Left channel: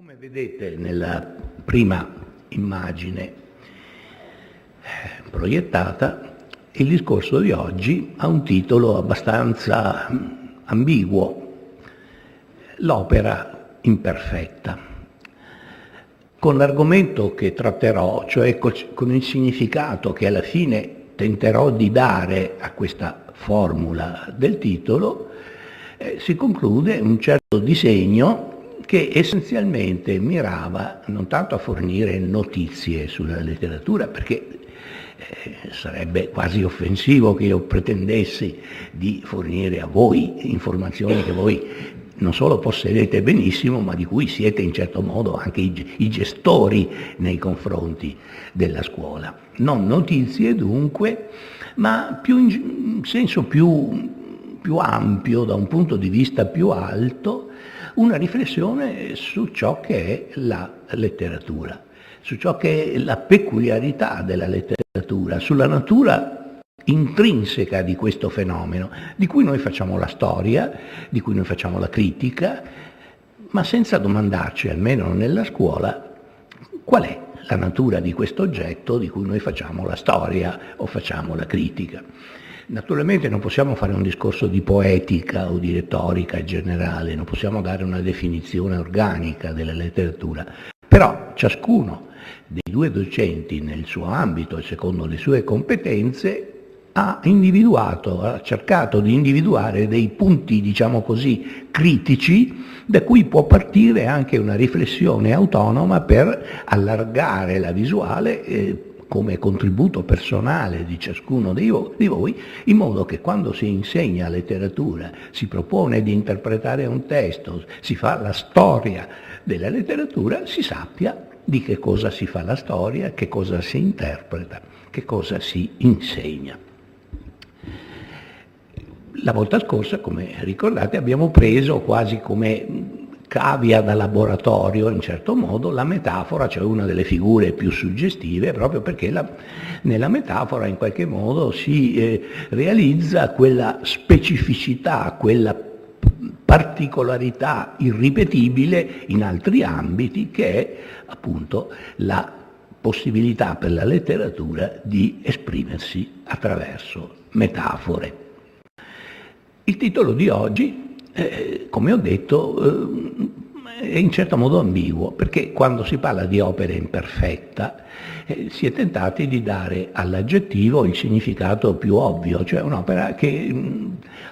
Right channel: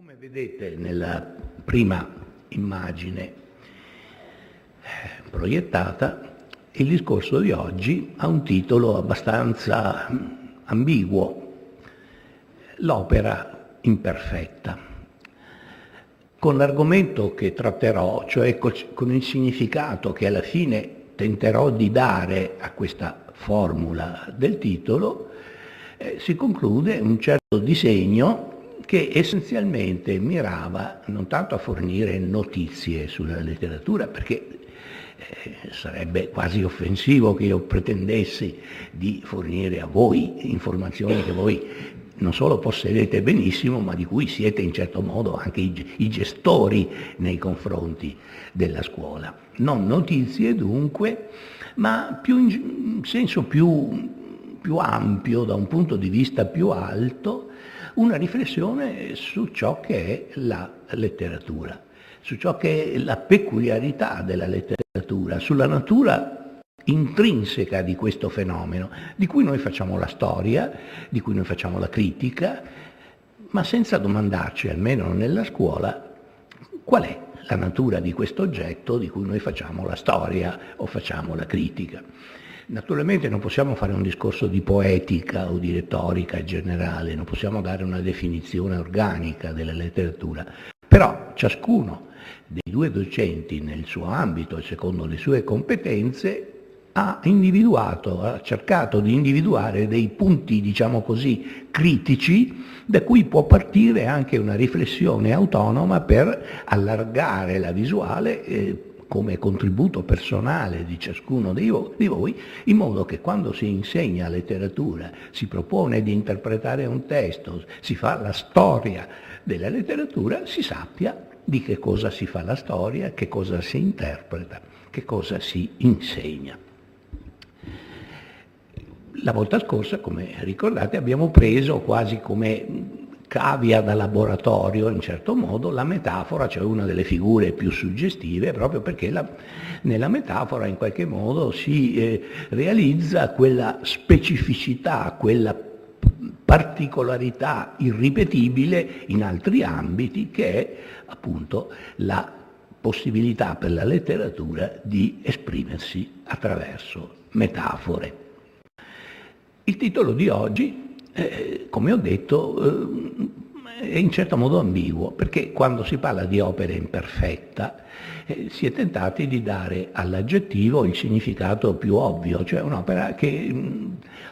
Come vedete nella prima immagine proiettata, il discorso di oggi ha un titolo abbastanza ambiguo: l'opera imperfetta. Con l'argomento che tratterò, cioè con il significato che alla fine tenterò di dare a questa formula del titolo, si conclude un certo disegno che essenzialmente mirava non tanto a fornire notizie sulla letteratura, perché sarebbe quasi offensivo che io pretendessi di fornire a voi informazioni che voi non solo possedete benissimo, ma di cui siete in certo modo anche i gestori nei confronti della scuola. Non notizie dunque, ma in senso più ampio, da un punto di vista più alto, una riflessione su ciò che è la letteratura, su ciò che è la peculiarità della letteratura, sulla natura intrinseca di questo fenomeno, di cui noi facciamo la storia, di cui noi facciamo la critica, ma senza domandarci, almeno nella scuola, qual è la natura di questo oggetto di cui noi facciamo la storia o facciamo la critica. Naturalmente non possiamo fare un discorso di poetica o di retorica generale, non possiamo dare una definizione organica della letteratura, però ciascuno dei due docenti nel suo ambito e secondo le sue competenze ha cercato di individuare dei punti, diciamo così, critici da cui può partire anche una riflessione autonoma per allargare la visuale come contributo personale di ciascuno di voi, in modo che quando si insegna letteratura, si propone di interpretare un testo, si fa la storia della letteratura, si sappia di che cosa si fa la storia, che cosa si interpreta, che cosa si insegna. La volta scorsa, come ricordate, abbiamo preso quasi come cavia da laboratorio, in certo modo, la metafora, cioè una delle figure più suggestive, proprio perché nella metafora in qualche modo si realizza quella specificità, quella particolarità irripetibile in altri ambiti che è appunto la possibilità per la letteratura di esprimersi attraverso metafore. Il titolo di oggi, come ho detto, è in certo modo ambiguo, perché quando si parla di opera imperfetta si è tentati di dare all'aggettivo il significato più ovvio, cioè un'opera che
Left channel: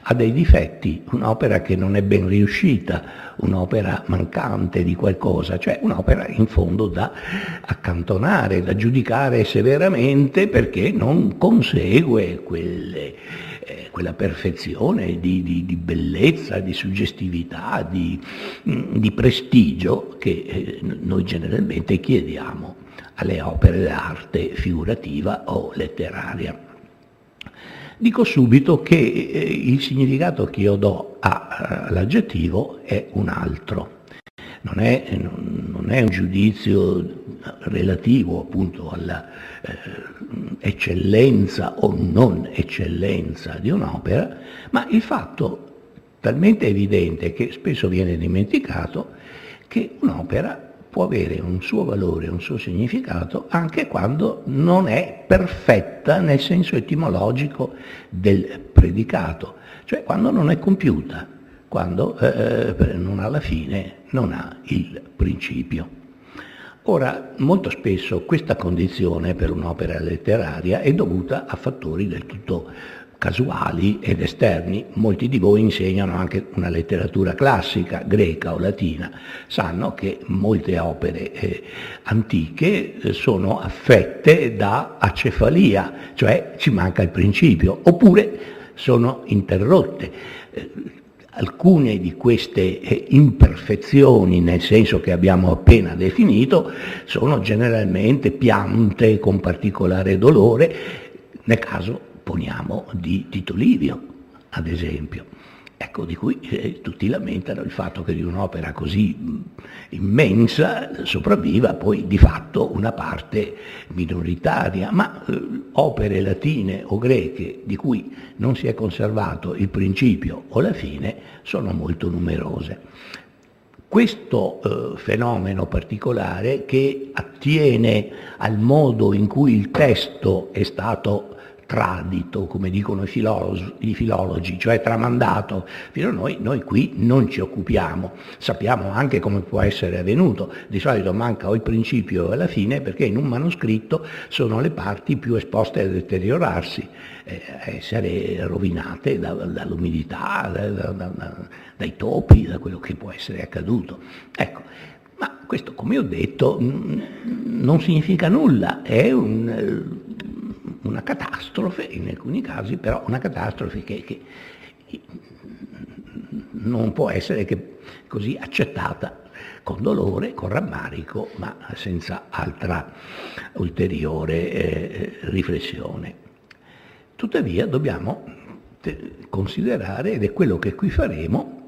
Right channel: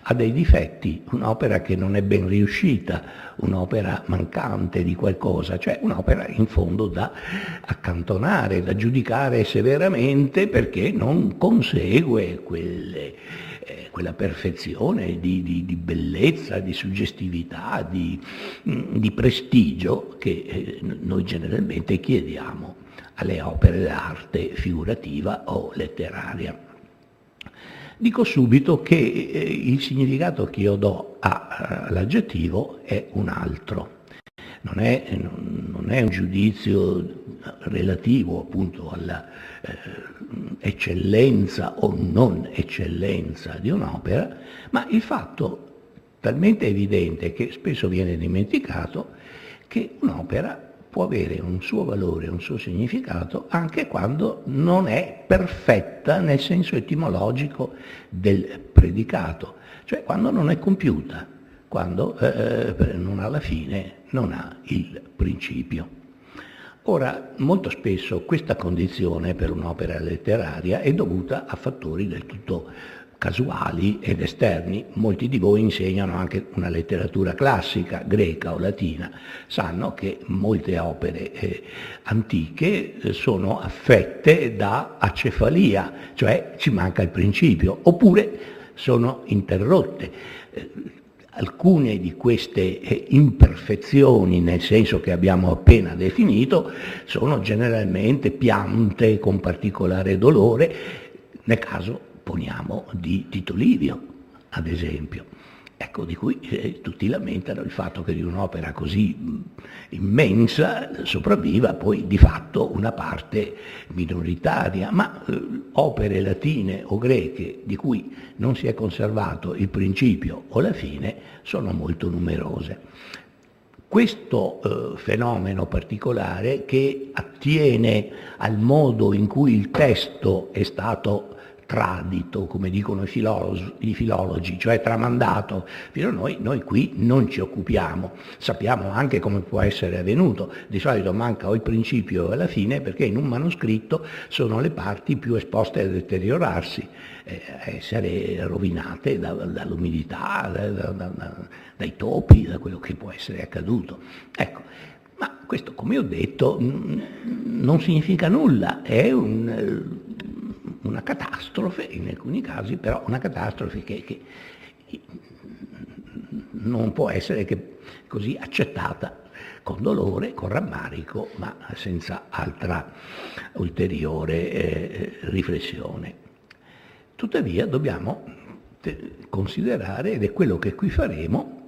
ha dei difetti, un'opera che non è ben riuscita, un'opera mancante di qualcosa, cioè un'opera in fondo da accantonare, da giudicare severamente perché non consegue quella perfezione di bellezza, di suggestività, di prestigio che noi generalmente chiediamo alle opere d'arte figurativa o letteraria. Dico subito che il significato che io do all'aggettivo è un altro. Non è un giudizio relativo appunto alla eccellenza o non eccellenza di un'opera, ma il fatto talmente evidente che spesso viene dimenticato che un'opera può avere un suo valore, un suo significato anche quando non è perfetta nel senso etimologico del predicato, cioè quando non è compiuta, quando non ha la fine, non ha il principio. Ora, molto spesso questa condizione per un'opera letteraria è dovuta a fattori del tutto casuali ed esterni. Molti di voi insegnano anche una letteratura classica, greca o latina, sanno che molte opere antiche sono affette da acefalia, cioè ci manca il principio, oppure sono interrotte. Alcune di queste imperfezioni, nel senso che abbiamo appena definito, sono generalmente piante con particolare dolore, nel caso poniamo di Tito Livio, ad esempio, ecco, di cui tutti lamentano il fatto che di un'opera così immensa sopravviva poi di fatto una parte minoritaria, ma opere latine o greche di cui non si è conservato il principio o la fine sono molto numerose. Questo fenomeno particolare, che attiene al modo in cui il testo è stato tradito, come dicono i filologi, cioè tramandato fino a noi qui non ci occupiamo. Sappiamo anche come può essere avvenuto. Di solito manca o il principio o la fine, perché in un manoscritto sono le parti più esposte a deteriorarsi, a essere rovinate dall'umidità, dai topi, da quello che può essere accaduto. Ecco, ma questo, come ho detto, non significa nulla, è una catastrofe, in alcuni casi, però una catastrofe che non può essere che così accettata con dolore, con rammarico, ma senza altra ulteriore riflessione. Tuttavia dobbiamo considerare, ed è quello che qui faremo,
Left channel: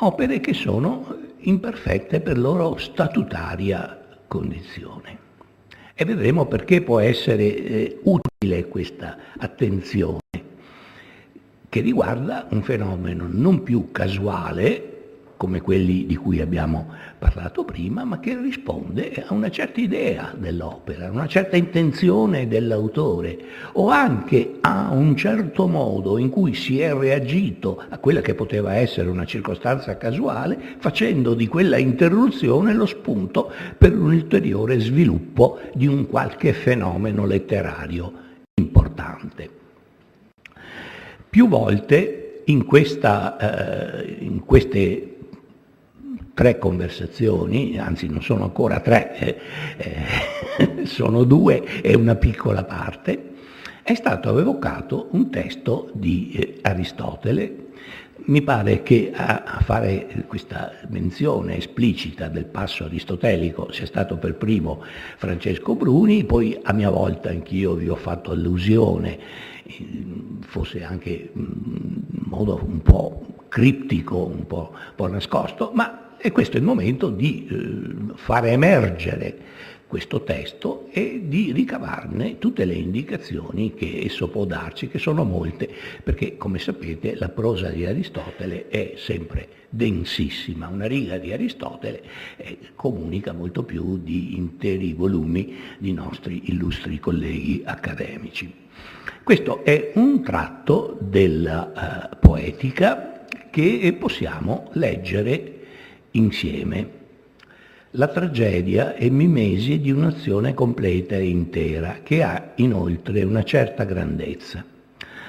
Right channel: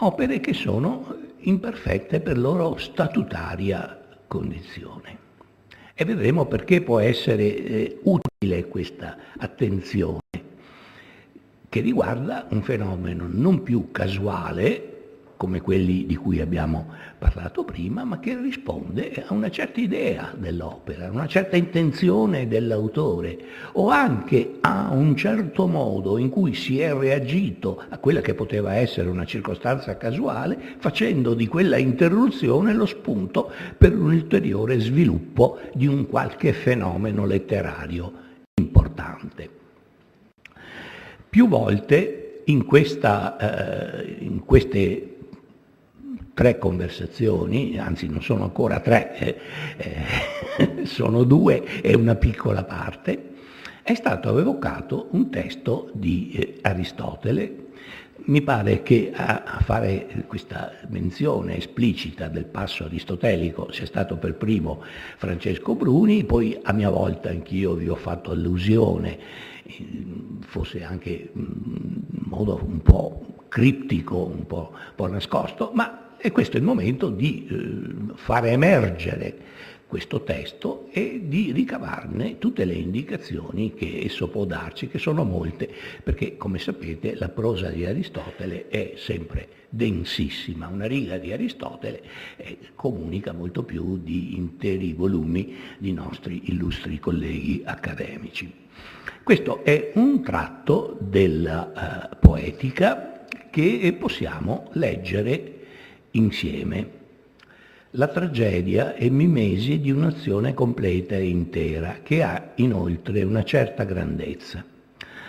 opere che sono imperfette per loro statutaria condizione. E vedremo perché può essere utile questa attenzione, che riguarda un fenomeno non più casuale, come quelli di cui abbiamo parlato prima, ma che risponde a una certa idea dell'opera, a una certa intenzione dell'autore, o anche a un certo modo in cui si è reagito a quella che poteva essere una circostanza casuale, facendo di quella interruzione lo spunto per un ulteriore sviluppo di un qualche fenomeno letterario importante. Più volte in queste 3 conversazioni, anzi non sono ancora 3, sono 2 e una piccola parte, è stato evocato un testo di Aristotele. Mi pare che a fare questa menzione esplicita del passo aristotelico sia stato per primo Francesco Bruni, poi a mia volta anch'io vi ho fatto allusione, forse anche in modo un po' criptico, un po' nascosto, ma e questo è il momento di far emergere questo testo e di ricavarne tutte le indicazioni che esso può darci, che sono molte, perché come sapete la prosa di Aristotele è sempre densissima. Una riga di Aristotele comunica molto più di interi volumi di nostri illustri colleghi accademici. Questo è un tratto della poetica che possiamo leggere insieme. La tragedia è mimesi di un'azione completa e intera, che ha inoltre una certa grandezza.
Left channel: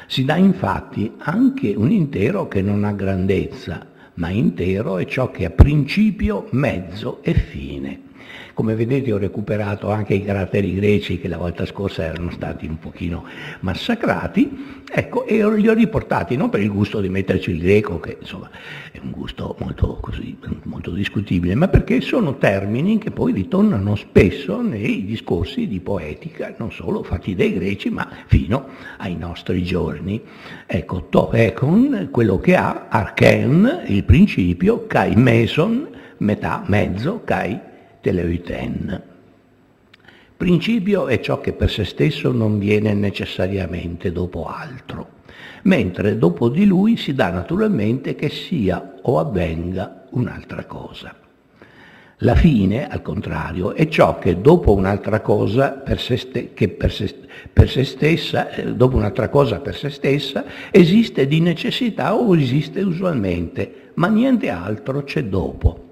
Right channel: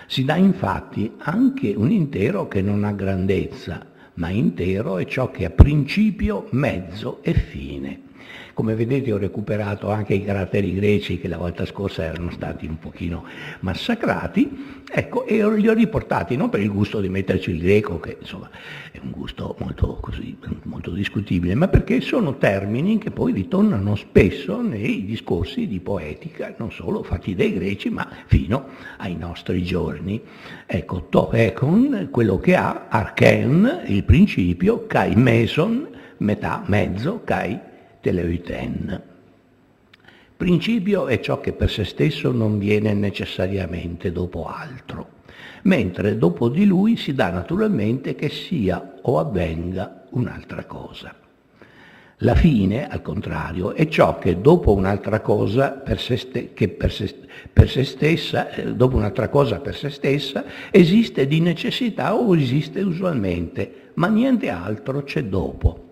Si dà infatti anche un intero che non ha grandezza, ma intero è ciò che ha principio, mezzo e fine. Come vedete ho recuperato anche i caratteri greci che la volta scorsa erano stati un pochino massacrati, ecco, e li ho riportati non per il gusto di metterci il greco, che insomma è un gusto molto discutibile, ma perché sono termini che poi ritornano spesso nei discorsi di poetica, non solo fatti dai greci, ma fino ai nostri giorni. Ecco, to ekon, quello che ha, archen, il principio, kai meson, metà, mezzo, kai teleoiten. Principio è ciò che per se stesso non viene necessariamente dopo altro, mentre dopo di lui si dà naturalmente che sia o avvenga un'altra cosa. La fine, al contrario, è ciò che dopo un'altra cosa dopo un'altra cosa per se stessa esiste di necessità o esiste usualmente, ma niente altro c'è dopo.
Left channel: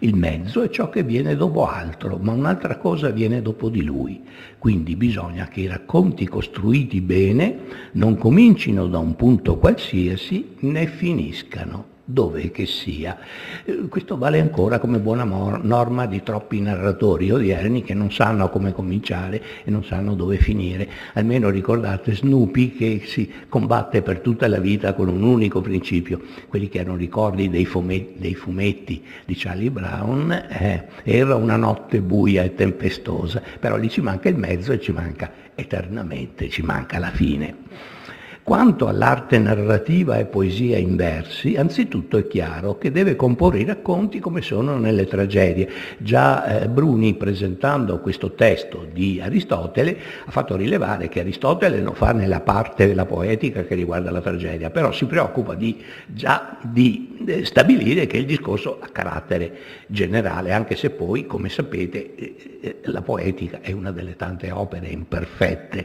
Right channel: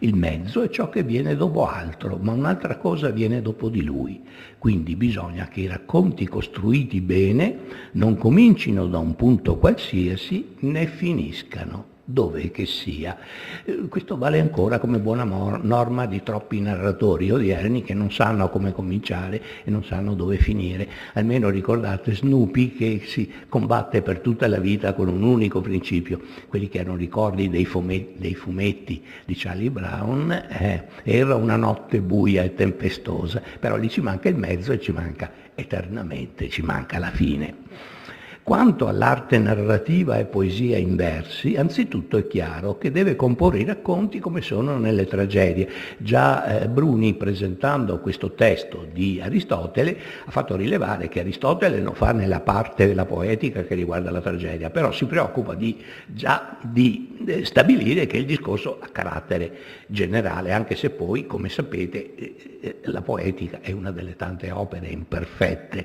Il mezzo è ciò che viene dopo altro, ma un'altra cosa viene dopo di lui. Quindi bisogna che i racconti costruiti bene non comincino da un punto qualsiasi né finiscano dove che sia. Questo vale ancora come buona norma di troppi narratori odierni che non sanno come cominciare e non sanno dove finire. Almeno ricordate Snoopy che si combatte per tutta la vita con un unico principio. Quelli che hanno ricordi dei fumetti di Charlie Brown, era una notte buia e tempestosa, però lì ci manca il mezzo e ci manca eternamente, ci manca la fine. Quanto all'arte narrativa e poesia in versi, anzitutto è chiaro che deve comporre i racconti come sono nelle tragedie. Già Bruni, presentando questo testo di Aristotele, ha fatto rilevare che Aristotele lo fa nella parte della poetica che riguarda la tragedia, però si preoccupa già di stabilire che il discorso ha carattere generale, anche se poi, come sapete, la poetica è una delle tante opere imperfette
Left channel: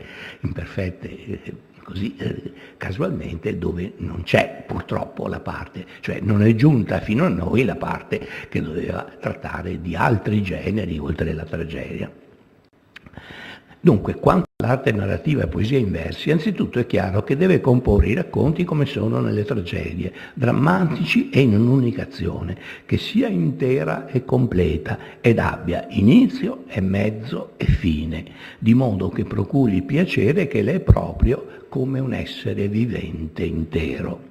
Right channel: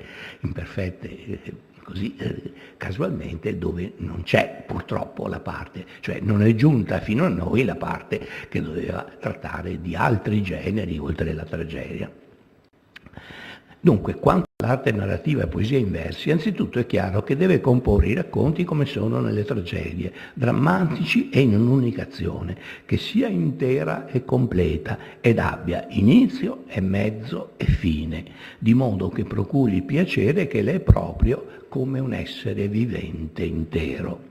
così casualmente, dove non c'è purtroppo la parte, cioè non è giunta fino a noi la parte che doveva trattare di altri generi oltre la tragedia. Dunque, quanto all'arte narrativa e poesia in versi, anzitutto è chiaro che deve comporre i racconti come sono nelle tragedie, drammatici e in un'unica azione, che sia intera e completa ed abbia inizio e mezzo e fine, di modo che procuri piacere che le è proprio come un essere vivente intero.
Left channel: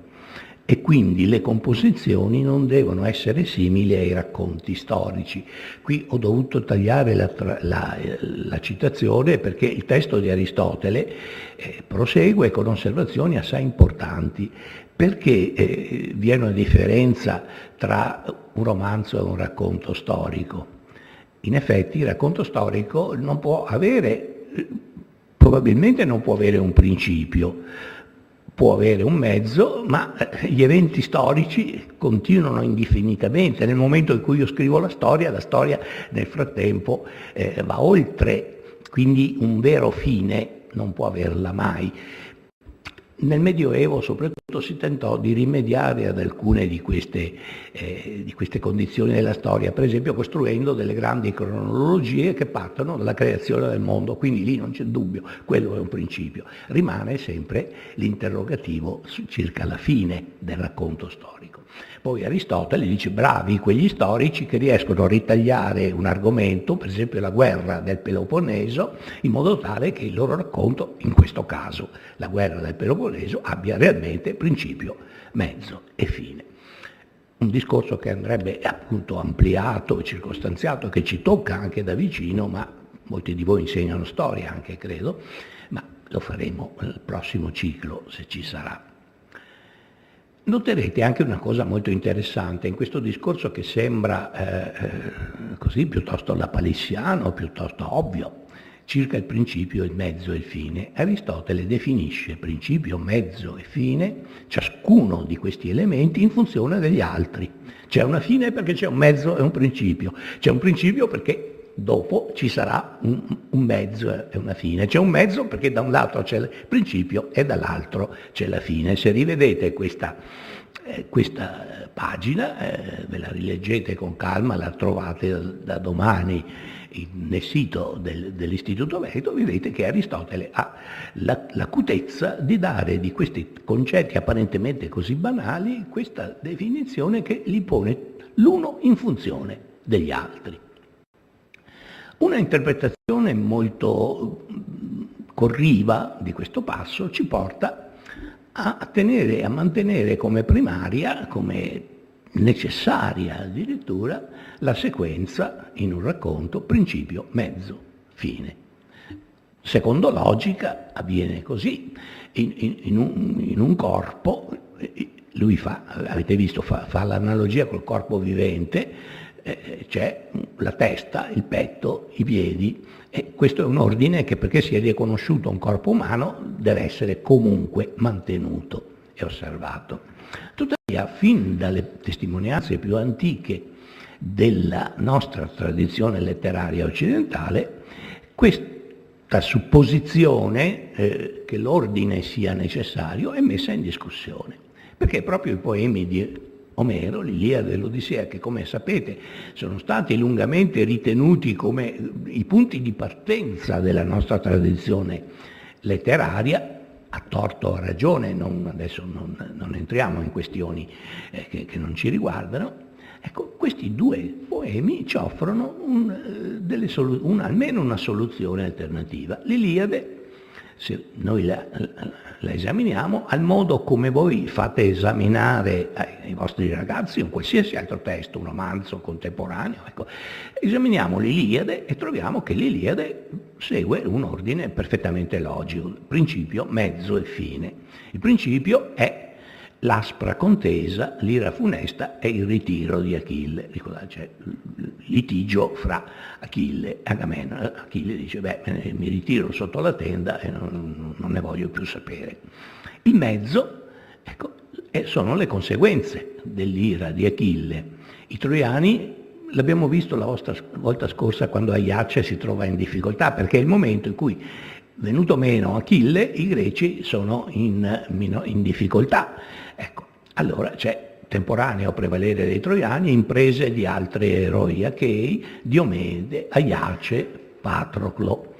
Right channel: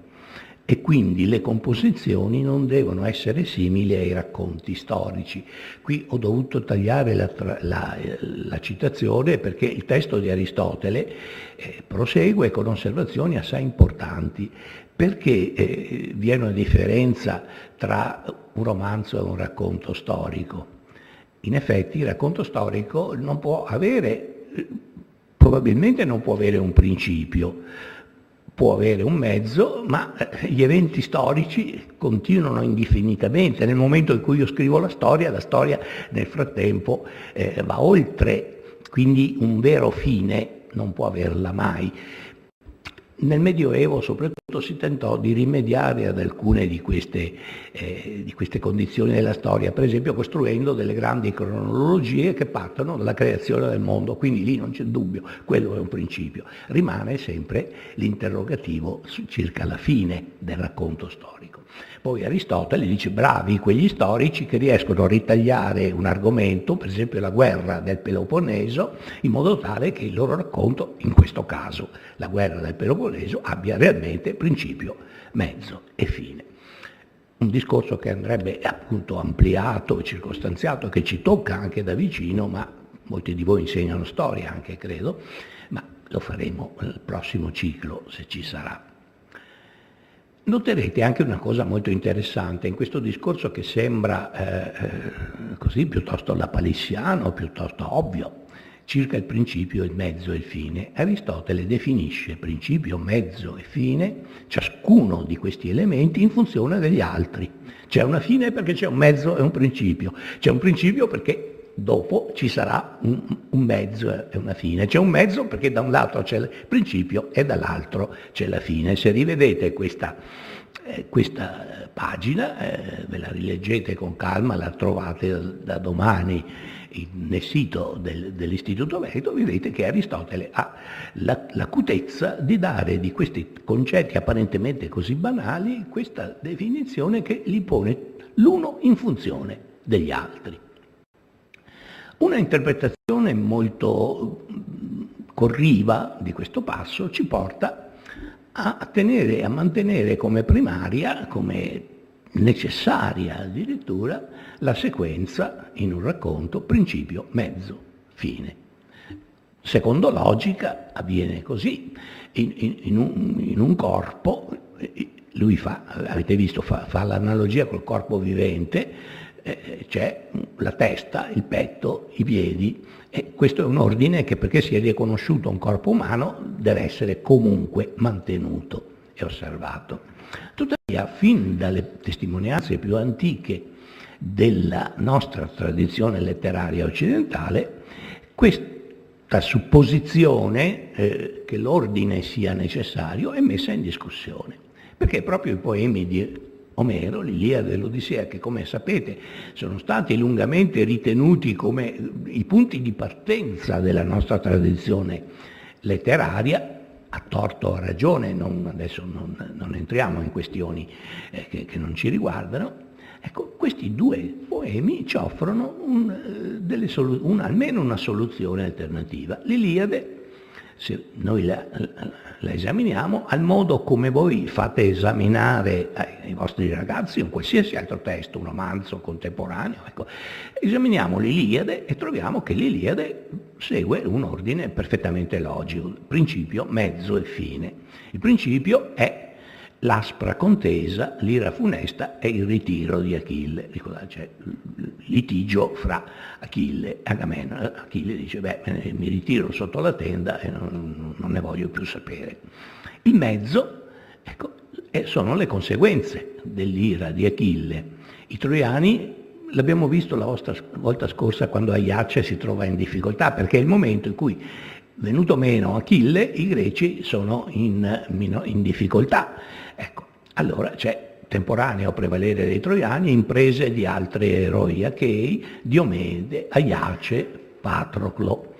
E quindi le composizioni non devono essere simili ai racconti storici. Qui ho dovuto tagliare la citazione perché il testo di Aristotele prosegue con osservazioni assai importanti, perché vi è una differenza tra un romanzo e un racconto storico. In effetti il racconto storico non può avere, probabilmente non può avere un principio, può avere un mezzo, ma gli eventi storici continuano indefinitamente. Nel momento in cui io scrivo la storia nel frattempo va oltre, quindi un vero fine non può averla mai. Nel Medioevo soprattutto si tentò di rimediare ad alcune di queste condizioni della storia, per esempio costruendo delle grandi cronologie che partono dalla creazione del mondo, quindi lì non c'è dubbio, quello è un principio. Rimane sempre l'interrogativo circa la fine del racconto storico. Poi Aristotele dice bravi quegli storici che riescono a ritagliare un argomento, per esempio la guerra del Peloponneso, in modo tale che il loro racconto, in questo caso la guerra del Peloponneso, abbia realmente principio, mezzo e fine. Un discorso che andrebbe appunto ampliato e circostanziato, che ci tocca anche da vicino, ma molti di voi insegnano storia anche, credo, ma lo faremo nel prossimo ciclo, se ci sarà. Noterete anche una cosa molto interessante in questo discorso che sembra così piuttosto lapalissiano, piuttosto ovvio, circa il principio, il mezzo e il fine. Aristotele definisce principio, mezzo e fine, ciascuno di questi elementi in funzione degli altri. C'è una fine perché c'è un mezzo e un principio, c'è un principio perché dopo ci sarà un mezzo e una fine. C'è un mezzo perché da un lato c'è il principio e dall'altro c'è la fine. Se rivedete questa pagina, ve la rileggete con calma, la trovate da domani nel sito dell'Istituto Veneto, vedete che Aristotele ha l'acutezza di dare di questi concetti apparentemente così banali questa definizione che li pone l'uno in funzione degli altri. Una interpretazione molto corriva di questo passo ci porta a mantenere come primaria, come necessaria addirittura, la sequenza in un racconto principio, mezzo, fine. Secondo logica avviene così, in un corpo, lui avete visto, fa l'analogia col corpo vivente, c'è la testa, il petto, i piedi, e questo è un ordine che, perché sia riconosciuto un corpo umano, deve essere comunque mantenuto e osservato. Tuttavia, fin dalle testimonianze più antiche della nostra tradizione letteraria occidentale, questa supposizione che l'ordine sia necessario è messa in discussione, perché proprio i poemi di Omero, l'Iliade e l'Odissea, che come sapete sono stati lungamente ritenuti come i punti di partenza della nostra tradizione letteraria, a torto o a ragione, adesso non entriamo in questioni che non ci riguardano, ecco, questi due poemi ci offrono almeno una soluzione alternativa. L'Iliade, se noi la esaminiamo, al modo come voi fate esaminare ai vostri ragazzi un qualsiasi altro testo, un romanzo contemporaneo, ecco, esaminiamo l'Iliade e troviamo che l'Iliade segue un ordine perfettamente logico, principio, mezzo e fine. Il principio è l'aspra contesa, l'ira funesta e il ritiro di Achille. Ricordate, c'è il litigio fra Achille e Agamennone. Achille dice, mi ritiro sotto la tenda e non ne voglio più sapere. Il mezzo, ecco, sono le conseguenze dell'ira di Achille. I troiani, l'abbiamo visto la volta scorsa quando Aiace si trova in difficoltà, perché è il momento in cui, venuto meno Achille, i greci sono in difficoltà. Ecco, allora c'è temporaneo prevalere dei troiani, imprese di altri eroi achei, Diomede, Aiace, Patroclo.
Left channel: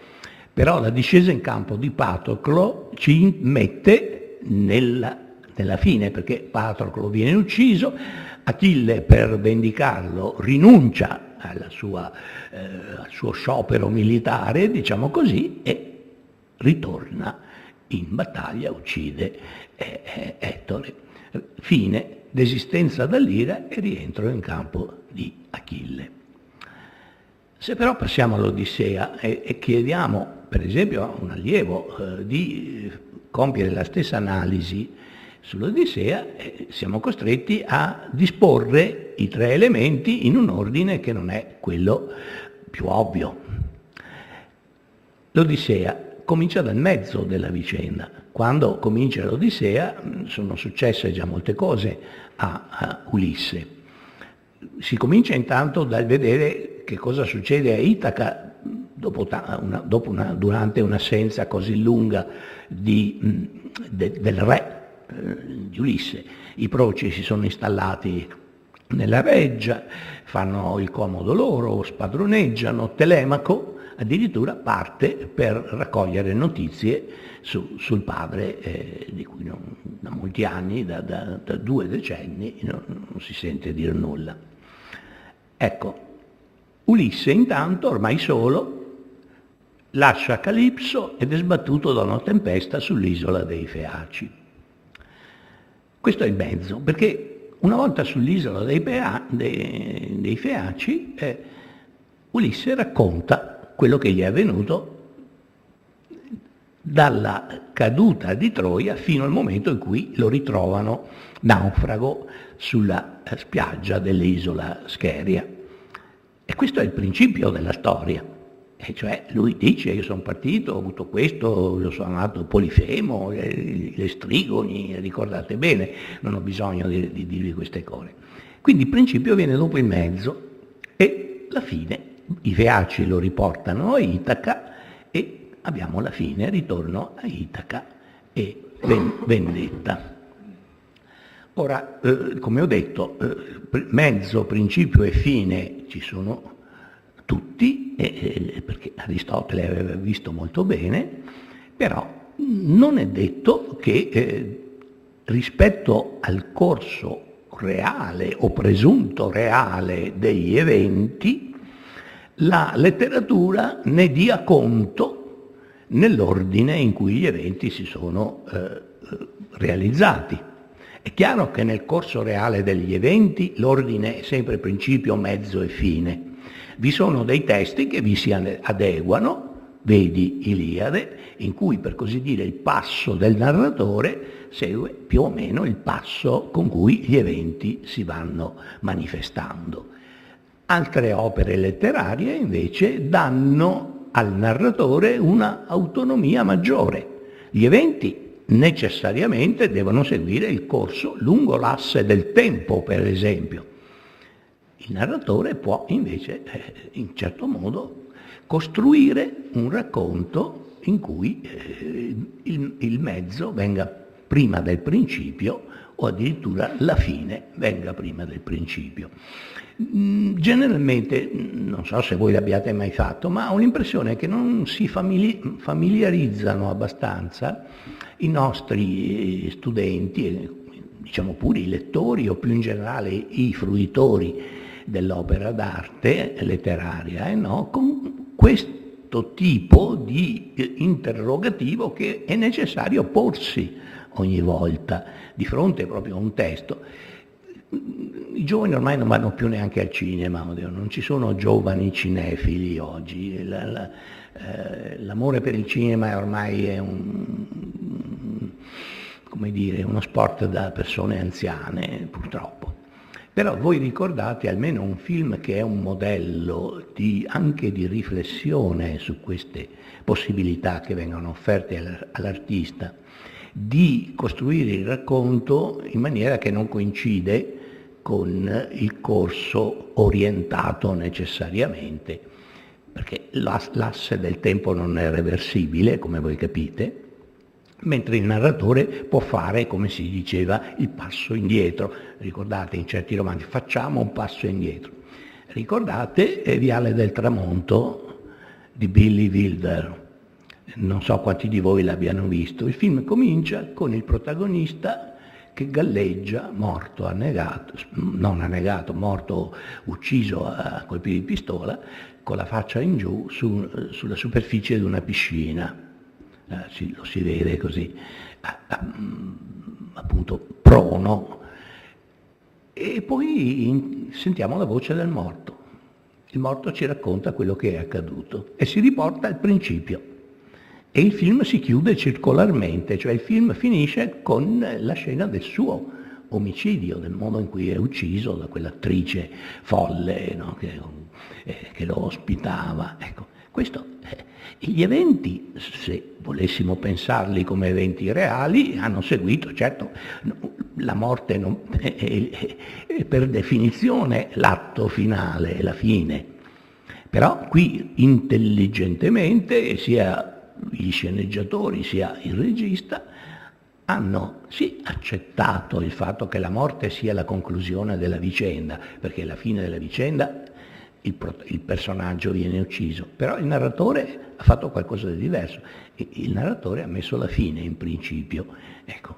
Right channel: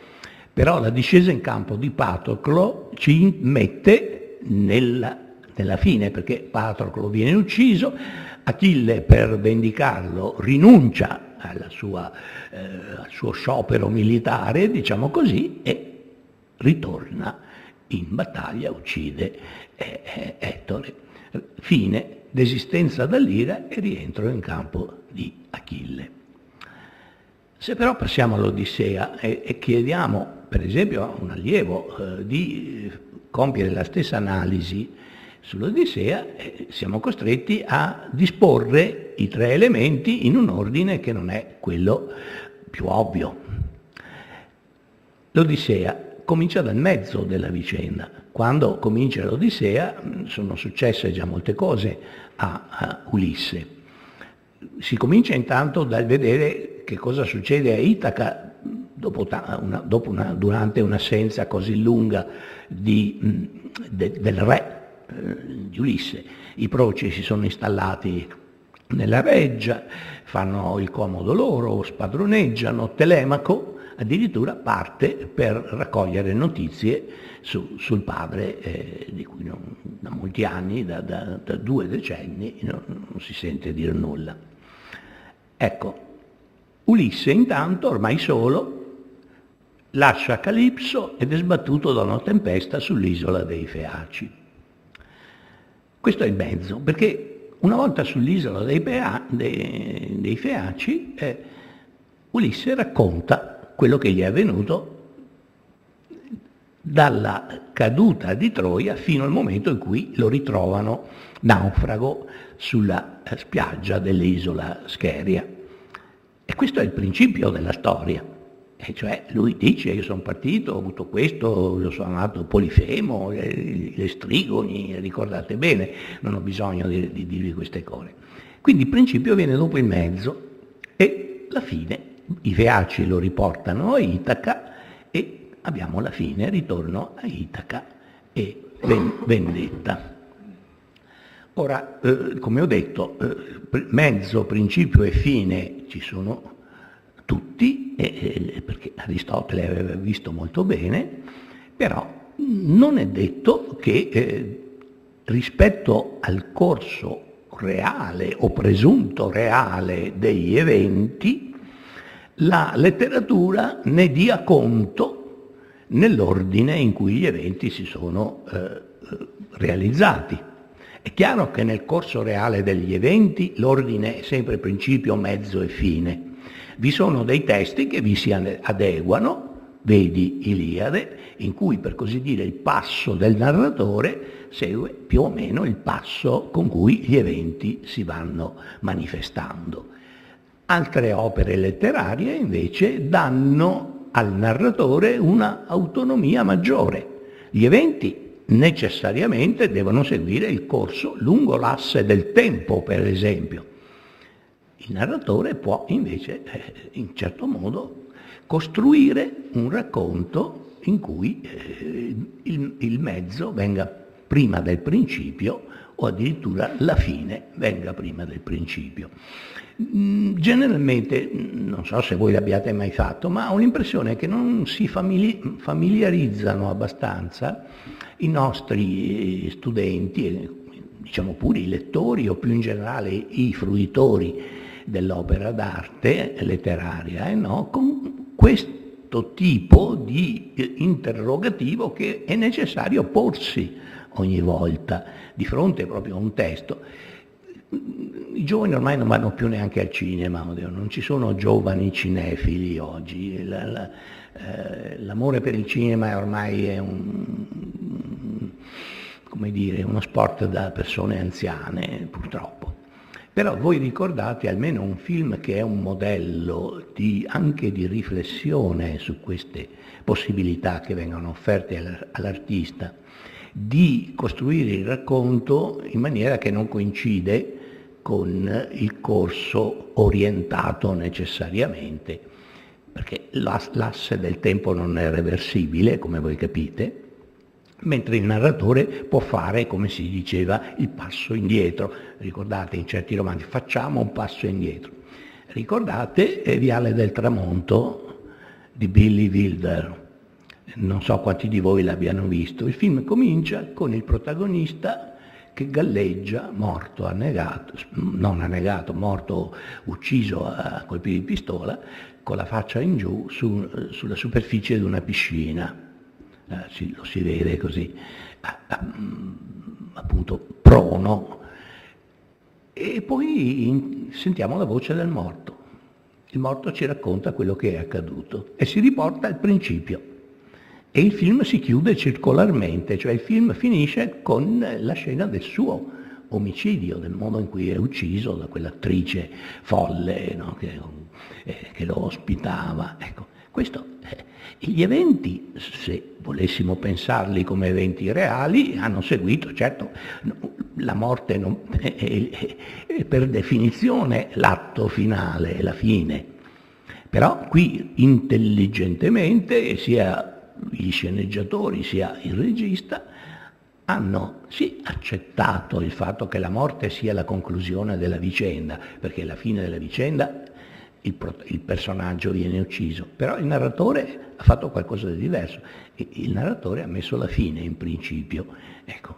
Però la discesa in campo di Patroclo ci mette nella fine, perché Patroclo viene ucciso, Achille per vendicarlo rinuncia al suo sciopero militare, diciamo così, e ritorna in battaglia, uccide Ettore. Fine, desistenza dall'ira e rientro in campo di Achille. Se però passiamo all'Odissea e chiediamo, per esempio, a un allievo di compiere la stessa analisi sull'Odissea, siamo costretti a disporre i tre elementi in un ordine che non è quello più ovvio. L'Odissea comincia dal mezzo della vicenda. Quando comincia l'Odissea sono successe già molte cose a Ulisse. Si comincia intanto dal vedere che cosa succede a Itaca durante un'assenza così lunga del re di Ulisse. I proci si sono installati nella reggia, fanno il comodo loro, spadroneggiano. Telemaco addirittura parte per raccogliere notizie sul padre, di cui da molti anni, da 2 decenni, non si sente dire nulla. Ecco, Ulisse intanto, ormai solo, lascia Calipso ed è sbattuto da una tempesta sull'isola dei Feaci. Questo è il mezzo, perché una volta sull'isola dei Feaci, Ulisse racconta quello che gli è avvenuto dalla caduta di Troia fino al momento in cui lo ritrovano naufrago sulla spiaggia dell'isola Scheria. E questo è il principio della storia. E cioè lui dice, io sono partito, ho avuto questo, io sono nato Polifemo, le strigoni, ricordate bene, non ho bisogno di dirvi queste cose. Quindi il principio viene dopo il mezzo e la fine. I Feaci lo riportano a Itaca e abbiamo la fine, ritorno a Itaca e vendetta. Ora, come ho detto, mezzo, principio e fine ci sono tutti, perché Aristotele aveva visto molto bene, però non è detto che rispetto al corso reale o presunto reale degli eventi la letteratura ne dia conto nell'ordine in cui gli eventi si sono realizzati. È chiaro che nel corso reale degli eventi l'ordine è sempre principio, mezzo e fine. Vi sono dei testi che vi si adeguano, vedi Iliade, in cui per così dire il passo del narratore segue più o meno il passo con cui gli eventi si vanno manifestando. Altre opere letterarie invece danno al narratore una autonomia maggiore. Gli eventi necessariamente devono seguire il corso lungo l'asse del tempo, per esempio. Il narratore può invece, in certo modo, costruire un racconto in cui il mezzo venga prima del principio o addirittura la fine venga prima del principio. Generalmente, non so se voi l'abbiate mai fatto, ma ho l'impressione che non si familiarizzano abbastanza i nostri studenti, diciamo pure i lettori o più in generale i fruitori dell'opera d'arte letteraria, con questo tipo di interrogativo che è necessario porsi ogni volta di fronte proprio a un testo. I giovani ormai non vanno più neanche al cinema, non ci sono giovani cinefili oggi, l'amore per il cinema ormai è come dire, uno sport da persone anziane, purtroppo. Però voi ricordate almeno un film che è un modello anche di riflessione su queste possibilità che vengono offerte all'artista, di costruire il racconto in maniera che non coincide con il corso orientato necessariamente, perché l'asse del tempo non è reversibile, come voi capite, mentre il narratore può fare, come si diceva, il passo indietro. Ricordate in certi romanzi, facciamo un passo indietro. Ricordate Viale del Tramonto di Billy Wilder. Non so quanti di voi l'abbiano visto. Il film comincia con il protagonista che galleggia, morto, annegato, non annegato, morto, ucciso a colpi di pistola, con la faccia in giù sulla superficie di una piscina. Lo si vede così, appunto prono, e poi sentiamo la voce del morto. Il morto ci racconta quello che è accaduto e si riporta al principio. E il film si chiude circolarmente, cioè il film finisce con la scena del suo omicidio, del modo in cui è ucciso da quell'attrice folle, no, che lo ospitava. Ecco, questo gli eventi, se volessimo pensarli come eventi reali, hanno seguito, certo, la morte è per definizione l'atto finale, la fine. Però qui intelligentemente sia gli sceneggiatori sia il regista hanno sì accettato il fatto che la morte sia la conclusione della vicenda, perché alla fine della vicenda il personaggio viene ucciso, però il narratore ha fatto qualcosa di diverso. Il narratore ha messo la fine in principio. Ecco.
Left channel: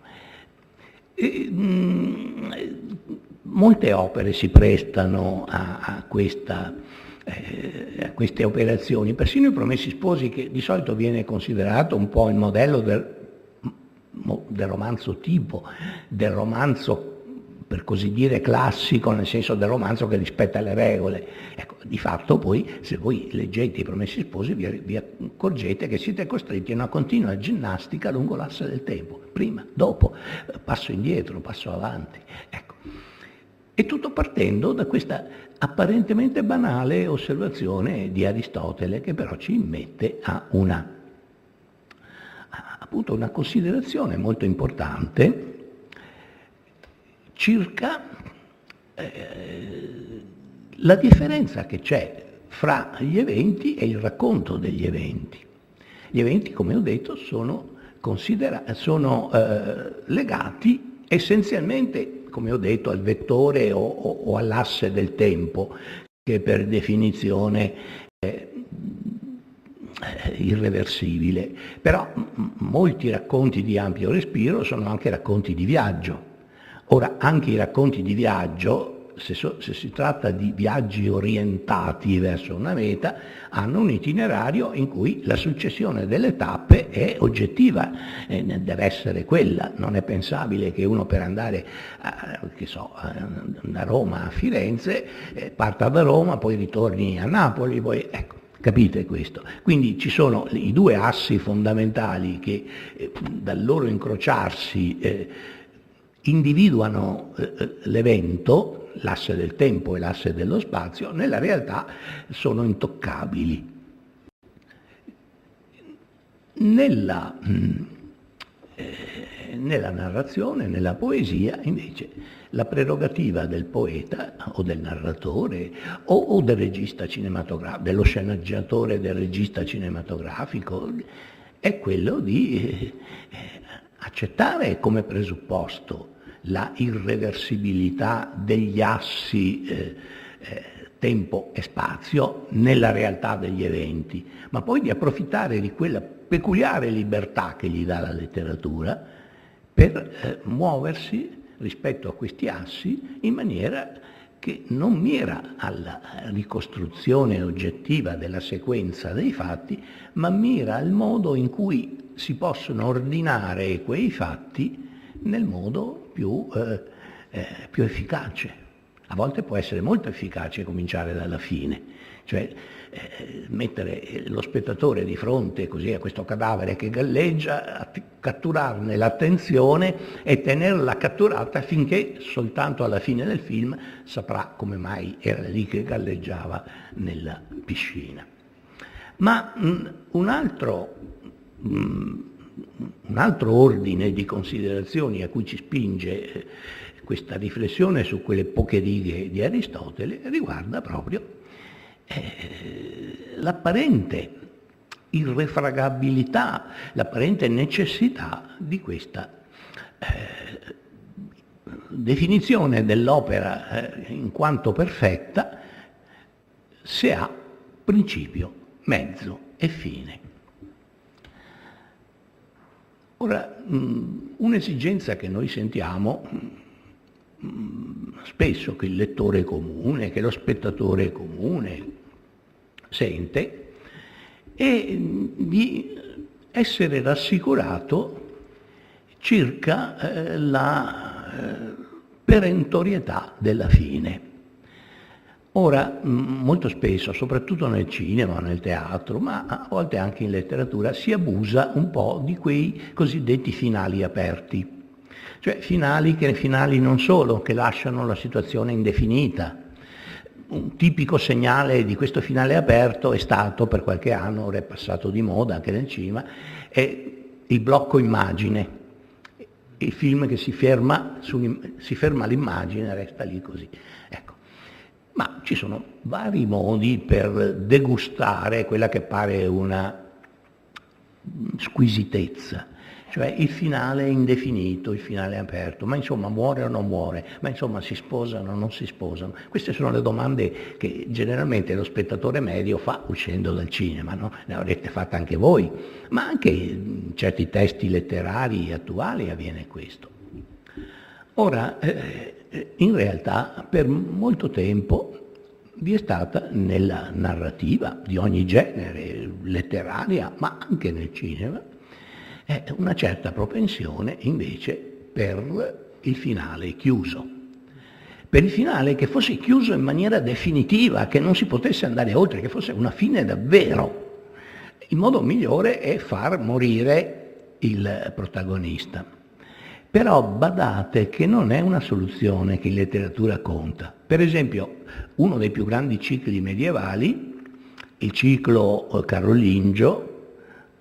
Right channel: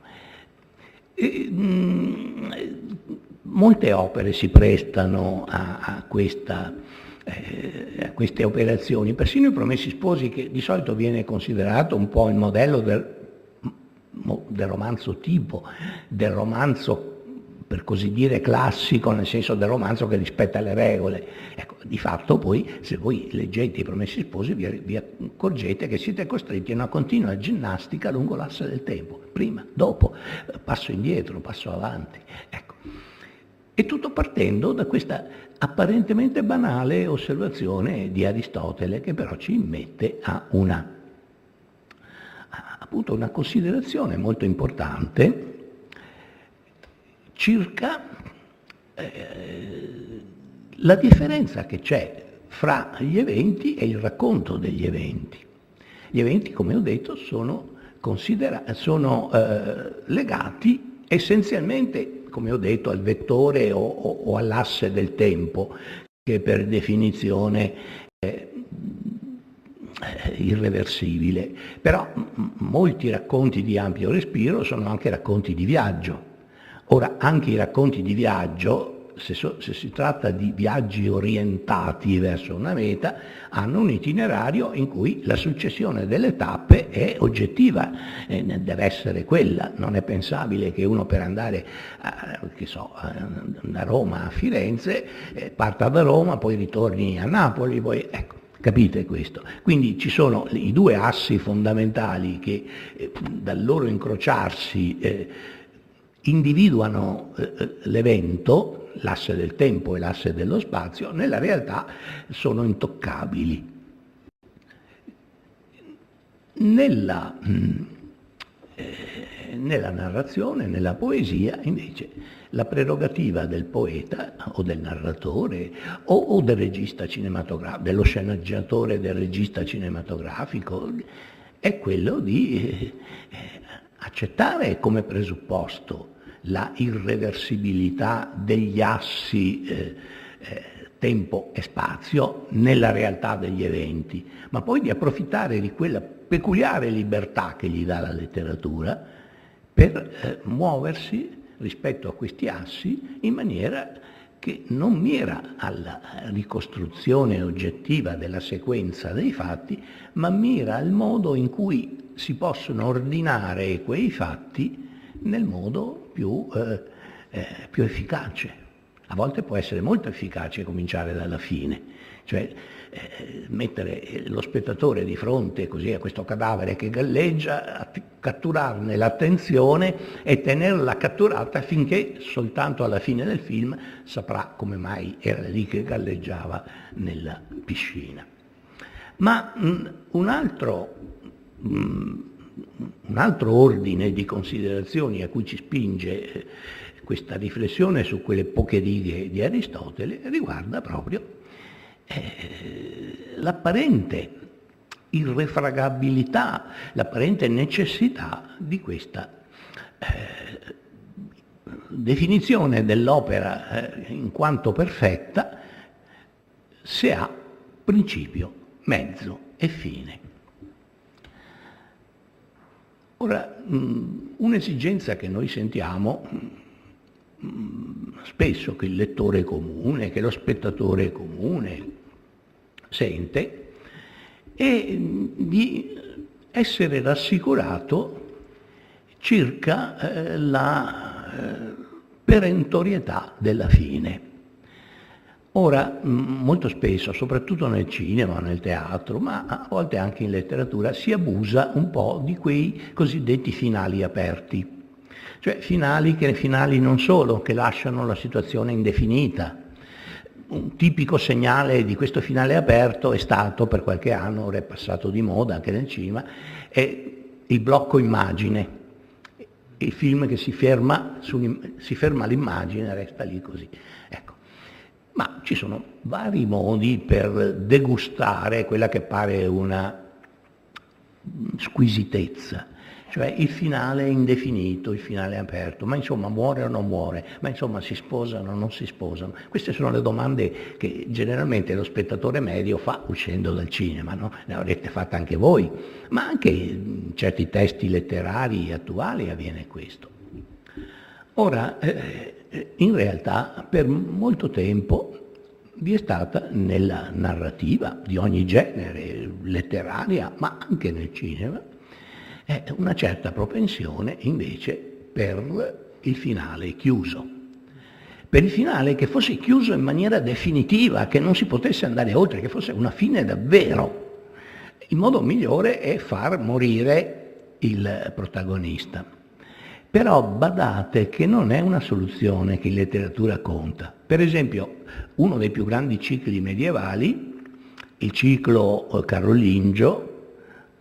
Molte opere si prestano a queste operazioni, persino I Promessi Sposi, che di solito viene considerato un po' il modello del romanzo tipo, del romanzo per così dire classico, nel senso del romanzo che rispetta le regole. Ecco, di fatto poi, se voi leggete I Promessi Sposi, vi accorgete che siete costretti a una continua ginnastica lungo l'asse del tempo, prima, dopo, passo indietro, passo avanti. Ecco. E tutto partendo da questa apparentemente banale osservazione di Aristotele, che però ci immette a appunto una considerazione molto importante circa la differenza che c'è fra gli eventi e il racconto degli eventi. Gli eventi, come ho detto, sono legati essenzialmente, come ho detto, al vettore o all'asse del tempo, che per definizione è irreversibile. Però molti racconti di ampio respiro sono anche racconti di viaggio. Ora, anche i racconti di viaggio, se si tratta di viaggi orientati verso una meta, hanno un itinerario in cui la successione delle tappe è oggettiva, deve essere quella. Non è pensabile che uno per andare da Roma a Firenze parta da Roma, poi ritorni a Napoli, poi ecco. Capite questo? Quindi ci sono i due assi fondamentali che dal loro incrociarsi individuano l'evento, l'asse del tempo e l'asse dello spazio, nella realtà sono intoccabili. Nella narrazione, nella poesia, invece, la prerogativa del poeta o del narratore o del regista cinematografico, dello sceneggiatore, del regista cinematografico, è quello di accettare come presupposto la irreversibilità degli assi tempo e spazio nella realtà degli eventi, ma poi di approfittare di quella peculiare libertà che gli dà la letteratura per muoversi rispetto a questi assi in maniera che non mira alla ricostruzione oggettiva della sequenza dei fatti, ma mira al modo in cui si possono ordinare quei fatti nel modo più efficace. A volte può essere molto efficace cominciare dalla fine, cioè mettere lo spettatore di fronte così a questo cadavere che galleggia, catturarne l'attenzione e tenerla catturata finché soltanto alla fine del film saprà come mai era lì che galleggiava nella piscina. Ma un altro ordine di considerazioni a cui ci spinge questa riflessione su quelle poche righe di Aristotele riguarda proprio l'apparente irrefragabilità, l'apparente necessità di questa definizione dell'opera in quanto perfetta se ha principio, mezzo e fine. Ora, un'esigenza che noi sentiamo spesso, che il lettore comune, che lo spettatore comune sente, è di essere rassicurato circa la perentorietà della fine. Ora, molto spesso, soprattutto nel cinema, nel teatro, ma a volte anche in letteratura, si abusa un po' di quei cosiddetti finali aperti, cioè finali non solo, che lasciano la situazione indefinita. Un tipico segnale di questo finale aperto è stato, per qualche anno, ora è passato di moda anche nel cinema, è il blocco immagine, il film che si ferma l'immagine, resta lì così. Ecco. Ma ci sono vari modi per degustare quella che pare una squisitezza, cioè il finale indefinito, il finale aperto, ma insomma muore o non muore, ma insomma si sposano o non si sposano. Queste sono le domande che generalmente lo spettatore medio fa uscendo dal cinema, no? Le avrete fatte anche voi, ma anche in certi testi letterari attuali avviene questo. Ora, in realtà per molto tempo vi è stata nella narrativa di ogni genere, letteraria, ma anche nel cinema, una certa propensione invece per il finale chiuso. Per il finale che fosse chiuso in maniera definitiva, che non si potesse andare oltre, che fosse una fine davvero. Il modo migliore è far morire il protagonista. Però badate che non è una soluzione che in letteratura conta. Per esempio, uno dei più grandi cicli medievali, il ciclo carolingio,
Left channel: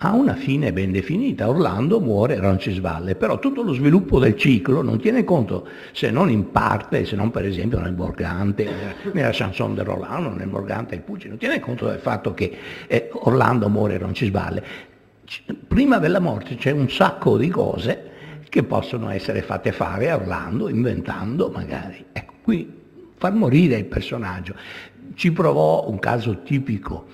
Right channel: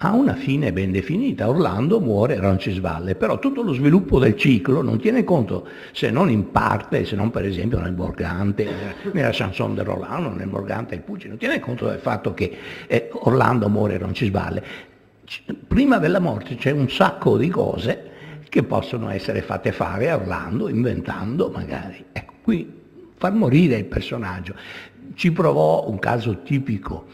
ha una fine ben definita. Orlando muore, Roncisvalle, però tutto lo sviluppo del ciclo non tiene conto, se non in parte, se non per esempio nel Morgante, nella Chanson de Roland, nel Morgante e il Pucci, non tiene conto del fatto che Orlando muore, Roncisvalle. Prima della morte c'è un sacco di cose che possono essere fatte fare a Orlando, inventando magari. Ecco, qui far morire il personaggio. Ci provò un caso tipico,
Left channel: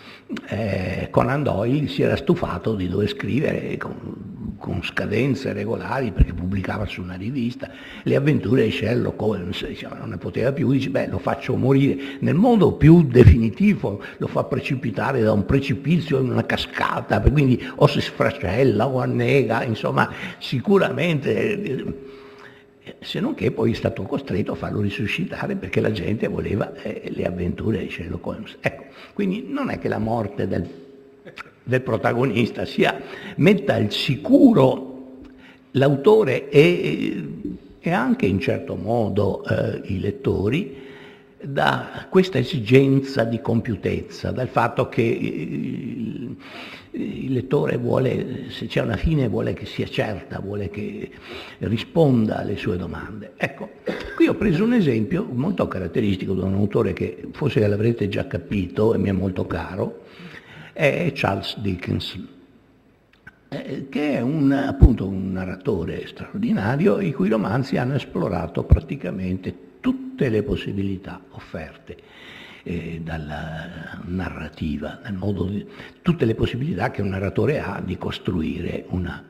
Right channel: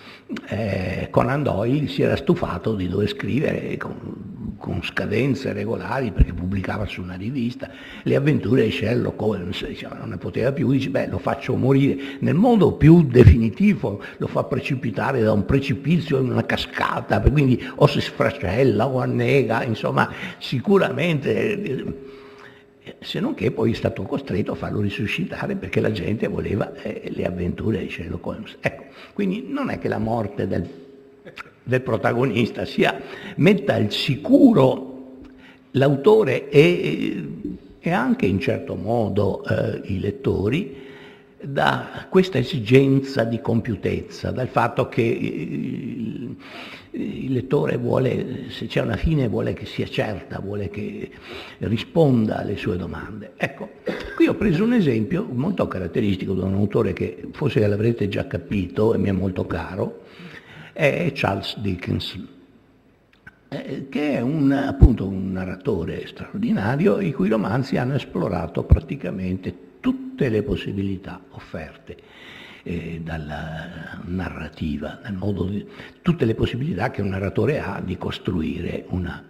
Conan Doyle si era stufato di dover scrivere con scadenze regolari, perché pubblicava su una rivista, le avventure di Sherlock Holmes, diceva, non ne poteva più, dice beh, lo faccio morire nel modo più definitivo, lo fa precipitare da un precipizio in una cascata, quindi o si sfracella o annega, insomma sicuramente, se non che poi è stato costretto a farlo risuscitare perché la gente voleva le avventure di Sherlock Holmes. Ecco, quindi non è che la morte del protagonista metta al sicuro l'autore e anche in certo modo i lettori da questa esigenza di compiutezza, dal fatto che il lettore vuole, se c'è una fine, vuole che sia certa, vuole che risponda alle sue domande. Ecco, qui ho preso un esempio molto caratteristico di un autore che forse l'avrete già capito e mi è molto caro, è Charles Dickens, che è appunto un narratore straordinario i cui romanzi hanno esplorato praticamente tutte le possibilità offerte dalla narrativa, tutte le possibilità che un narratore ha di costruire una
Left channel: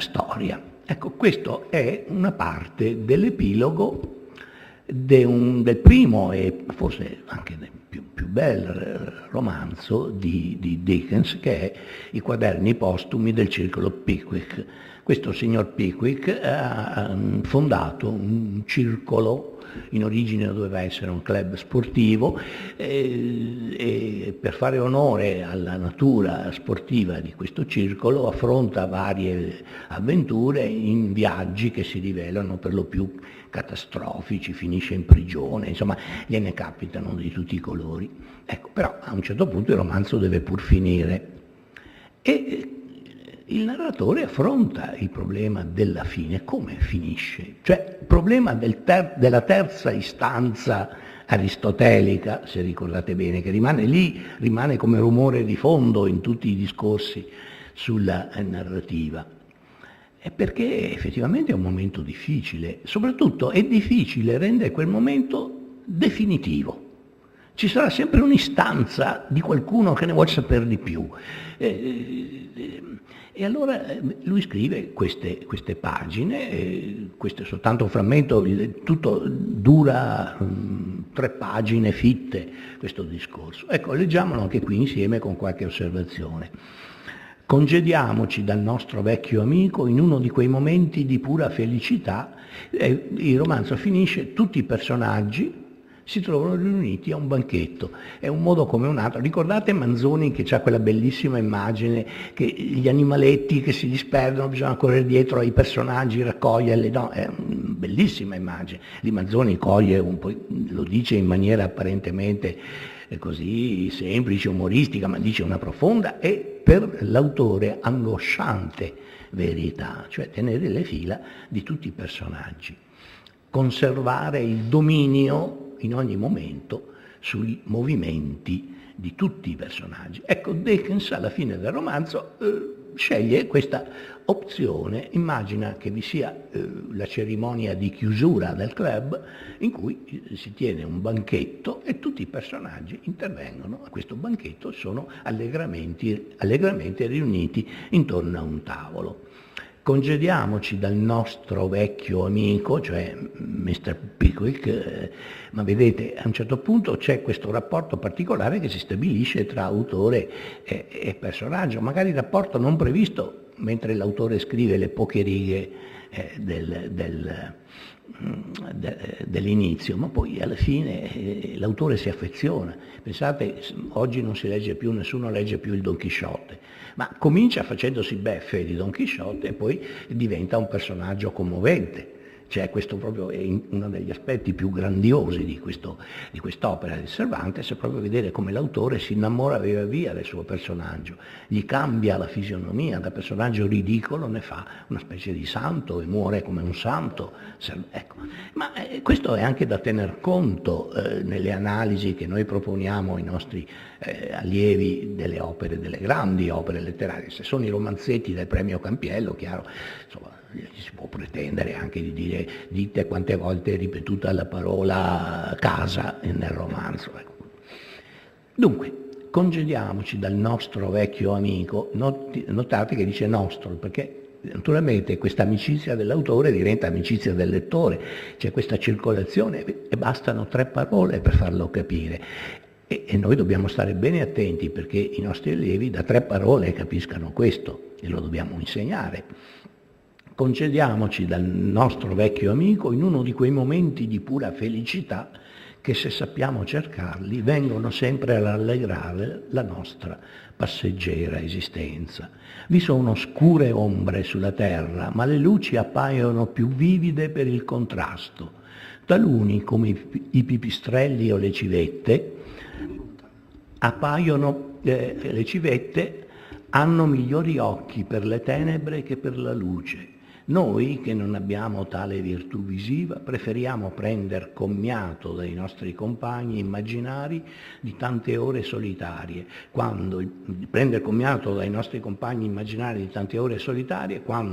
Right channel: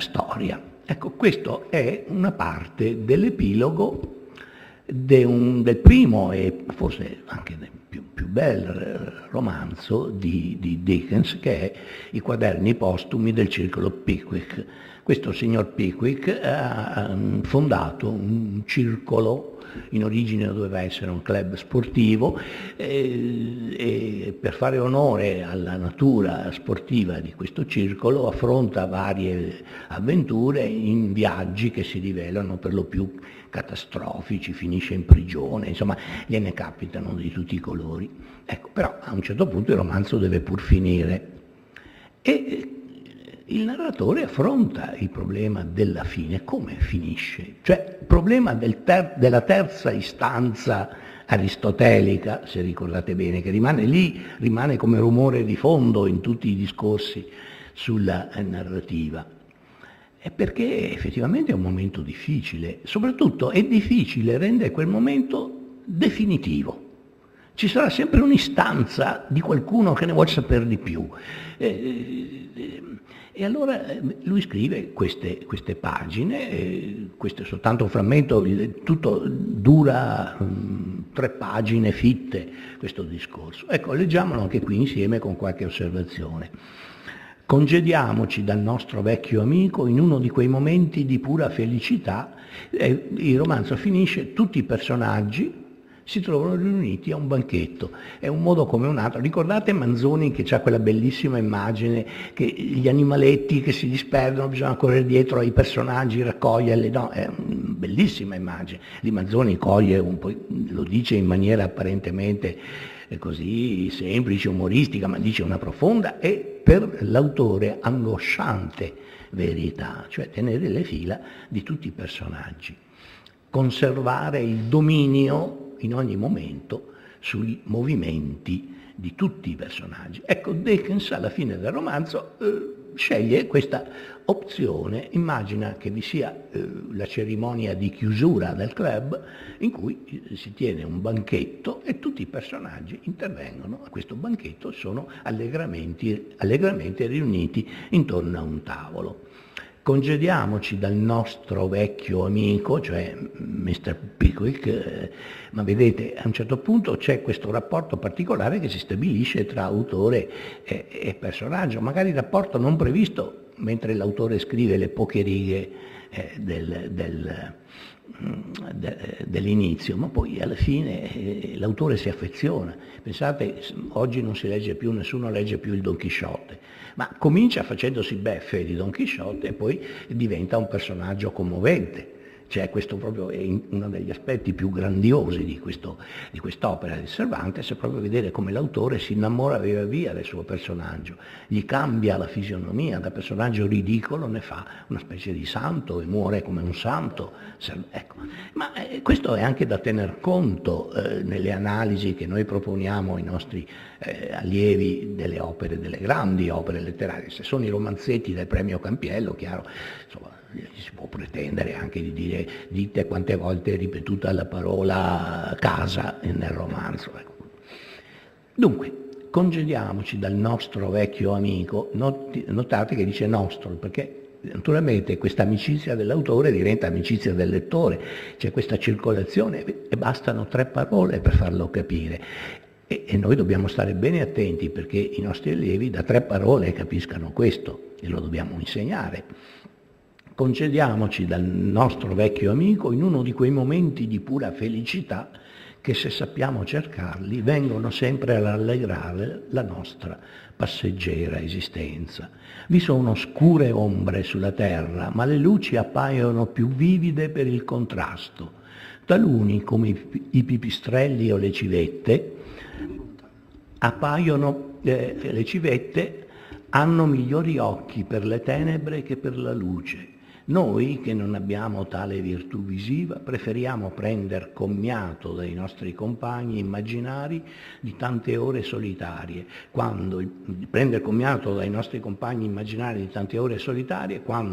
storia. Ecco, questo è una parte dell'epilogo del primo e forse anche del più bel romanzo di Dickens, che è I quaderni postumi del circolo Pickwick. Questo signor Pickwick ha fondato un circolo in origine doveva essere un club sportivo, e per fare onore alla natura sportiva di questo circolo affronta varie avventure in viaggi che si rivelano per lo più catastrofici, finisce in prigione, insomma gliene capitano di tutti i colori. Ecco, però a un certo punto il romanzo deve pur finire e il narratore affronta il problema della fine, come finisce, cioè il problema della terza istanza aristotelica, se ricordate bene, che rimane lì, rimane come rumore di fondo in tutti i discorsi sulla narrativa. È perché effettivamente è un momento difficile, soprattutto è difficile rendere quel momento definitivo. Ci sarà sempre un'istanza di qualcuno che ne vuole sapere di più. E allora lui scrive queste pagine, questo è soltanto un frammento, tutto dura 3 pagine fitte questo discorso. Ecco, leggiamolo anche qui insieme con qualche osservazione. Congediamoci dal nostro vecchio amico in uno di quei momenti di pura felicità. Il romanzo finisce, tutti i personaggi si trovano riuniti a un banchetto. È un modo come un altro. Ricordate Manzoni che ha quella bellissima immagine che gli animaletti che si disperdono, bisogna correre dietro ai personaggi, raccoglierli, no? È una bellissima immagine. Lì Manzoni coglie, lo dice in maniera apparentemente così semplice, umoristica, ma dice una profonda e per l'autore angosciante verità, cioè tenere le fila di tutti i personaggi. Conservare il dominio in ogni momento sui movimenti di tutti i personaggi. Ecco, Dickens alla fine del romanzo sceglie questa opzione, immagina che vi sia la cerimonia di chiusura del club in cui si tiene un banchetto e tutti i personaggi intervengono a questo banchetto, sono allegramente riuniti intorno a un tavolo. Congediamoci dal nostro vecchio amico, cioè Mr. Pickwick, ma vedete, a un certo punto c'è questo rapporto particolare che si stabilisce tra autore e personaggio, magari rapporto non previsto mentre l'autore scrive le poche righe dell'inizio, ma poi alla fine l'autore si affeziona. Pensate, oggi non si legge più, nessuno legge più il Don Chisciotte, ma comincia facendosi beffe di Don Chisciotte e poi diventa un personaggio commovente. Cioè questo proprio è uno degli aspetti più grandiosi di quest'opera di Cervantes, è proprio vedere come l'autore si innamora via via del suo personaggio, gli cambia la fisionomia, da personaggio ridicolo ne fa una specie di santo e muore come un santo. Ecco. Ma questo è anche da tener conto nelle analisi che noi proponiamo ai nostri allievi delle opere, delle grandi opere letterarie. Se sono i romanzetti del premio Campiello, chiaro, insomma, si può pretendere anche di dire, dite quante volte è ripetuta la parola casa nel romanzo. Dunque, congediamoci dal nostro vecchio amico, notate che dice nostro, perché naturalmente questa amicizia dell'autore diventa amicizia del lettore, c'è questa circolazione e bastano 3 parole per farlo capire. E noi dobbiamo stare bene attenti perché i nostri allievi da 3 parole capiscano questo e lo dobbiamo insegnare. Concediamoci dal nostro vecchio amico in uno di quei momenti di pura felicità che, se sappiamo cercarli, vengono sempre a rallegrare la nostra passeggera esistenza. Vi sono scure ombre sulla terra, ma le luci appaiono più vivide per il contrasto. Taluni, come i pipistrelli o le civette, le civette hanno migliori occhi per le tenebre che per la luce. Noi, che non abbiamo tale virtù visiva, preferiamo prender commiato dai nostri compagni immaginari di tante ore solitarie, quando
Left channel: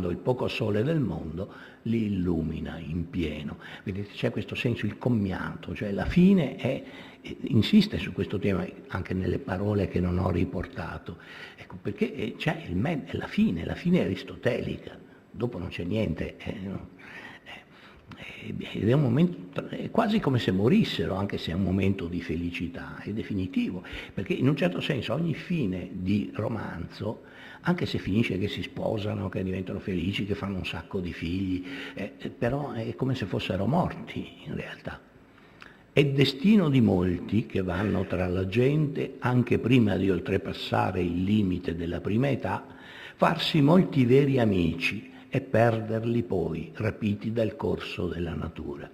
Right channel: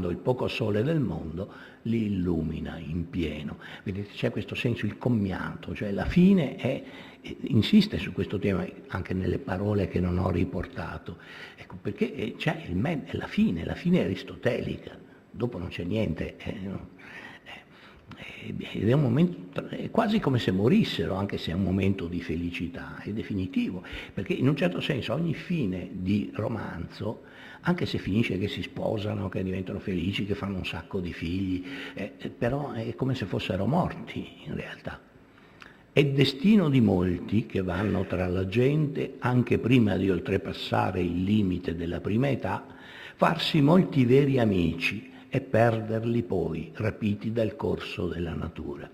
il poco sole del mondo li illumina in pieno. Vedete, c'è questo senso, il commiato, cioè la fine insiste su questo tema anche nelle parole che non ho riportato, ecco, perché c'è la fine aristotelica. Dopo non c'è niente, ed è un momento, è quasi come se morissero, anche se è un momento di felicità, è definitivo, perché in un certo senso ogni fine di romanzo, anche se finisce che si sposano, che diventano felici, che fanno un sacco di figli, però è come se fossero morti in realtà. È destino di molti che vanno tra la gente, anche prima di oltrepassare il limite della prima età, farsi molti veri amici e perderli poi, rapiti dal corso della natura.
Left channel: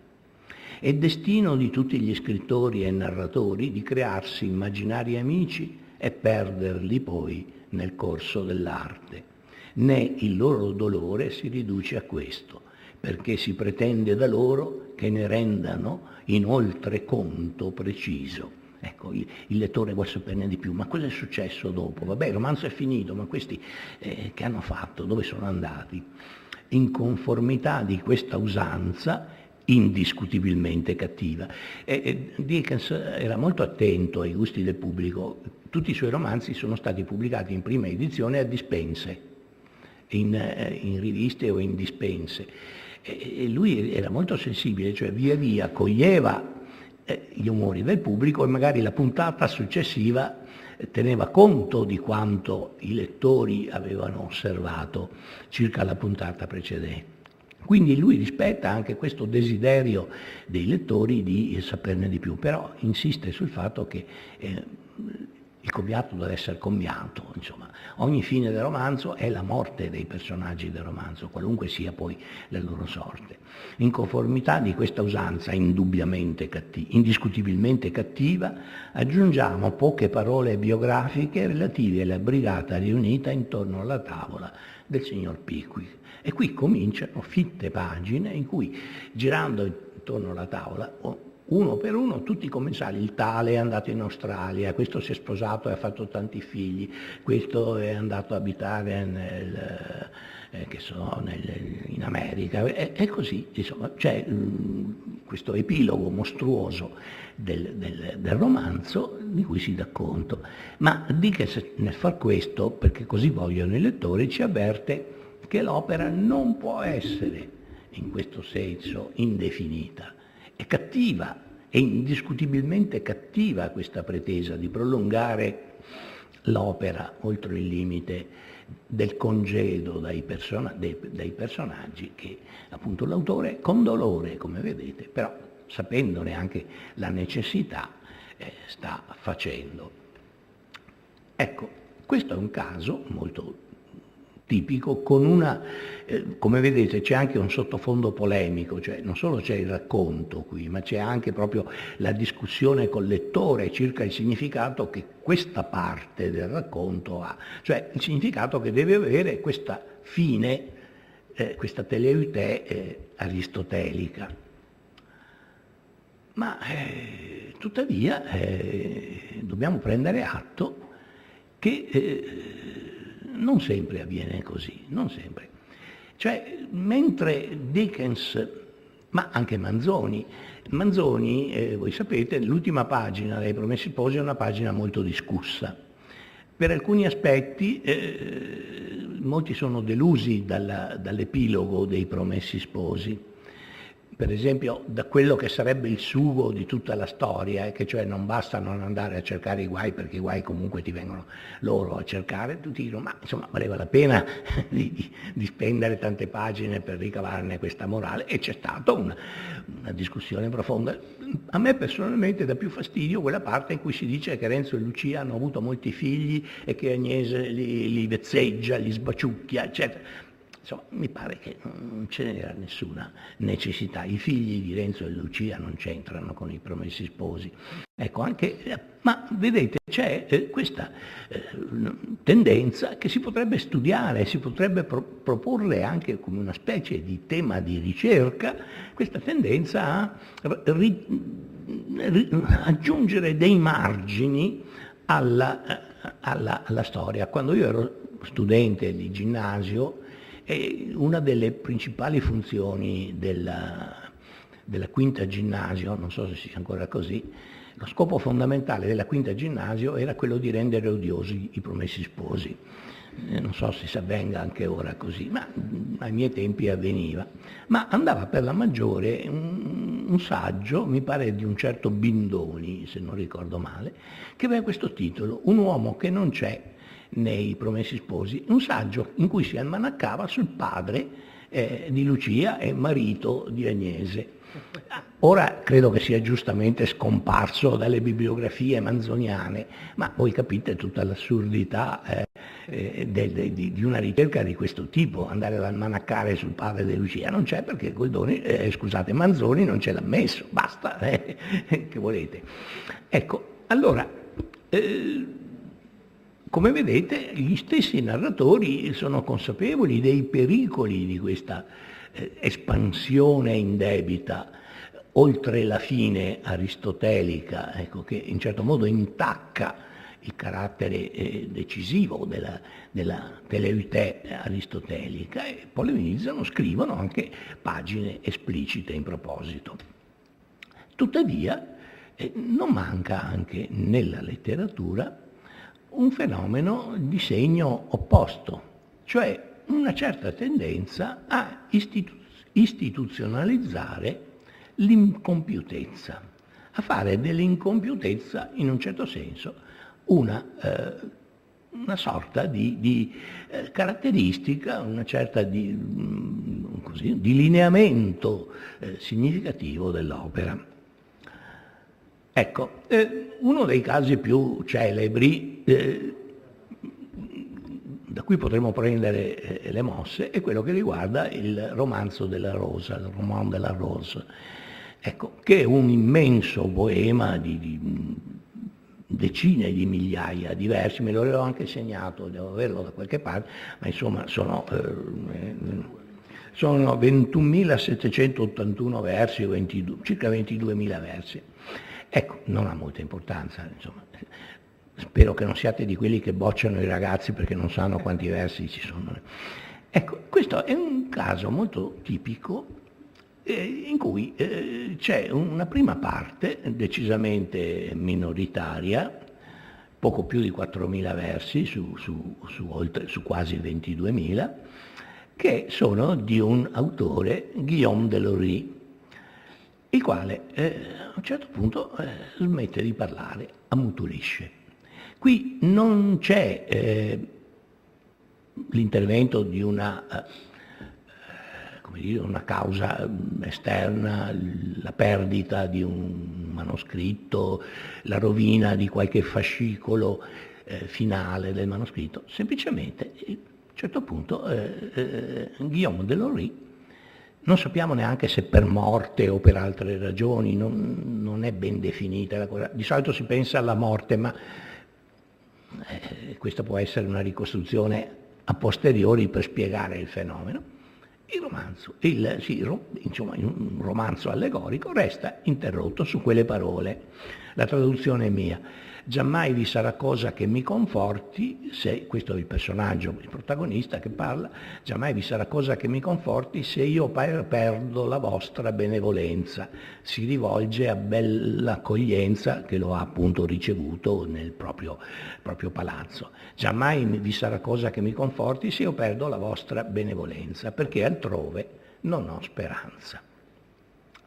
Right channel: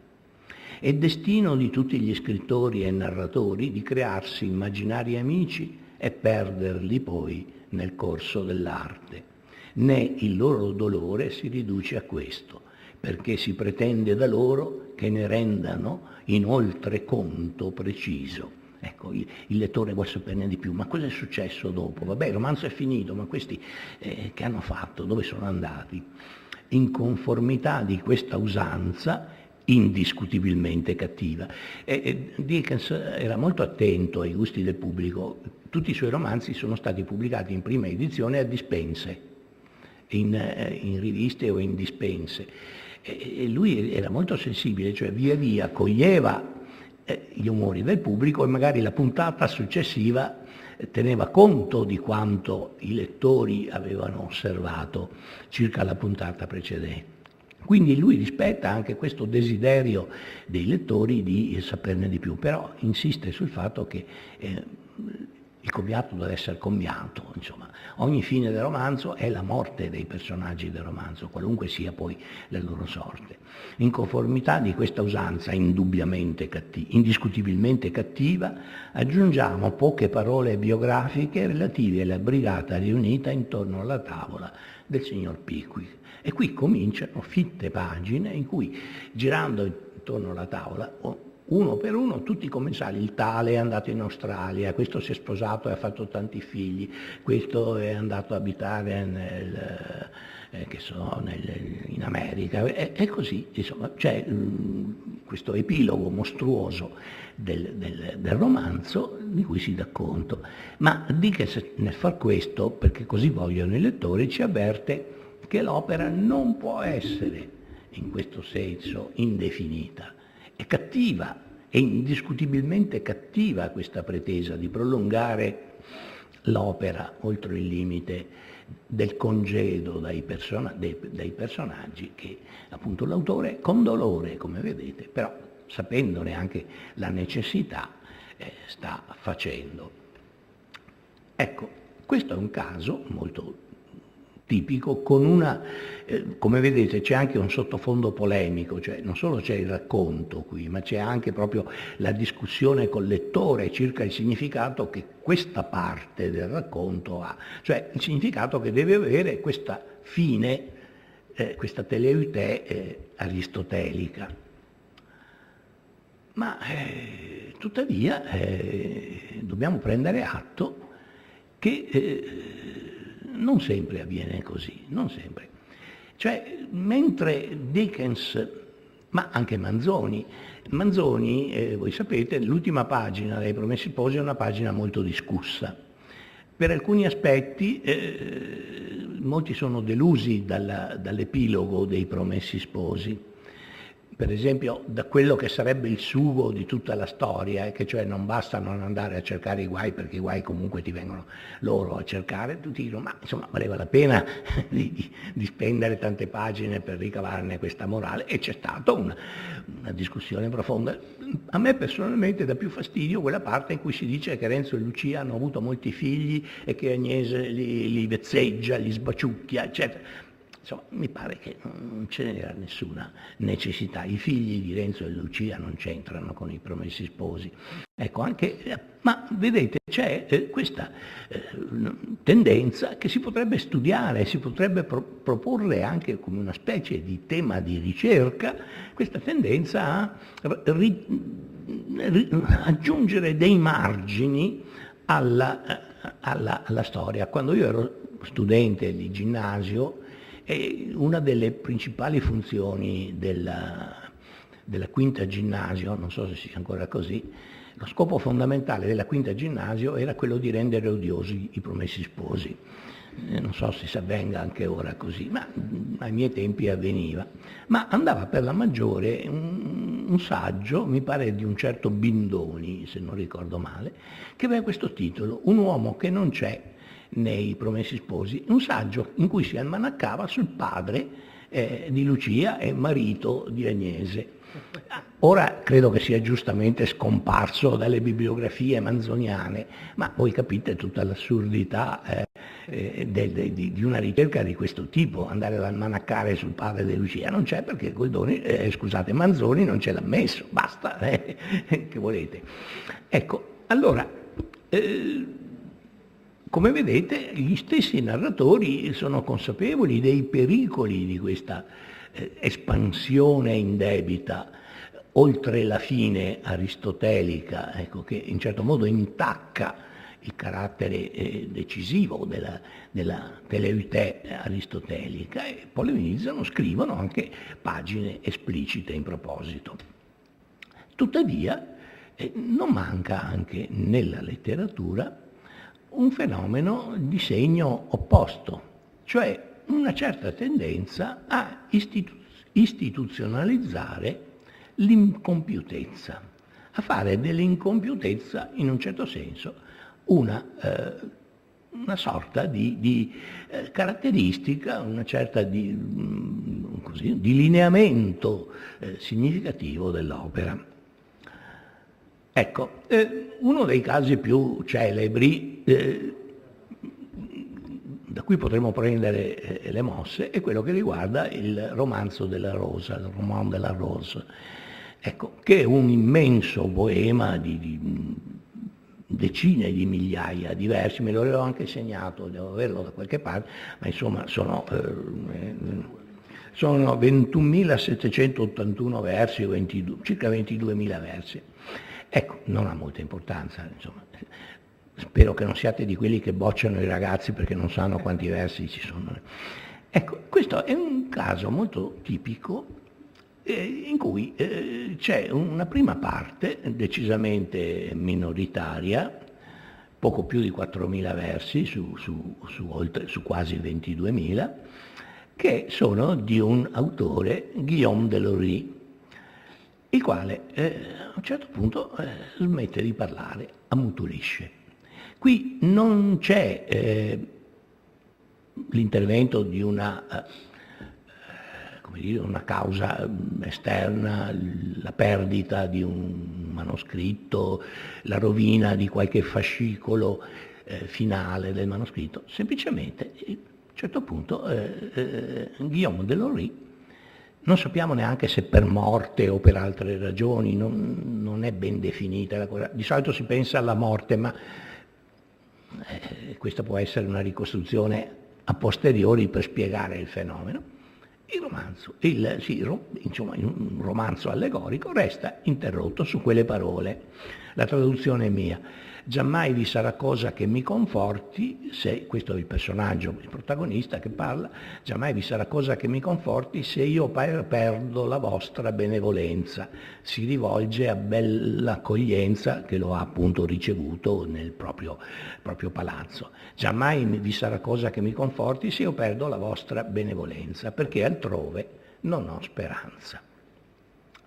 È destino di tutti gli scrittori e narratori di crearsi immaginari amici e perderli poi nel corso dell'arte. Né il loro dolore si riduce a questo, perché si pretende da loro che ne rendano inoltre conto preciso. Ecco, il lettore vuole saperne di più, ma cosa è successo dopo? Vabbè, il romanzo è finito, ma questi che hanno fatto? Dove sono andati? In conformità di questa usanza indiscutibilmente cattiva. Dickens era molto attento ai gusti del pubblico. Tutti i suoi romanzi sono stati pubblicati in prima edizione a dispense, in riviste o in dispense. E lui era molto sensibile, cioè via via coglieva gli umori del pubblico e magari la puntata successiva teneva conto di quanto i lettori avevano osservato circa la puntata precedente. Quindi lui rispetta anche questo desiderio dei lettori di saperne di più, però insiste sul fatto che il commiato deve essere commiato, insomma, ogni fine del romanzo è la morte dei personaggi del romanzo, qualunque sia poi la loro sorte. In conformità di questa usanza indiscutibilmente cattiva, aggiungiamo poche parole biografiche relative alla brigata riunita intorno alla tavola del signor Pickwick. E qui cominciano fitte pagine in cui, girando intorno alla tavola, uno per uno, tutti i commensali: il tale è andato in Australia, questo si è sposato e ha fatto tanti figli, questo è andato a abitare in America, e così, insomma, c'è questo epilogo mostruoso del romanzo di cui si dà conto. Ma Dickens, nel far questo, perché così vogliono i lettori, ci avverte che l'opera non può essere, in questo senso, indefinita. È cattiva, è indiscutibilmente cattiva questa pretesa di prolungare l'opera oltre il limite del congedo dai personaggi che appunto l'autore, con dolore, come vedete, però sapendone anche la necessità, sta facendo. Ecco, questo è un caso molto tipico, con come vedete c'è anche un sottofondo polemico, cioè non solo c'è il racconto qui, ma c'è anche proprio la discussione col lettore circa il significato che questa parte del racconto ha, cioè il significato che deve avere questa fine, questa teleute aristotelica. Ma tuttavia dobbiamo prendere atto che non sempre avviene così, non sempre. Cioè, mentre Dickens, ma anche Manzoni, voi sapete, l'ultima pagina dei Promessi Sposi è una pagina molto discussa. Per alcuni aspetti molti sono delusi dall'epilogo dei Promessi Sposi. Per esempio, da quello che sarebbe il sugo di tutta la storia, che cioè non basta non andare a cercare i guai, perché i guai comunque ti vengono loro a cercare, tutti dicono: ma insomma valeva la pena di spendere tante pagine per ricavarne questa morale, e c'è stata una discussione profonda. A me personalmente dà più fastidio quella parte in cui si dice che Renzo e Lucia hanno avuto molti figli e che Agnese li vezzeggia, li sbaciucchia, eccetera. Insomma, mi pare che non ce n'era nessuna necessità. I figli di Renzo e Lucia non c'entrano con i Promessi Sposi. Ecco, ma vedete, c'è questa tendenza che si potrebbe studiare, si potrebbe proporre anche come una specie di tema di ricerca, questa tendenza a aggiungere dei margini alla storia. Quando io ero studente di ginnasio, una delle principali funzioni della quinta ginnasio, non so se sia ancora così, lo scopo fondamentale della quinta ginnasio era quello di rendere odiosi i Promessi Sposi. Non so se si avvenga anche ora così, ma ai miei tempi avveniva. Ma andava per la maggiore un saggio, mi pare di un certo Bindoni, se non ricordo male, che aveva questo titolo: Un uomo che non c'è nei Promessi Sposi, un saggio in cui si almanaccava sul padre di Lucia e marito di Agnese. Ora credo che sia giustamente scomparso dalle bibliografie manzoniane, ma voi capite tutta l'assurdità di una ricerca di questo tipo, andare ad almanaccare sul padre De Lucia. Non c'è perché scusate, Manzoni non ce l'ha messo, basta, che volete. Ecco, allora, come vedete, gli stessi narratori sono consapevoli dei pericoli di questa espansione indebita oltre la fine aristotelica, ecco, che in certo modo intacca il carattere decisivo della teleutè aristotelica, e polemizzano, scrivono anche pagine esplicite in proposito. Tuttavia non manca anche nella letteratura un fenomeno di segno opposto, cioè una certa tendenza a istituzionalizzare l'incompiutezza, a fare dell'incompiutezza in un certo senso una sorta di caratteristica, una certa di lineamento significativo dell'opera. Ecco, uno dei casi più celebri da cui potremmo prendere le mosse è quello che riguarda il romanzo della Rosa, il Roman de la Rose, ecco, che è un immenso poema di decine di migliaia di versi, me l'avevo anche segnato, devo averlo da qualche parte, ma insomma sono 21.781 versi, circa 22.000 versi. Ecco, non ha molta importanza, insomma. Spero che non siate di quelli che bocciano i ragazzi perché non sanno quanti versi ci sono. Ecco, questo è un caso molto tipico in cui c'è una prima parte decisamente minoritaria, poco più di 4.000 versi su quasi 22.000, che sono di un autore, Guillaume Delory, il quale a un certo punto smette di parlare, ammutolisce. Qui non c'è l'intervento di una causa esterna, la perdita di un manoscritto, la rovina di qualche fascicolo finale del manoscritto, semplicemente a un certo punto Guillaume Delory, non sappiamo neanche se per morte o per altre ragioni, non è ben definita la cosa. Di solito si pensa alla morte, ma questa può essere una ricostruzione a posteriori per spiegare il fenomeno. Un romanzo allegorico resta interrotto su quelle parole. La traduzione è mia. Giammai vi sarà cosa che mi conforti se, questo è il personaggio, il protagonista che parla, giammai vi sarà cosa che mi conforti se io perdo la vostra benevolenza. Si rivolge a Bell'Accoglienza che lo ha appunto ricevuto nel proprio palazzo. Giammai vi sarà cosa che mi conforti se io perdo la vostra benevolenza, perché altrove non ho speranza.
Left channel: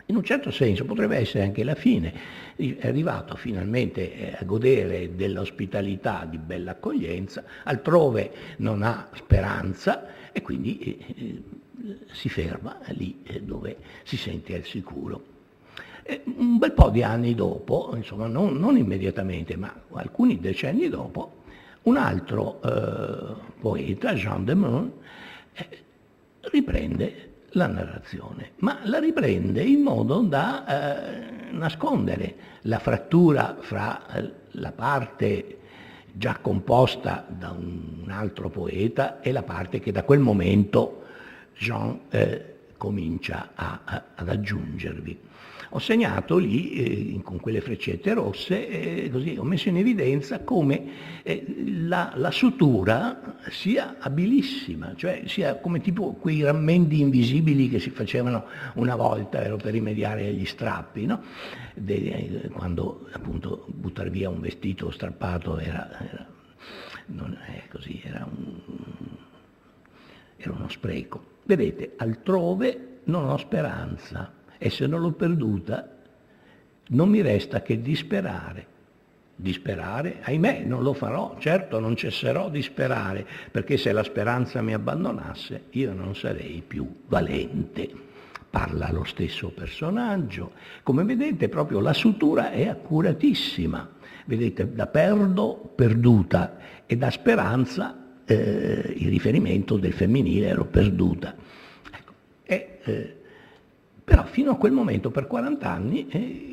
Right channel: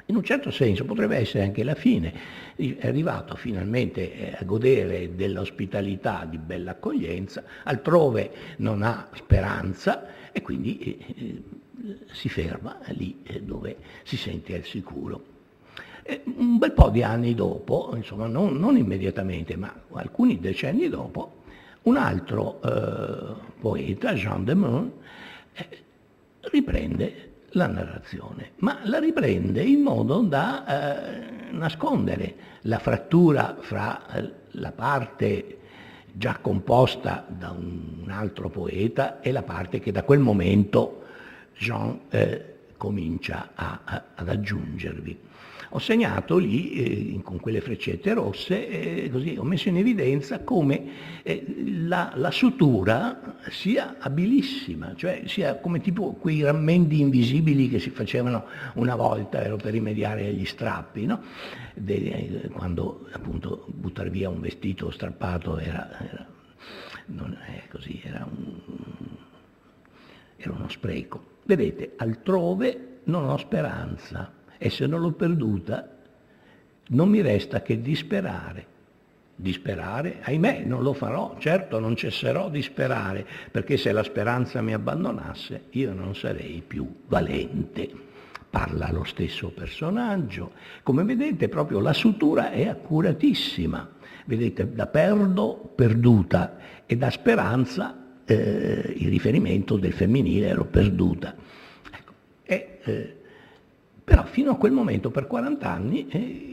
In un certo senso potrebbe essere anche la fine, è arrivato finalmente a godere dell'ospitalità di Bell'Accoglienza, altrove non ha speranza e quindi si ferma lì dove si sente al sicuro. Un bel po' di anni dopo, insomma non immediatamente, ma alcuni decenni dopo, un altro poeta, Jean de Meun, riprende la narrazione, ma la riprende in modo da nascondere la frattura fra la parte già composta da un altro poeta e la parte che da quel momento Jean comincia ad aggiungervi. Ho segnato lì con quelle freccette rosse, così ho messo in evidenza come la sutura sia abilissima, cioè sia come tipo quei rammendi invisibili che si facevano una volta, ero per rimediare agli strappi, no? Quando appunto buttare via un vestito strappato era uno spreco. Vedete, altrove non ho speranza. E se non l'ho perduta, non mi resta che disperare. Disperare? Ahimè, non lo farò, certo non cesserò di sperare, perché se la speranza mi abbandonasse, io non sarei più valente. parla lo stesso personaggio. Come vedete, proprio la sutura è accuratissima. Vedete, da perdo, perduta, e da speranza il riferimento del femminile ero perduta. Ecco. Però fino a quel momento, per 40 anni,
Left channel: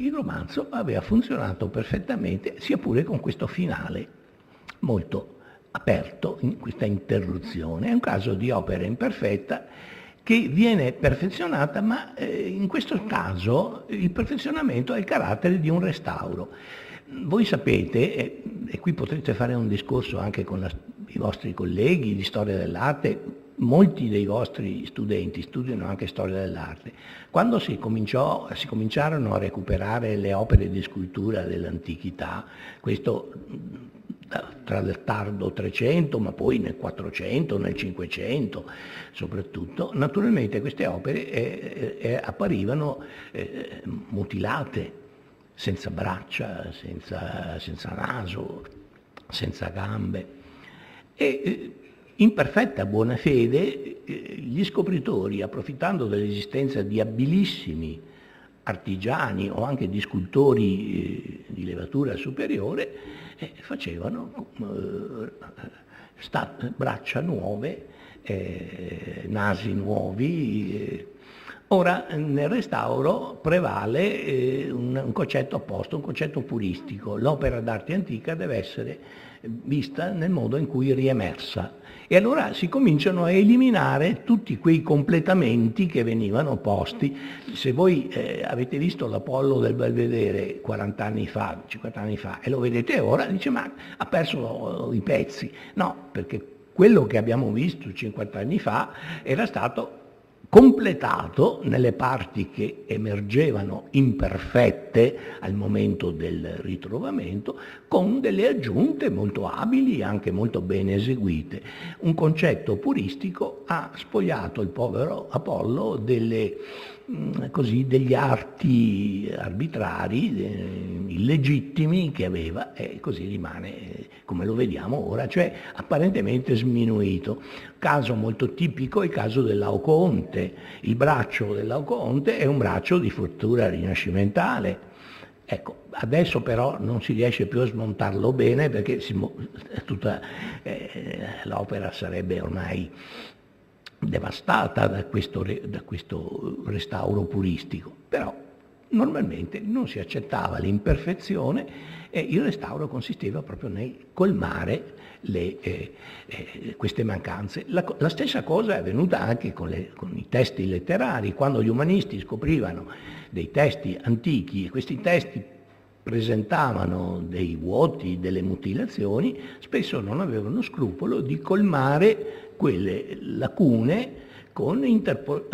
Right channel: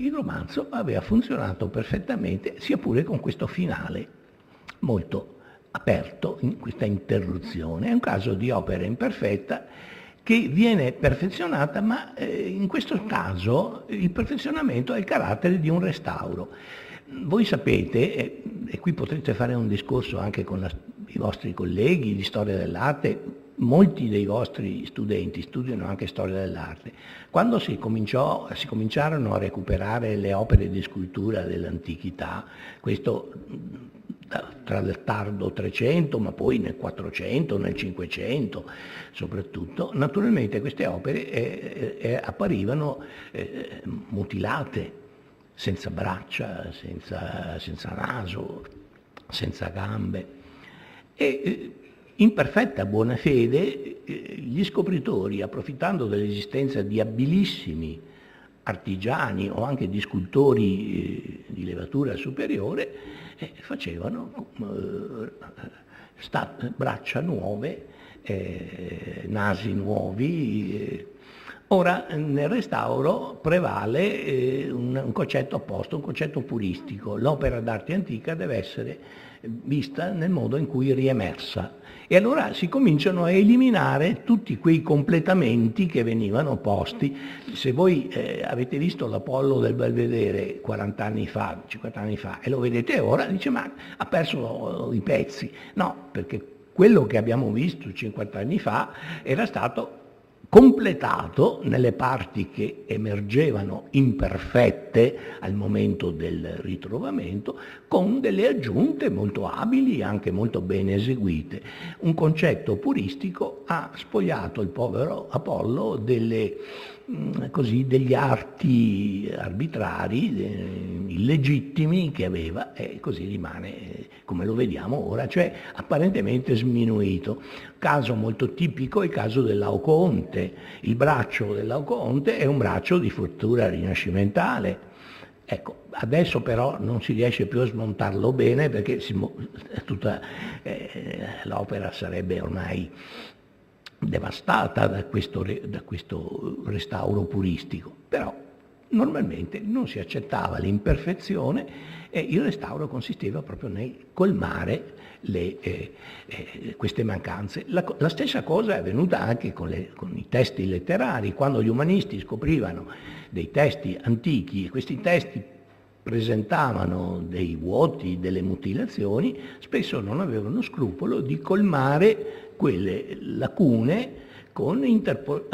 il romanzo aveva funzionato perfettamente, sia pure con questo finale molto aperto, in questa interruzione. È un caso di opera imperfetta che viene perfezionata, ma in questo caso il perfezionamento ha il carattere di un restauro. Voi sapete, e qui potrete fare un discorso anche con i vostri colleghi di storia dell'arte, molti dei vostri studenti studiano anche storia dell'arte. Quando si cominciarono a recuperare le opere di scultura dell'antichità, questo tra il tardo 300, ma poi nel 400, nel 500 soprattutto, naturalmente queste opere apparivano mutilate, senza braccia, senza naso, senza gambe. E in perfetta buona fede gli scopritori, approfittando dell'esistenza di abilissimi artigiani o anche di scultori di levatura superiore, facevano braccia nuove, nasi nuovi. Ora nel restauro prevale un concetto opposto, un concetto puristico. L'opera d'arte antica deve essere vista nel modo in cui è riemersa. E allora si cominciano a eliminare tutti quei completamenti che venivano posti. Se voi avete visto l'Apollo del Belvedere 40 anni fa, 50 anni fa, e lo vedete ora, dice ma ha perso i pezzi. No, perché quello che abbiamo visto 50 anni fa era stato completato nelle parti che emergevano imperfette al momento del ritrovamento, con delle aggiunte molto abili e anche molto ben eseguite. Un concetto puristico ha spogliato il povero Apollo degli arti arbitrari, illegittimi che aveva, e così rimane come lo vediamo ora, cioè apparentemente sminuito. Caso molto tipico è il caso del Laocoonte. Il braccio del Laocoonte è un braccio di fattura rinascimentale. Ecco, adesso però non si riesce più a smontarlo bene perché tutta l'opera sarebbe ormai devastata da questo restauro puristico. Però normalmente non si accettava l'imperfezione e il restauro consisteva proprio nel colmare queste mancanze. La stessa cosa è avvenuta anche con i testi letterari. Quando gli umanisti scoprivano dei testi antichi e questi testi presentavano dei vuoti, delle mutilazioni, spesso non avevano scrupolo di colmare quelle lacune con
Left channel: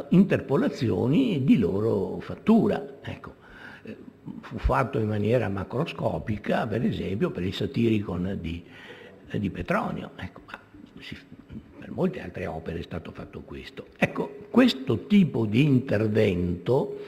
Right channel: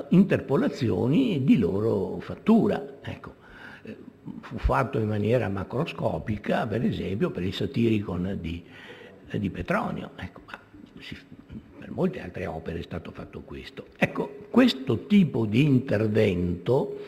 interpolazioni di loro fattura. Ecco, fu fatto in maniera macroscopica, per esempio, per il Satiricon di Petronio. Ecco, per molte altre opere è stato fatto questo. Ecco, questo tipo di intervento,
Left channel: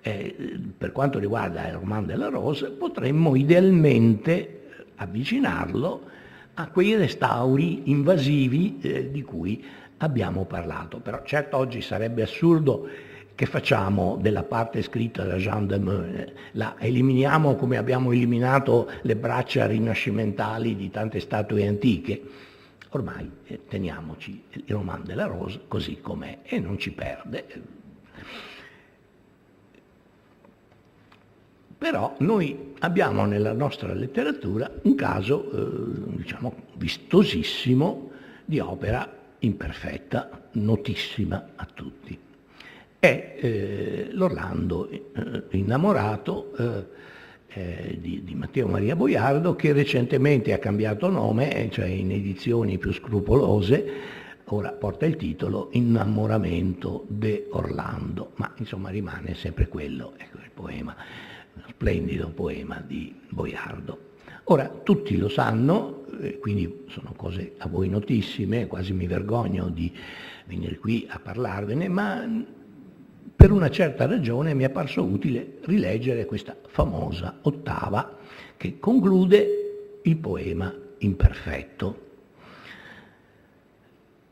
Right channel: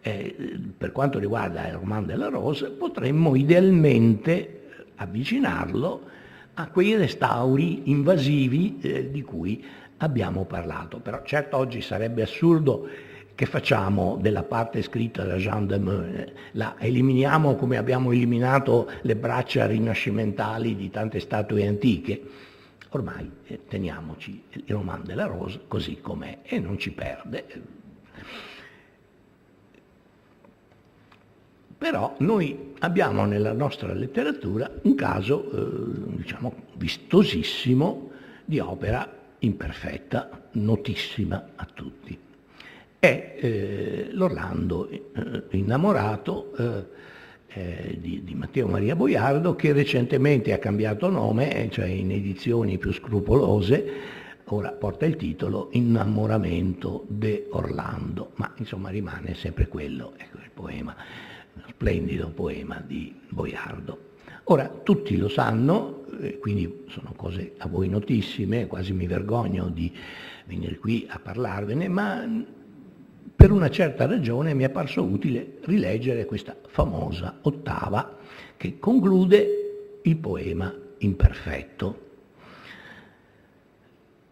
per quanto riguarda il Roman de la Rose, potremmo idealmente avvicinarlo a quei restauri invasivi di cui abbiamo parlato. Però certo oggi sarebbe assurdo che facciamo della parte scritta da Jean de Meun, la eliminiamo come abbiamo eliminato le braccia rinascimentali di tante statue antiche. Ormai teniamoci il Roman de la Rose così com'è e non ci perde. Però noi abbiamo nella nostra letteratura un caso, diciamo, vistosissimo di opera imperfetta, notissima a tutti. È l'Orlando innamorato di Matteo Maria Boiardo, che recentemente ha cambiato nome, cioè in edizioni più scrupolose, ora porta il titolo Innamoramento de Orlando, ma insomma rimane sempre quello, ecco, il poema, uno splendido poema di Boiardo. Ora, tutti lo sanno, quindi sono cose a voi notissime, quasi mi vergogno di venire qui a parlarvene, ma per una certa ragione mi è parso utile rileggere questa famosa ottava che conclude il poema imperfetto.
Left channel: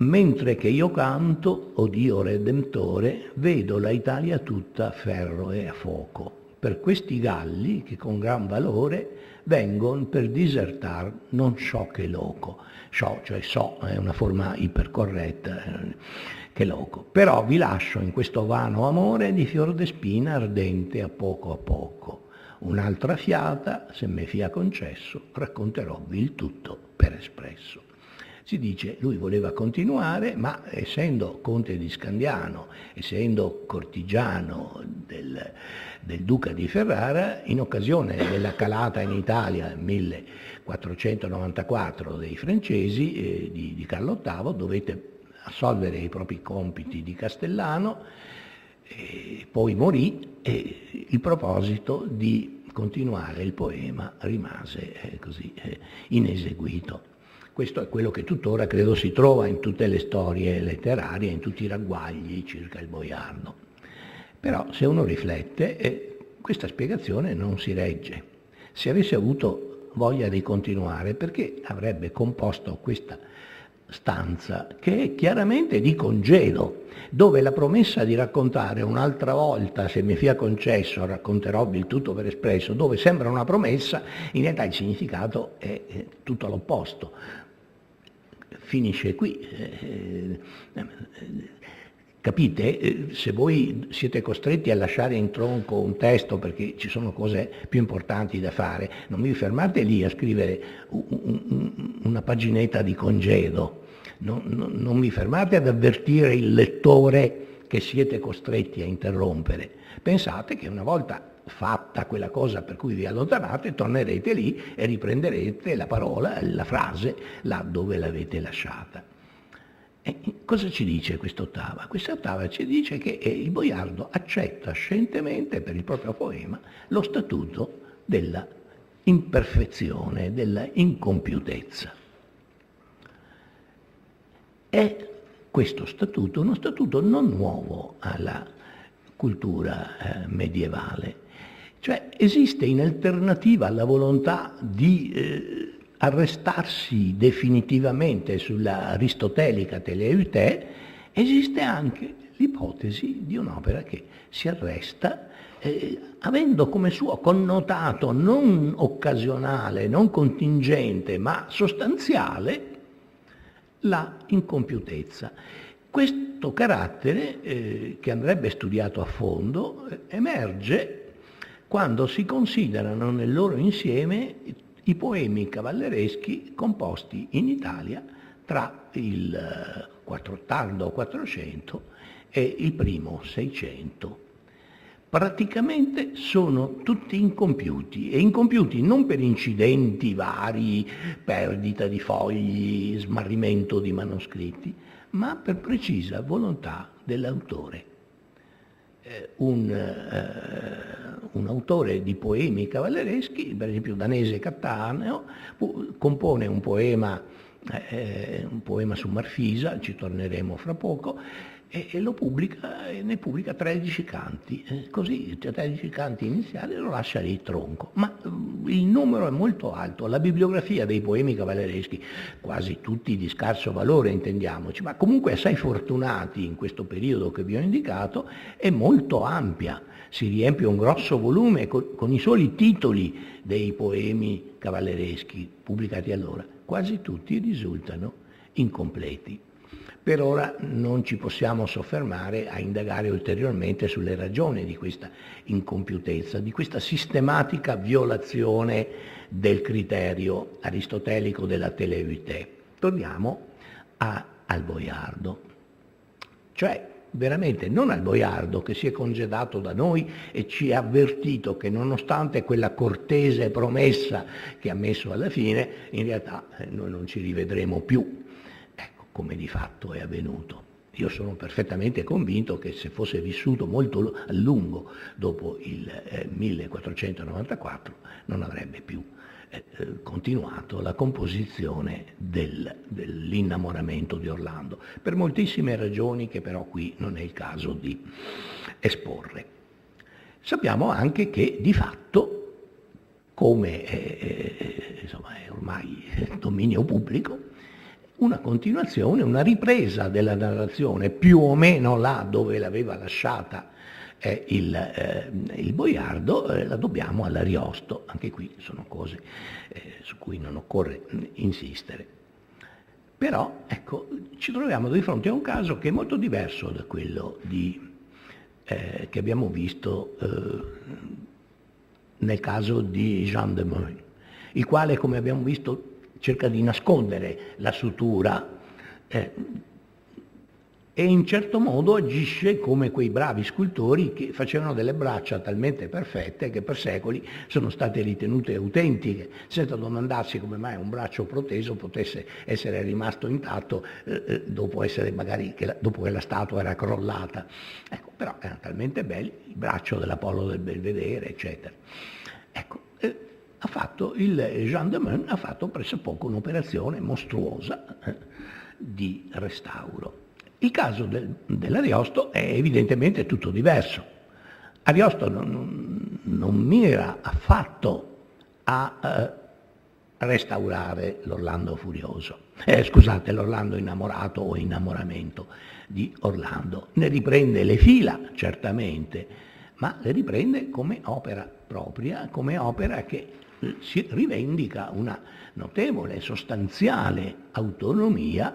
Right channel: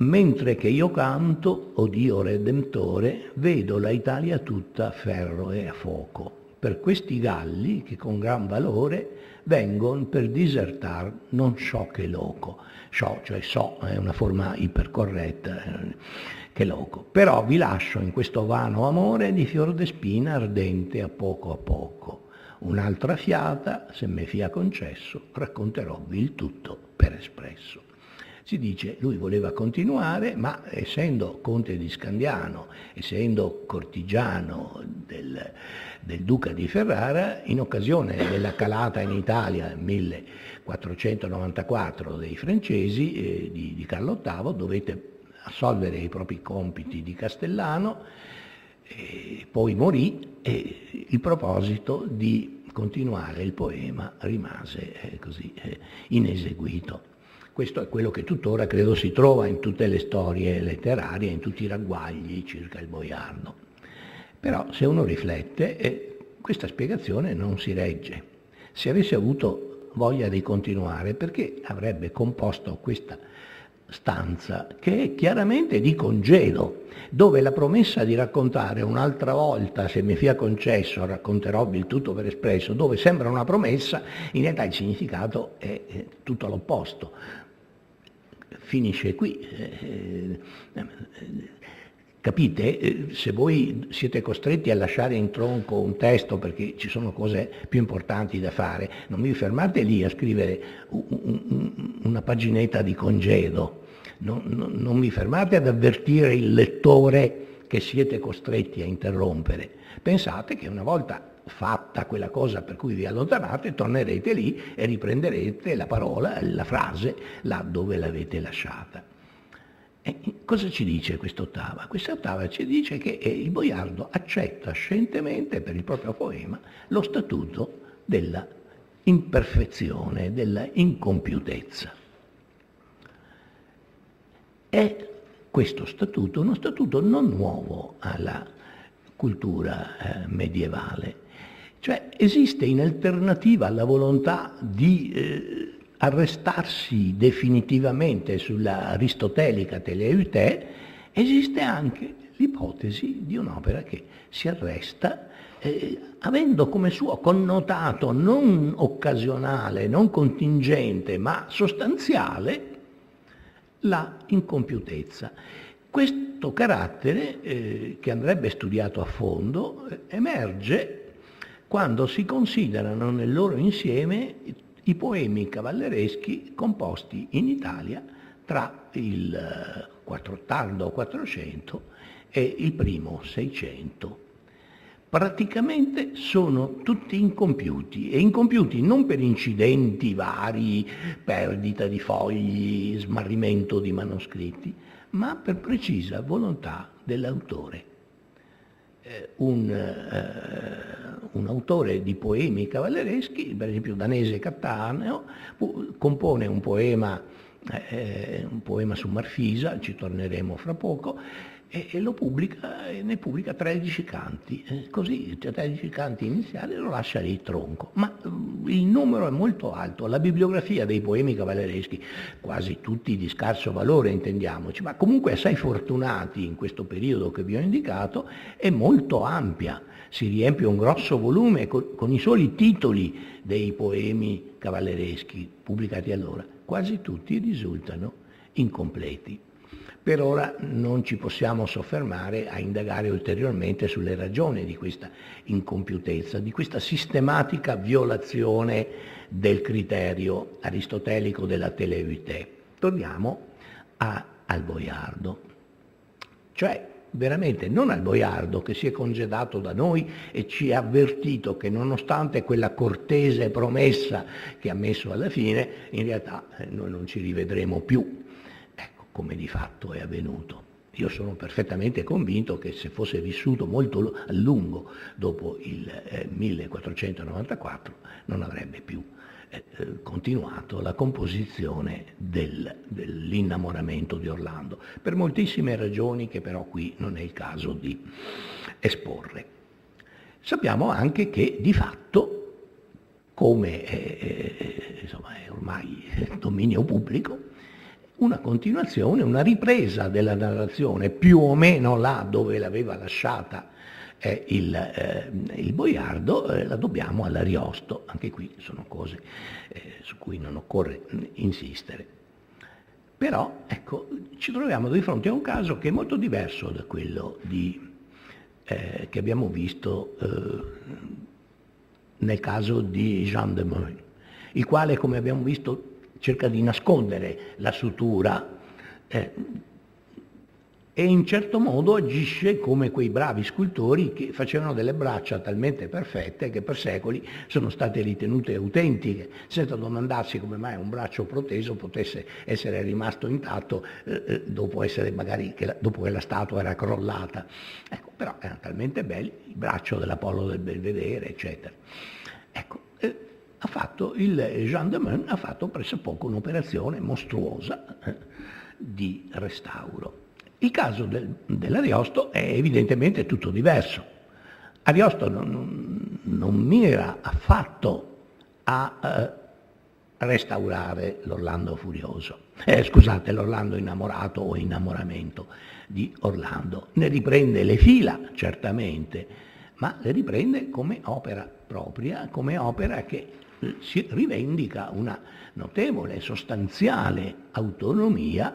Mentre che io canto, o Dio Redentore, vedo la Italia tutta a ferro e a fuoco. Per questi galli che con gran valore vengon per disertar non so che loco. So, cioè so, è una forma ipercorretta, che loco. Però vi lascio in questo vano amore di fior de spina ardente a poco. Un'altra fiata, se me fia concesso, racconterovvi il tutto per espresso. Si dice, lui voleva continuare, ma essendo conte di Scandiano, essendo cortigiano del duca di Ferrara, in occasione della calata in Italia nel 1494 dei francesi di Carlo VIII, dovette assolvere i propri compiti di castellano, poi morì e il proposito di continuare il poema rimase così ineseguito. Questo è quello che tuttora credo si trova in tutte le storie letterarie, in tutti i ragguagli circa il boiardo. Però se uno riflette, questa spiegazione non si regge. Se avesse avuto voglia di continuare, perché avrebbe composto questa stanza che è chiaramente di congedo, dove la promessa di raccontare un'altra volta, se mi fia concesso, racconterovvi il tutto per espresso, dove sembra una promessa, in realtà il significato è tutto l'opposto. Finisce qui. Capite? Se voi siete costretti a lasciare in tronco un testo perché ci sono cose più importanti da fare, non vi fermate lì a scrivere una paginetta di congedo, non vi fermate ad avvertire il lettore che siete costretti a interrompere. Pensate che una volta fatta quella cosa per cui vi allontanate, tornerete lì e riprenderete la parola, la frase, là dove l'avete lasciata. E cosa ci dice quest'ottava? Quest'ottava ci dice che il boiardo accetta scientemente per il proprio poema lo statuto della imperfezione, della incompiutezza. È questo statuto uno statuto non nuovo alla cultura medievale. Cioè esiste in alternativa alla volontà di arrestarsi definitivamente sulla aristotelica teleute, esiste anche l'ipotesi di un'opera che si arresta avendo come suo connotato non occasionale, non contingente, ma sostanziale la incompiutezza. Questo carattere, che andrebbe studiato a fondo, emerge quando si considerano nel loro insieme i poemi cavallereschi composti in Italia tra il tardo 400 e il primo 600. Praticamente sono tutti incompiuti, e incompiuti non per incidenti vari, perdita di fogli, smarrimento di manoscritti, ma per precisa volontà dell'autore. Un autore di poemi cavallereschi, per esempio Danese Cattaneo, compone un poema su Marfisa, ci torneremo fra poco, e lo pubblica, e ne pubblica 13 canti, così 13 canti iniziali, lo lascia lì tronco, ma il numero è molto alto. La bibliografia dei poemi cavallereschi, quasi tutti di scarso valore intendiamoci, ma comunque assai fortunati in questo periodo che vi ho indicato, è molto ampia. Si riempie un grosso volume con i soli titoli dei poemi cavallereschi pubblicati allora. Quasi tutti risultano incompleti. Per ora non ci possiamo soffermare a indagare ulteriormente sulle ragioni di questa incompiutezza, di questa sistematica violazione del criterio aristotelico della teleute. Torniamo al boiardo. Cioè, veramente non al boiardo che si è congedato da noi e ci ha avvertito che nonostante quella cortese promessa che ha messo alla fine, in realtà noi non ci rivedremo più, ecco, come di fatto è avvenuto. Io sono perfettamente convinto che se fosse vissuto molto a lungo dopo il 1494 non avrebbe più continuato la composizione dell'innamoramento di Orlando, per moltissime ragioni che però qui non è il caso di esporre. Sappiamo anche che di fatto, come insomma, è ormai dominio pubblico, una continuazione, una ripresa della narrazione più o meno là dove l'aveva lasciata il Boiardo, la dobbiamo all'Ariosto. Anche qui sono cose su cui non occorre insistere. Però ecco, ci troviamo di fronte a un caso che è molto diverso da quello che abbiamo visto nel caso di Jean de Meun, il quale, come abbiamo visto, cerca di nascondere la sutura e in certo modo agisce come quei bravi scultori che facevano delle braccia talmente perfette che per secoli sono state ritenute autentiche, senza domandarsi come mai un braccio proteso potesse essere rimasto intatto dopo che la statua era crollata. Ecco, però erano talmente belli, il braccio dell'Apollo del Belvedere, eccetera. Ecco, il Jean de Meun ha fatto pressopoco un'operazione mostruosa di restauro. Il caso dell'Ariosto è evidentemente tutto diverso. Ariosto non mira affatto a restaurare l'Orlando furioso, l'Orlando innamorato o innamoramento di Orlando. Ne riprende le fila, certamente, ma le riprende come opera propria, come opera che si rivendica una notevole, sostanziale autonomia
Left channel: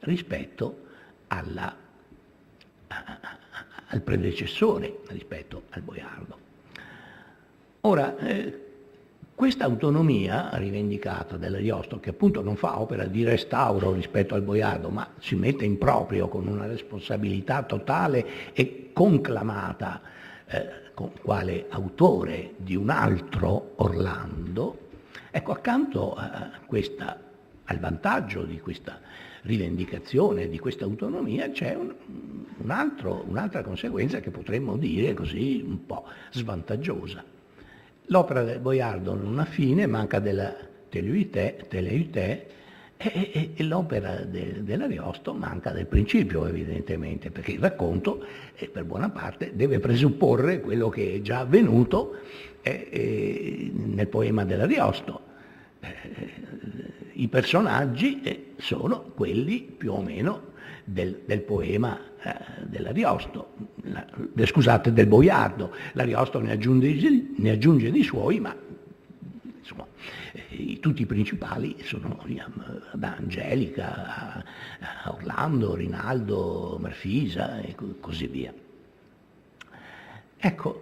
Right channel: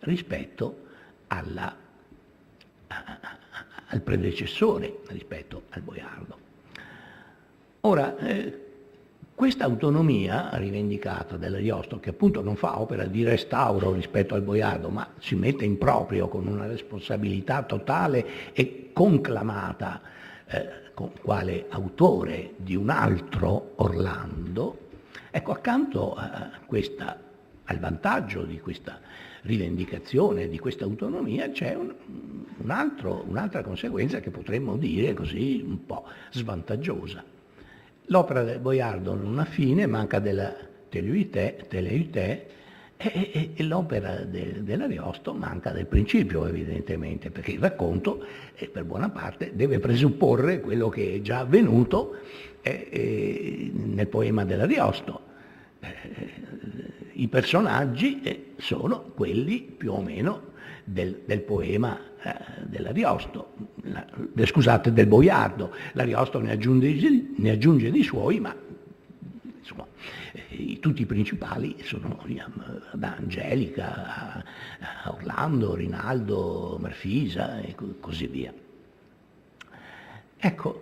rispetto al predecessore, rispetto al Boiardo. Ora, questa autonomia rivendicata dall'Ariosto, che appunto non fa opera di restauro rispetto al Boiardo, ma si mette in proprio con una responsabilità totale e conclamata quale autore di un altro Orlando, ecco, accanto al vantaggio di questa rivendicazione, di questa autonomia, c'è un'altra conseguenza che potremmo dire così un po' svantaggiosa. L'opera del Boiardo non ha fine, manca della teleutè, e l'opera dell'Ariosto manca del principio, evidentemente, perché il racconto, per buona parte, deve presupporre quello che è già avvenuto nel poema dell'Ariosto. I personaggi sono quelli più o meno del poema dell'Ariosto, del Boiardo. L'Ariosto ne aggiunge di suoi, ma insomma, tutti i principali sono da Angelica a Orlando, Rinaldo, Marfisa e così via. Ecco,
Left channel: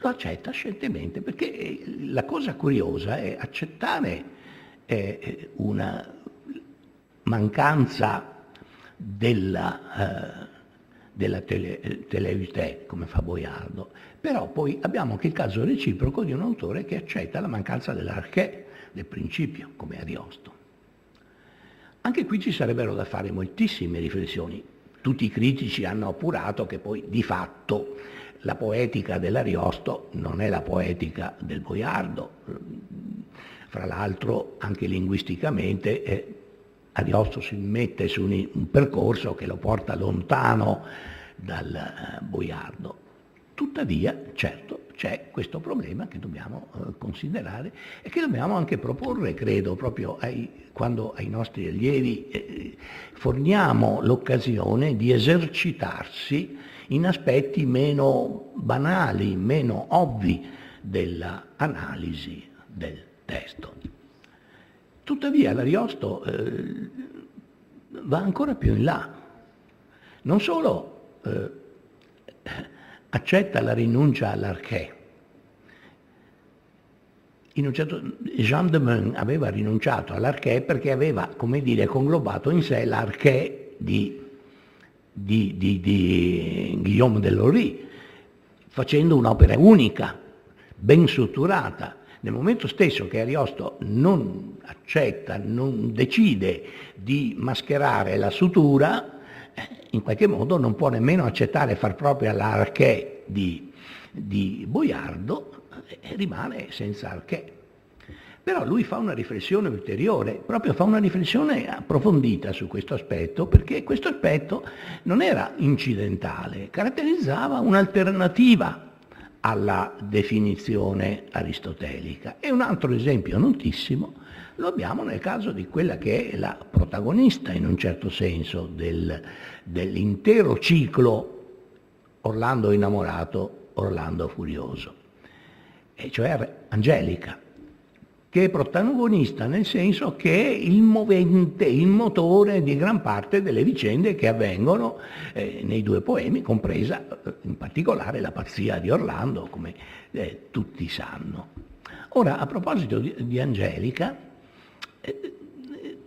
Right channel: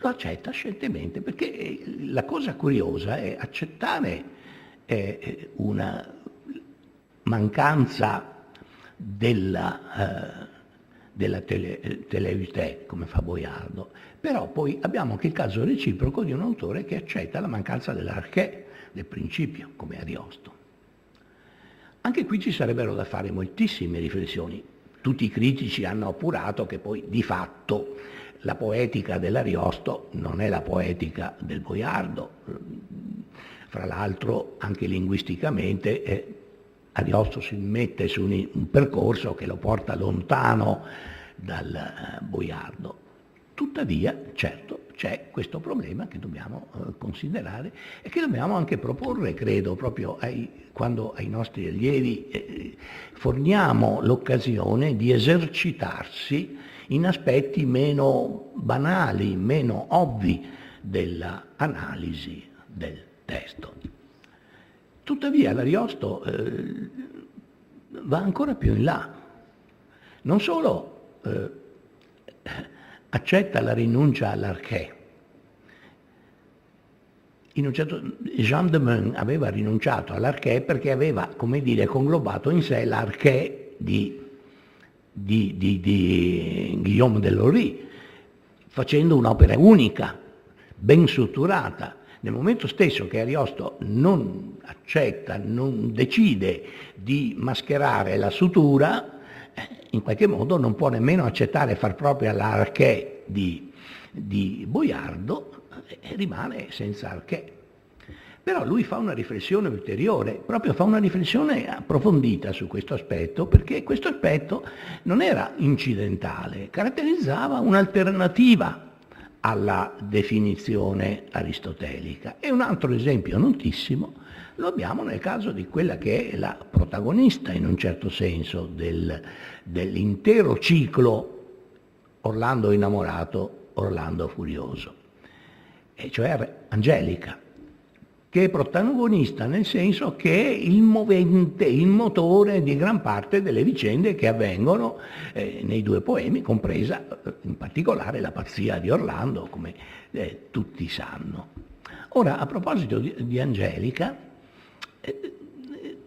lo accetta scientemente, perché la cosa curiosa è accettare una mancanza della teleutè, come fa Boiardo, però poi abbiamo anche il caso reciproco di un autore che accetta la mancanza dell'archè, del principio, come Ariosto. Anche qui ci sarebbero da fare moltissime riflessioni. Tutti i critici hanno appurato che poi di fatto la poetica dell'Ariosto non è la poetica del Boiardo. Fra l'altro, anche linguisticamente, Ariosto si mette su un percorso che lo porta lontano dal Boiardo. Tuttavia, certo, c'è questo problema che dobbiamo considerare e che dobbiamo anche proporre, credo, proprio quando ai nostri allievi forniamo l'occasione di esercitarsi in aspetti meno banali, meno ovvi dell'analisi del testo. Tuttavia l'Ariosto va ancora più in là. Non solo accetta la rinuncia all'archè. Jean de Meun aveva rinunciato all'archè perché aveva, come dire, conglobato in sé l'archè di Guillaume de Lorry, facendo un'opera unica, ben strutturata. Nel momento stesso che Ariosto non accetta, non decide di mascherare la sutura, in qualche modo non può nemmeno accettare far propria l'archè di Boiardo e rimane senza archè. Però lui fa una riflessione ulteriore, proprio fa una riflessione approfondita su questo aspetto, perché questo aspetto non era incidentale, caratterizzava un'alternativa alla definizione aristotelica. E un altro esempio notissimo lo abbiamo nel caso di quella che è la protagonista, in un certo senso, dell'intero ciclo Orlando innamorato, Orlando furioso, e cioè Angelica, che è protagonista nel senso che è il movente, il motore di gran parte delle vicende che avvengono nei due poemi, compresa in particolare la pazzia di Orlando, come tutti sanno. Ora, a proposito di Angelica,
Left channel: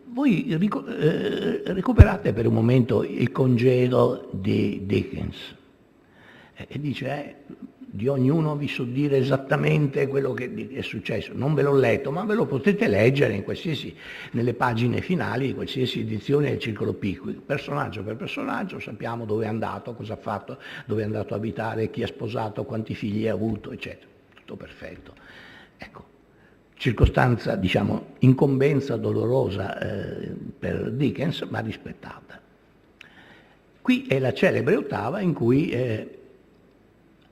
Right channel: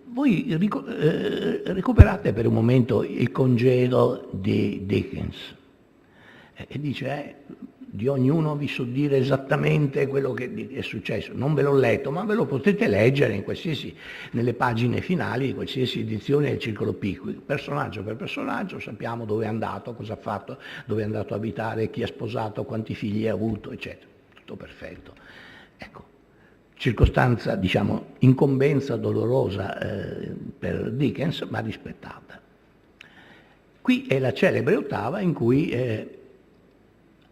voi recuperate per un momento Il congedo di Dickens, e dice di ognuno vi so dire esattamente quello che è successo. Non ve l'ho letto, ma ve lo potete leggere nelle pagine finali di qualsiasi edizione del Circolo Pickwick. Personaggio per personaggio sappiamo dove è andato, cosa ha fatto, dove è andato a abitare, chi ha sposato, quanti figli ha avuto, eccetera. Tutto perfetto. Ecco, circostanza, diciamo, incombenza dolorosa per Dickens, ma rispettata. Qui è la celebre ottava in cui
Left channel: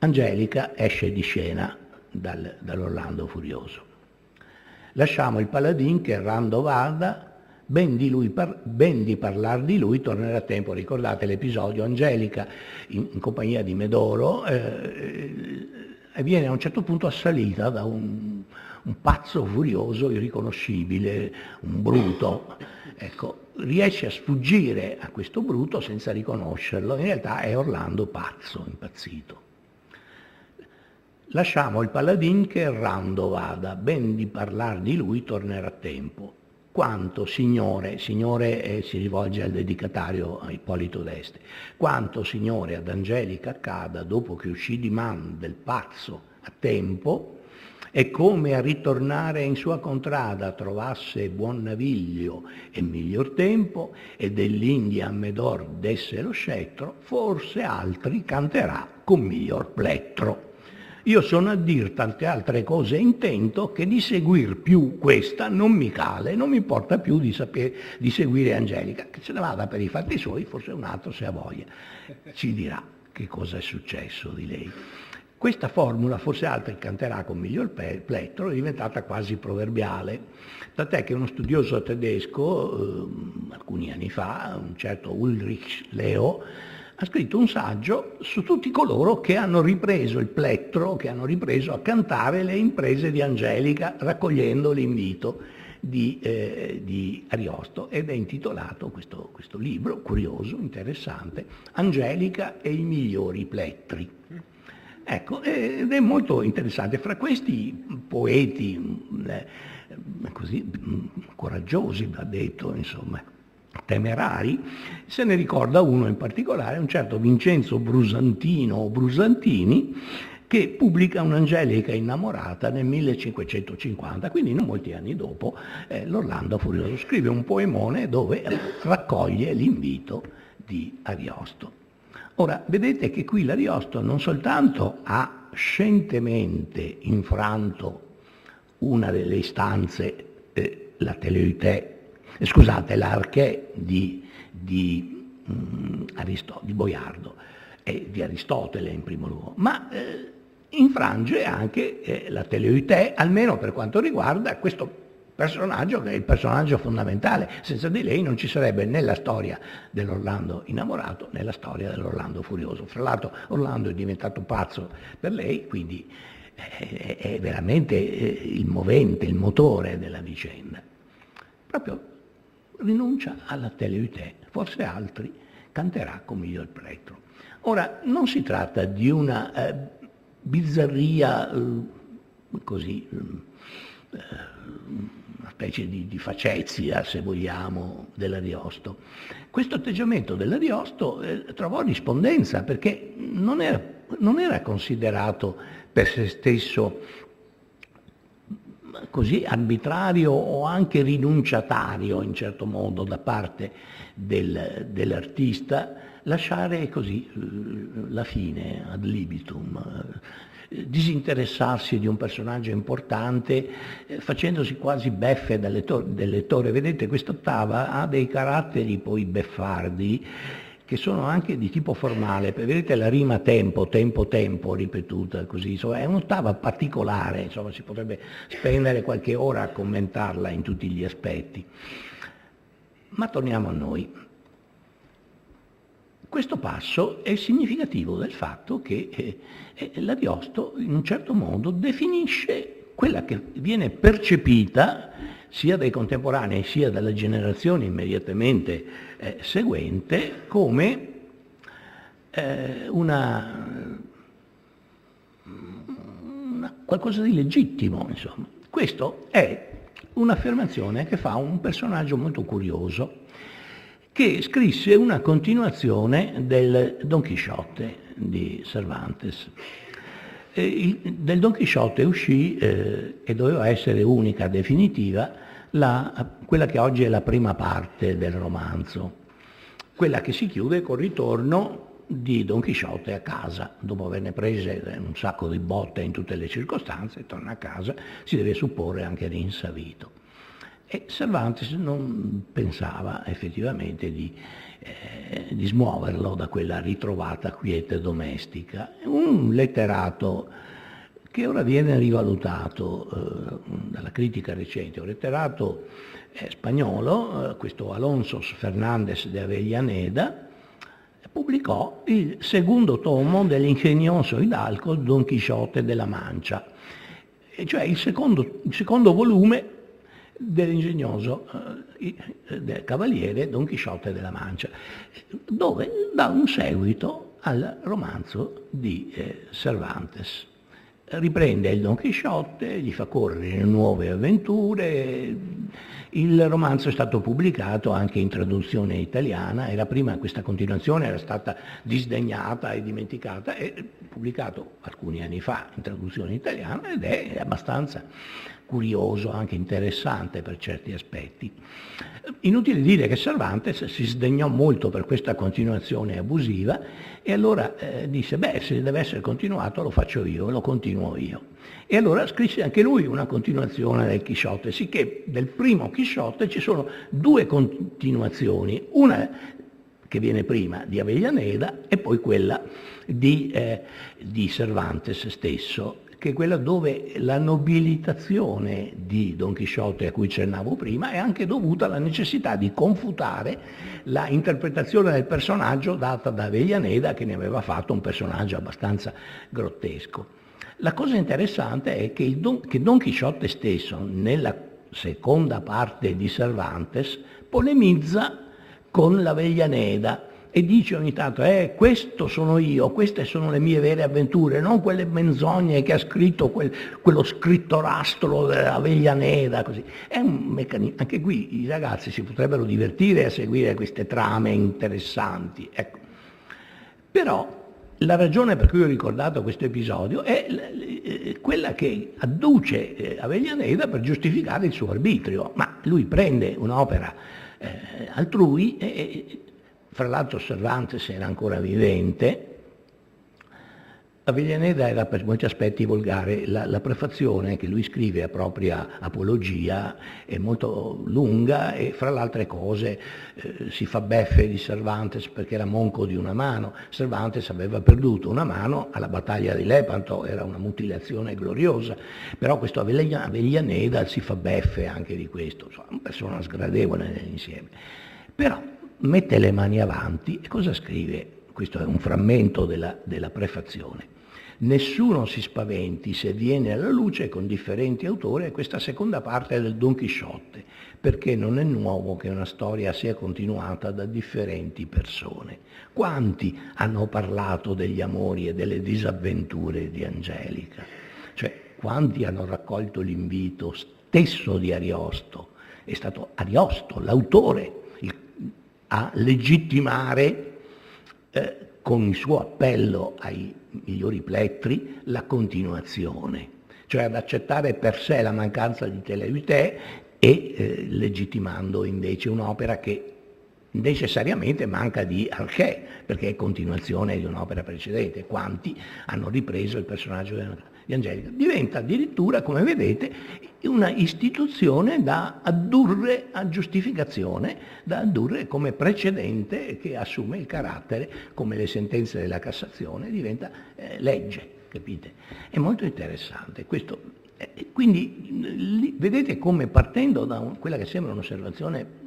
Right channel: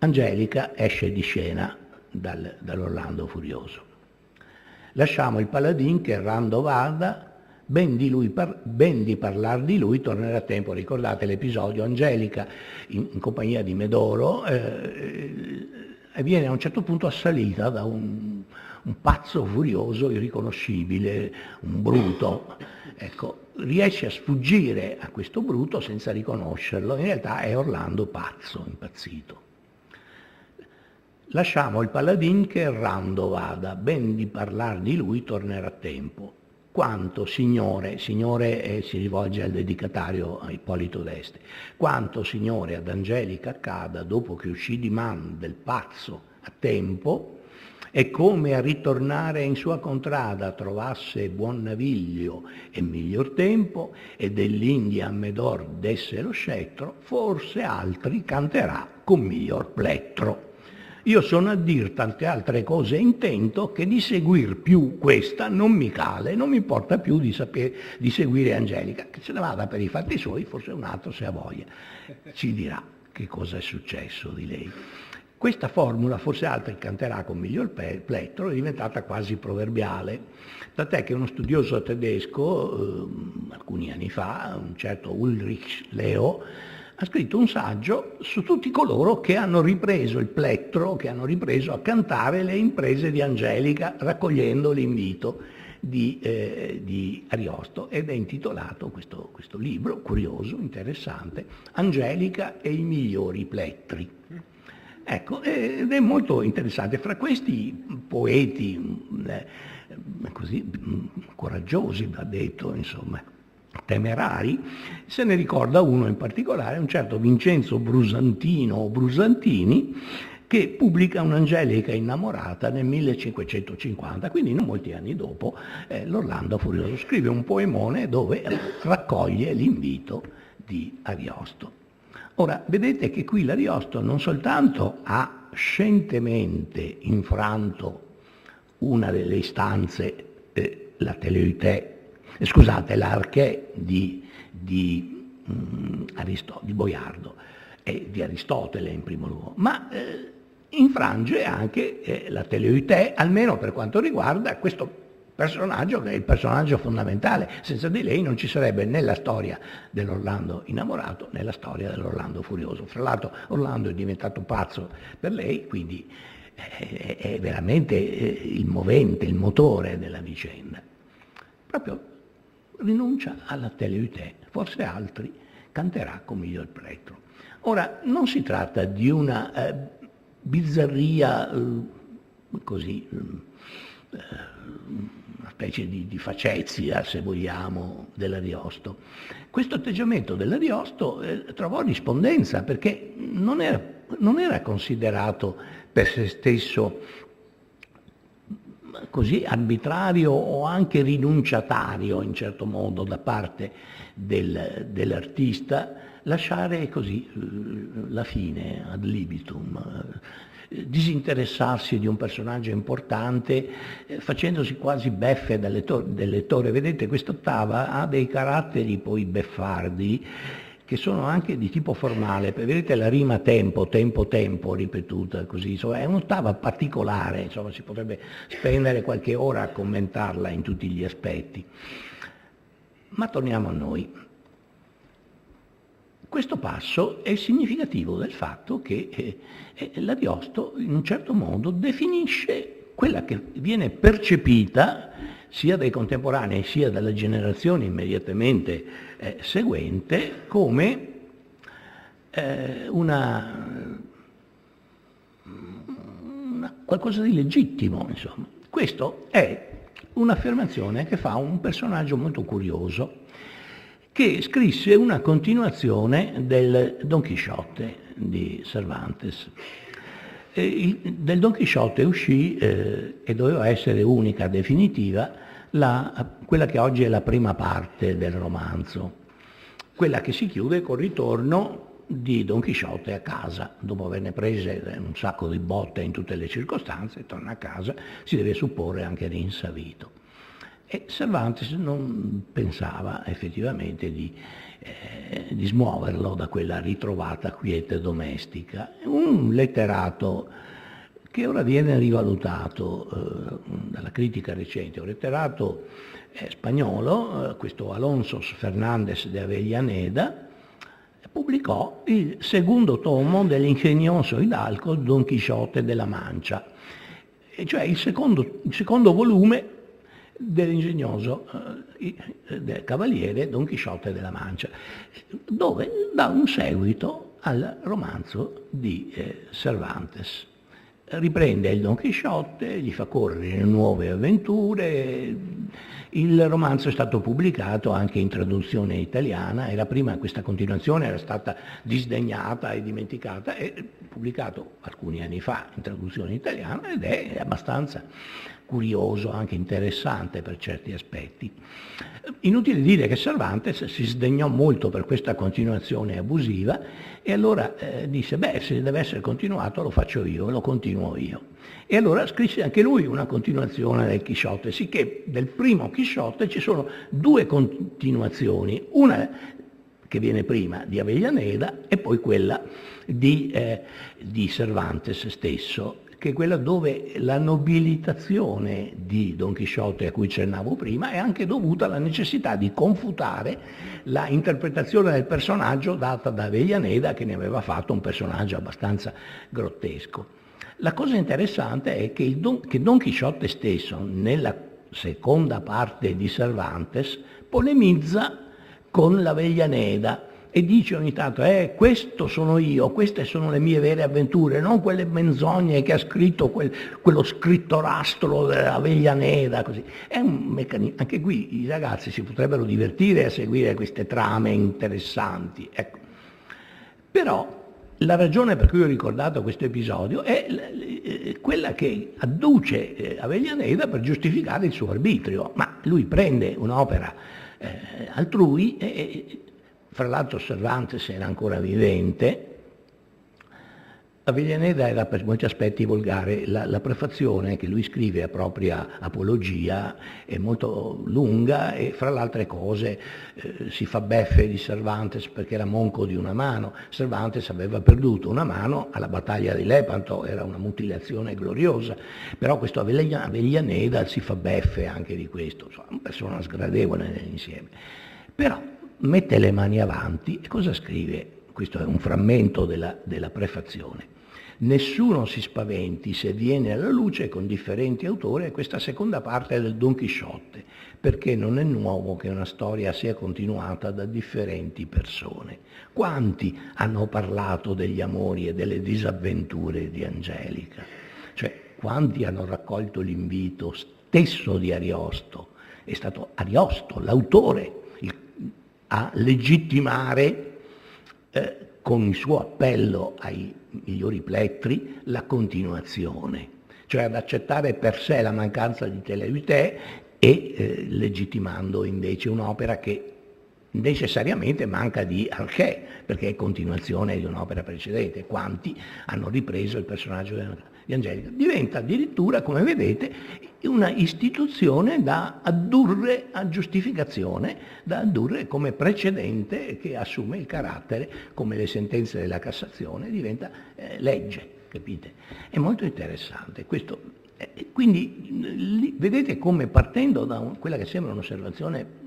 Angelica esce di scena dall'Orlando furioso. Lasciamo il paladin che errando vada, ben di parlar di lui tornerà a tempo. Ricordate l'episodio? Angelica in compagnia di Medoro viene a un certo punto assalita da un pazzo furioso, irriconoscibile, un bruto. Ecco, riesce a sfuggire a questo bruto senza riconoscerlo, in realtà è Orlando pazzo, impazzito. Lasciamo il paladin che errando vada, ben di parlar di lui tornerà a tempo. Quanto, signore, si rivolge al dedicatario a Ippolito d'Este, quanto, signore, ad Angelica accada dopo che uscì di man del pazzo a tempo, e come a ritornare in sua contrada trovasse buon naviglio e miglior tempo, e dell'India a Medor desse lo scettro, forse altri canterà con miglior plettro. Io sono a dir tante altre cose intento, che di seguir più questa non mi cale, non mi importa più di seguire Angelica, che se ne vada per i fatti suoi, forse un altro se ha voglia ci dirà che cosa è successo di lei. Questa formula, forse altri canterà con miglior plettro, è diventata quasi proverbiale, tant'è che uno studioso tedesco, alcuni anni fa, un certo Ulrich Leo, ha scritto un saggio su tutti coloro che hanno ripreso il plettro, che hanno ripreso a cantare le imprese di Angelica, raccogliendo l'invito di Ariosto, ed è intitolato questo libro, curioso, interessante, Angelica e i migliori plettri. Ecco, ed è molto interessante. Fra questi poeti così coraggiosi, va detto, insomma, temerari, se ne ricorda uno in particolare, un certo Vincenzo Brusantino o Brusantini, che pubblica un'Angelica innamorata nel 1550, quindi non molti anni dopo l'Orlando furioso. Scrive un poemone dove raccoglie l'invito di Ariosto. Ora, vedete che qui l'Ariosto non soltanto ha scientemente infranto una delle istanze, la Teleute, l'Arché di Boiardo e di Aristotele in primo luogo, ma infrange anche la Teleute, almeno per quanto riguarda questo personaggio che è il personaggio fondamentale. Senza di lei non ci sarebbe né la storia dell'Orlando innamorato né la storia dell'Orlando furioso. Fra l'altro Orlando è diventato pazzo per lei, quindi è veramente il movente, il motore della vicenda. Proprio rinuncia alla Teleute, forse altri canterà con miglior plettro. Ora, non si tratta di una bizzarria così, una specie di facezia, se vogliamo, dell'Ariosto. Questo atteggiamento dell'Ariosto trovò rispondenza, perché non era considerato per se stesso così arbitrario o anche rinunciatario in certo modo da parte dell'artista lasciare così la fine ad libitum, disinteressarsi di un personaggio importante, facendosi quasi beffe del lettore. Vedete, quest'ottava ha dei caratteri poi beffardi che sono anche di tipo formale. Vedete la rima tempo, tempo, tempo ripetuta così, insomma, è un'ottava particolare, insomma, si potrebbe spendere qualche ora a commentarla in tutti gli aspetti. Ma torniamo a noi. Questo passo è significativo del fatto che l'Ariosto in un certo modo definisce quella che viene percepita sia dai contemporanei sia dalla generazione immediatamente seguente come qualcosa di legittimo, insomma. Questo è un'affermazione che fa un personaggio molto curioso, che scrisse una continuazione del Don Chisciotte di Cervantes. Del Don Chisciotte uscì, e doveva essere unica, definitiva, quella che oggi è la prima parte del romanzo, quella che si chiude col ritorno di Don Chisciotte a casa, dopo averne prese un sacco di botte in tutte le circostanze, torna a casa, si deve supporre anche rinsavito. E Cervantes non pensava effettivamente di smuoverlo da quella ritrovata quiete domestica. Un letterato che ora viene rivalutato dalla critica recente, un letterato spagnolo, questo Alonso Fernández de Avellaneda, pubblicò il secondo tomo dell'ingegnoso hidalgo Don Chisciotte de la Mancha, e cioè il secondo volume dell'ingegnoso del cavaliere Don Chisciotte de la Mancha, dove dà un seguito al romanzo di Cervantes. Riprende il Don Chisciotte, gli fa correre nuove avventure. Il romanzo è stato pubblicato anche in traduzione italiana, era prima questa continuazione era stata disdegnata e dimenticata, è pubblicato alcuni anni fa in traduzione italiana ed è abbastanza curioso, anche interessante per certi aspetti. Inutile dire che Cervantes si sdegnò molto per questa continuazione abusiva e allora disse, se deve essere continuato lo faccio io, lo continuo io. E allora scrisse anche lui una continuazione del Chisciotte, sicché del primo Chisciotte ci sono due continuazioni, una che viene prima di Avellaneda e poi quella di Cervantes stesso, che è quella dove la nobilitazione di Don Chisciotte a cui accennavo prima è anche dovuta alla necessità di confutare la interpretazione del personaggio data da Avellaneda, che ne aveva fatto un personaggio abbastanza grottesco. La cosa interessante è che Don Chisciotte stesso, nella seconda parte di Cervantes, polemizza con l'Avellaneda e dice ogni tanto, questo sono io, queste sono le mie vere avventure, non quelle menzogne che ha scritto quello scrittorastro dell'Avellaneda, così. È un meccanismo, anche qui i ragazzi si potrebbero divertire a seguire queste trame interessanti, ecco. Però la ragione per cui ho ricordato questo episodio è quella che adduce Avellaneda per giustificare il suo arbitrio, ma lui prende un'opera altrui e fra l'altro Cervantes era ancora vivente. Avellaneda era per molti aspetti volgare, la prefazione che lui scrive a propria apologia è molto lunga e fra le altre cose si fa beffe di Cervantes perché era monco di una mano. Cervantes aveva perduto una mano alla battaglia di Lepanto, era una mutilazione gloriosa, però questo Avellaneda si fa beffe anche di questo, insomma, una persona sgradevole nell'insieme. Però mette le mani avanti e cosa scrive? Questo è un frammento della prefazione. Nessuno si spaventi se viene alla luce con differenti autori questa seconda parte del Don Chisciotte, perché non è nuovo che una storia sia continuata da differenti persone. Quanti hanno parlato degli amori e delle disavventure di Angelica? Cioè, quanti hanno raccolto l'invito stesso di Ariosto? È stato Ariosto, l'autore, a legittimare con il suo appello ai migliori plettri la continuazione, cioè ad accettare per sé la mancanza di Teleuite e legittimando invece un'opera che necessariamente manca di Arché, perché è continuazione di un'opera precedente. Quanti hanno ripreso il personaggio di Angelica. Diventa addirittura, come vedete, una istituzione da addurre a giustificazione, da addurre come precedente che assume il carattere, come le sentenze della Cassazione, diventa legge, capite? È molto interessante questo. Quindi vedete come, partendo da quella che sembra un'osservazione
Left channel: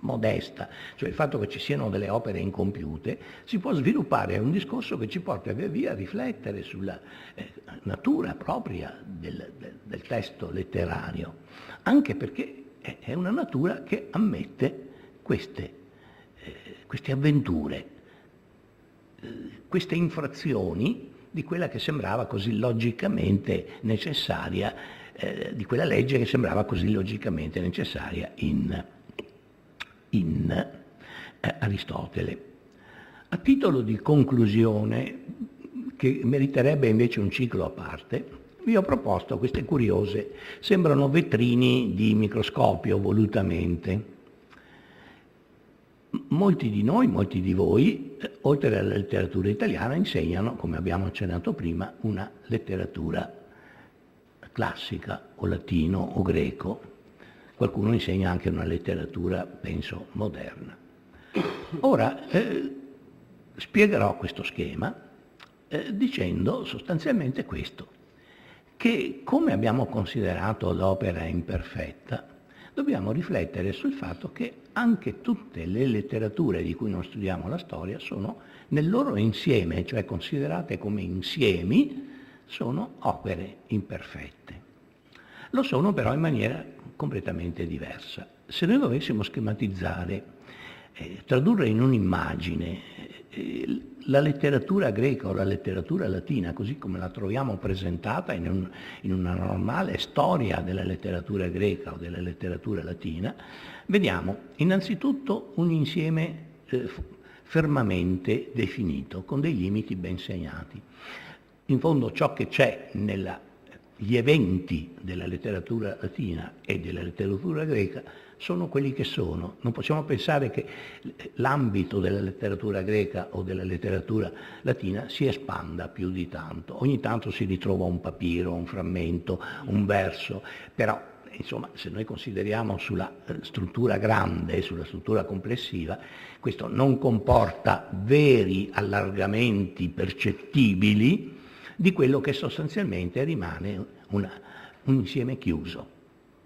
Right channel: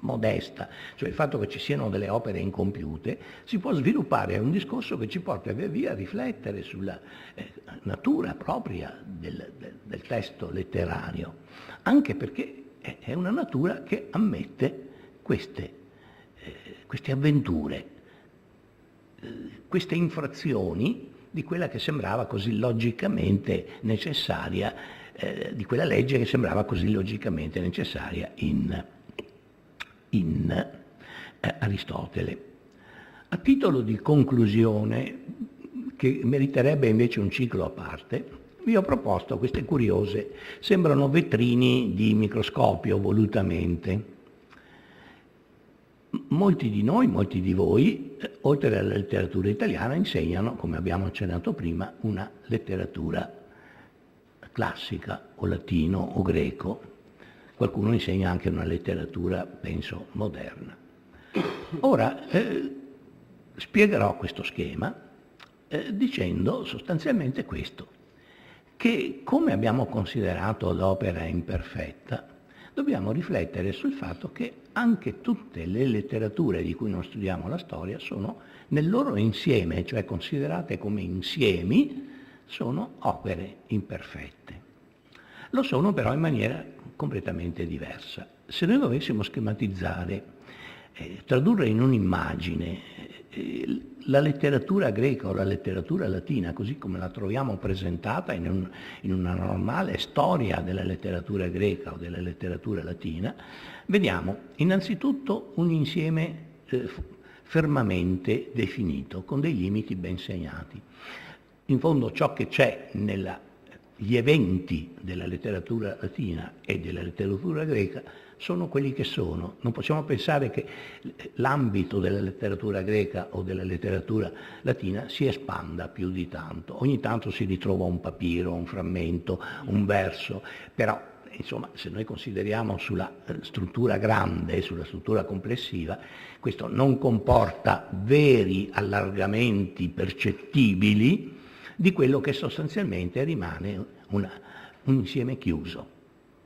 modesta, cioè il fatto che ci siano delle opere incompiute, si può sviluppare un discorso che ci porta via via a riflettere sulla natura propria del testo letterario, anche perché è una natura che ammette queste avventure, queste infrazioni di quella che sembrava così logicamente necessaria, di quella legge che sembrava così logicamente necessaria in Aristotele. A titolo di conclusione, che meriterebbe invece un ciclo a parte, vi ho proposto queste curiose, sembrano vetrini di microscopio volutamente. Molti di noi, molti di voi, oltre alla letteratura italiana, insegnano, come abbiamo accennato prima, una letteratura classica o latino o greco. Qualcuno insegna anche una letteratura, penso, moderna. Ora, spiegherò questo schema dicendo sostanzialmente questo, che come abbiamo considerato l'opera imperfetta, dobbiamo riflettere sul fatto che anche tutte le letterature di cui noi studiamo la storia sono nel loro insieme, cioè considerate come insiemi, sono opere imperfette. Lo sono però in maniera completamente diversa. Se noi dovessimo schematizzare, tradurre in un'immagine la letteratura greca o la letteratura latina, così come la troviamo presentata in una normale storia della letteratura greca o della letteratura latina, vediamo innanzitutto un insieme fermamente definito, con dei limiti ben segnati. In fondo ciò che c'è gli eventi della letteratura latina e della letteratura greca sono quelli che sono. Non possiamo pensare che l'ambito della letteratura greca o della letteratura latina si espanda più di tanto. Ogni tanto si ritrova un papiro, un frammento, un verso, però insomma, se noi consideriamo sulla struttura grande, sulla struttura complessiva, questo non comporta veri allargamenti percettibili di quello che sostanzialmente rimane un insieme chiuso,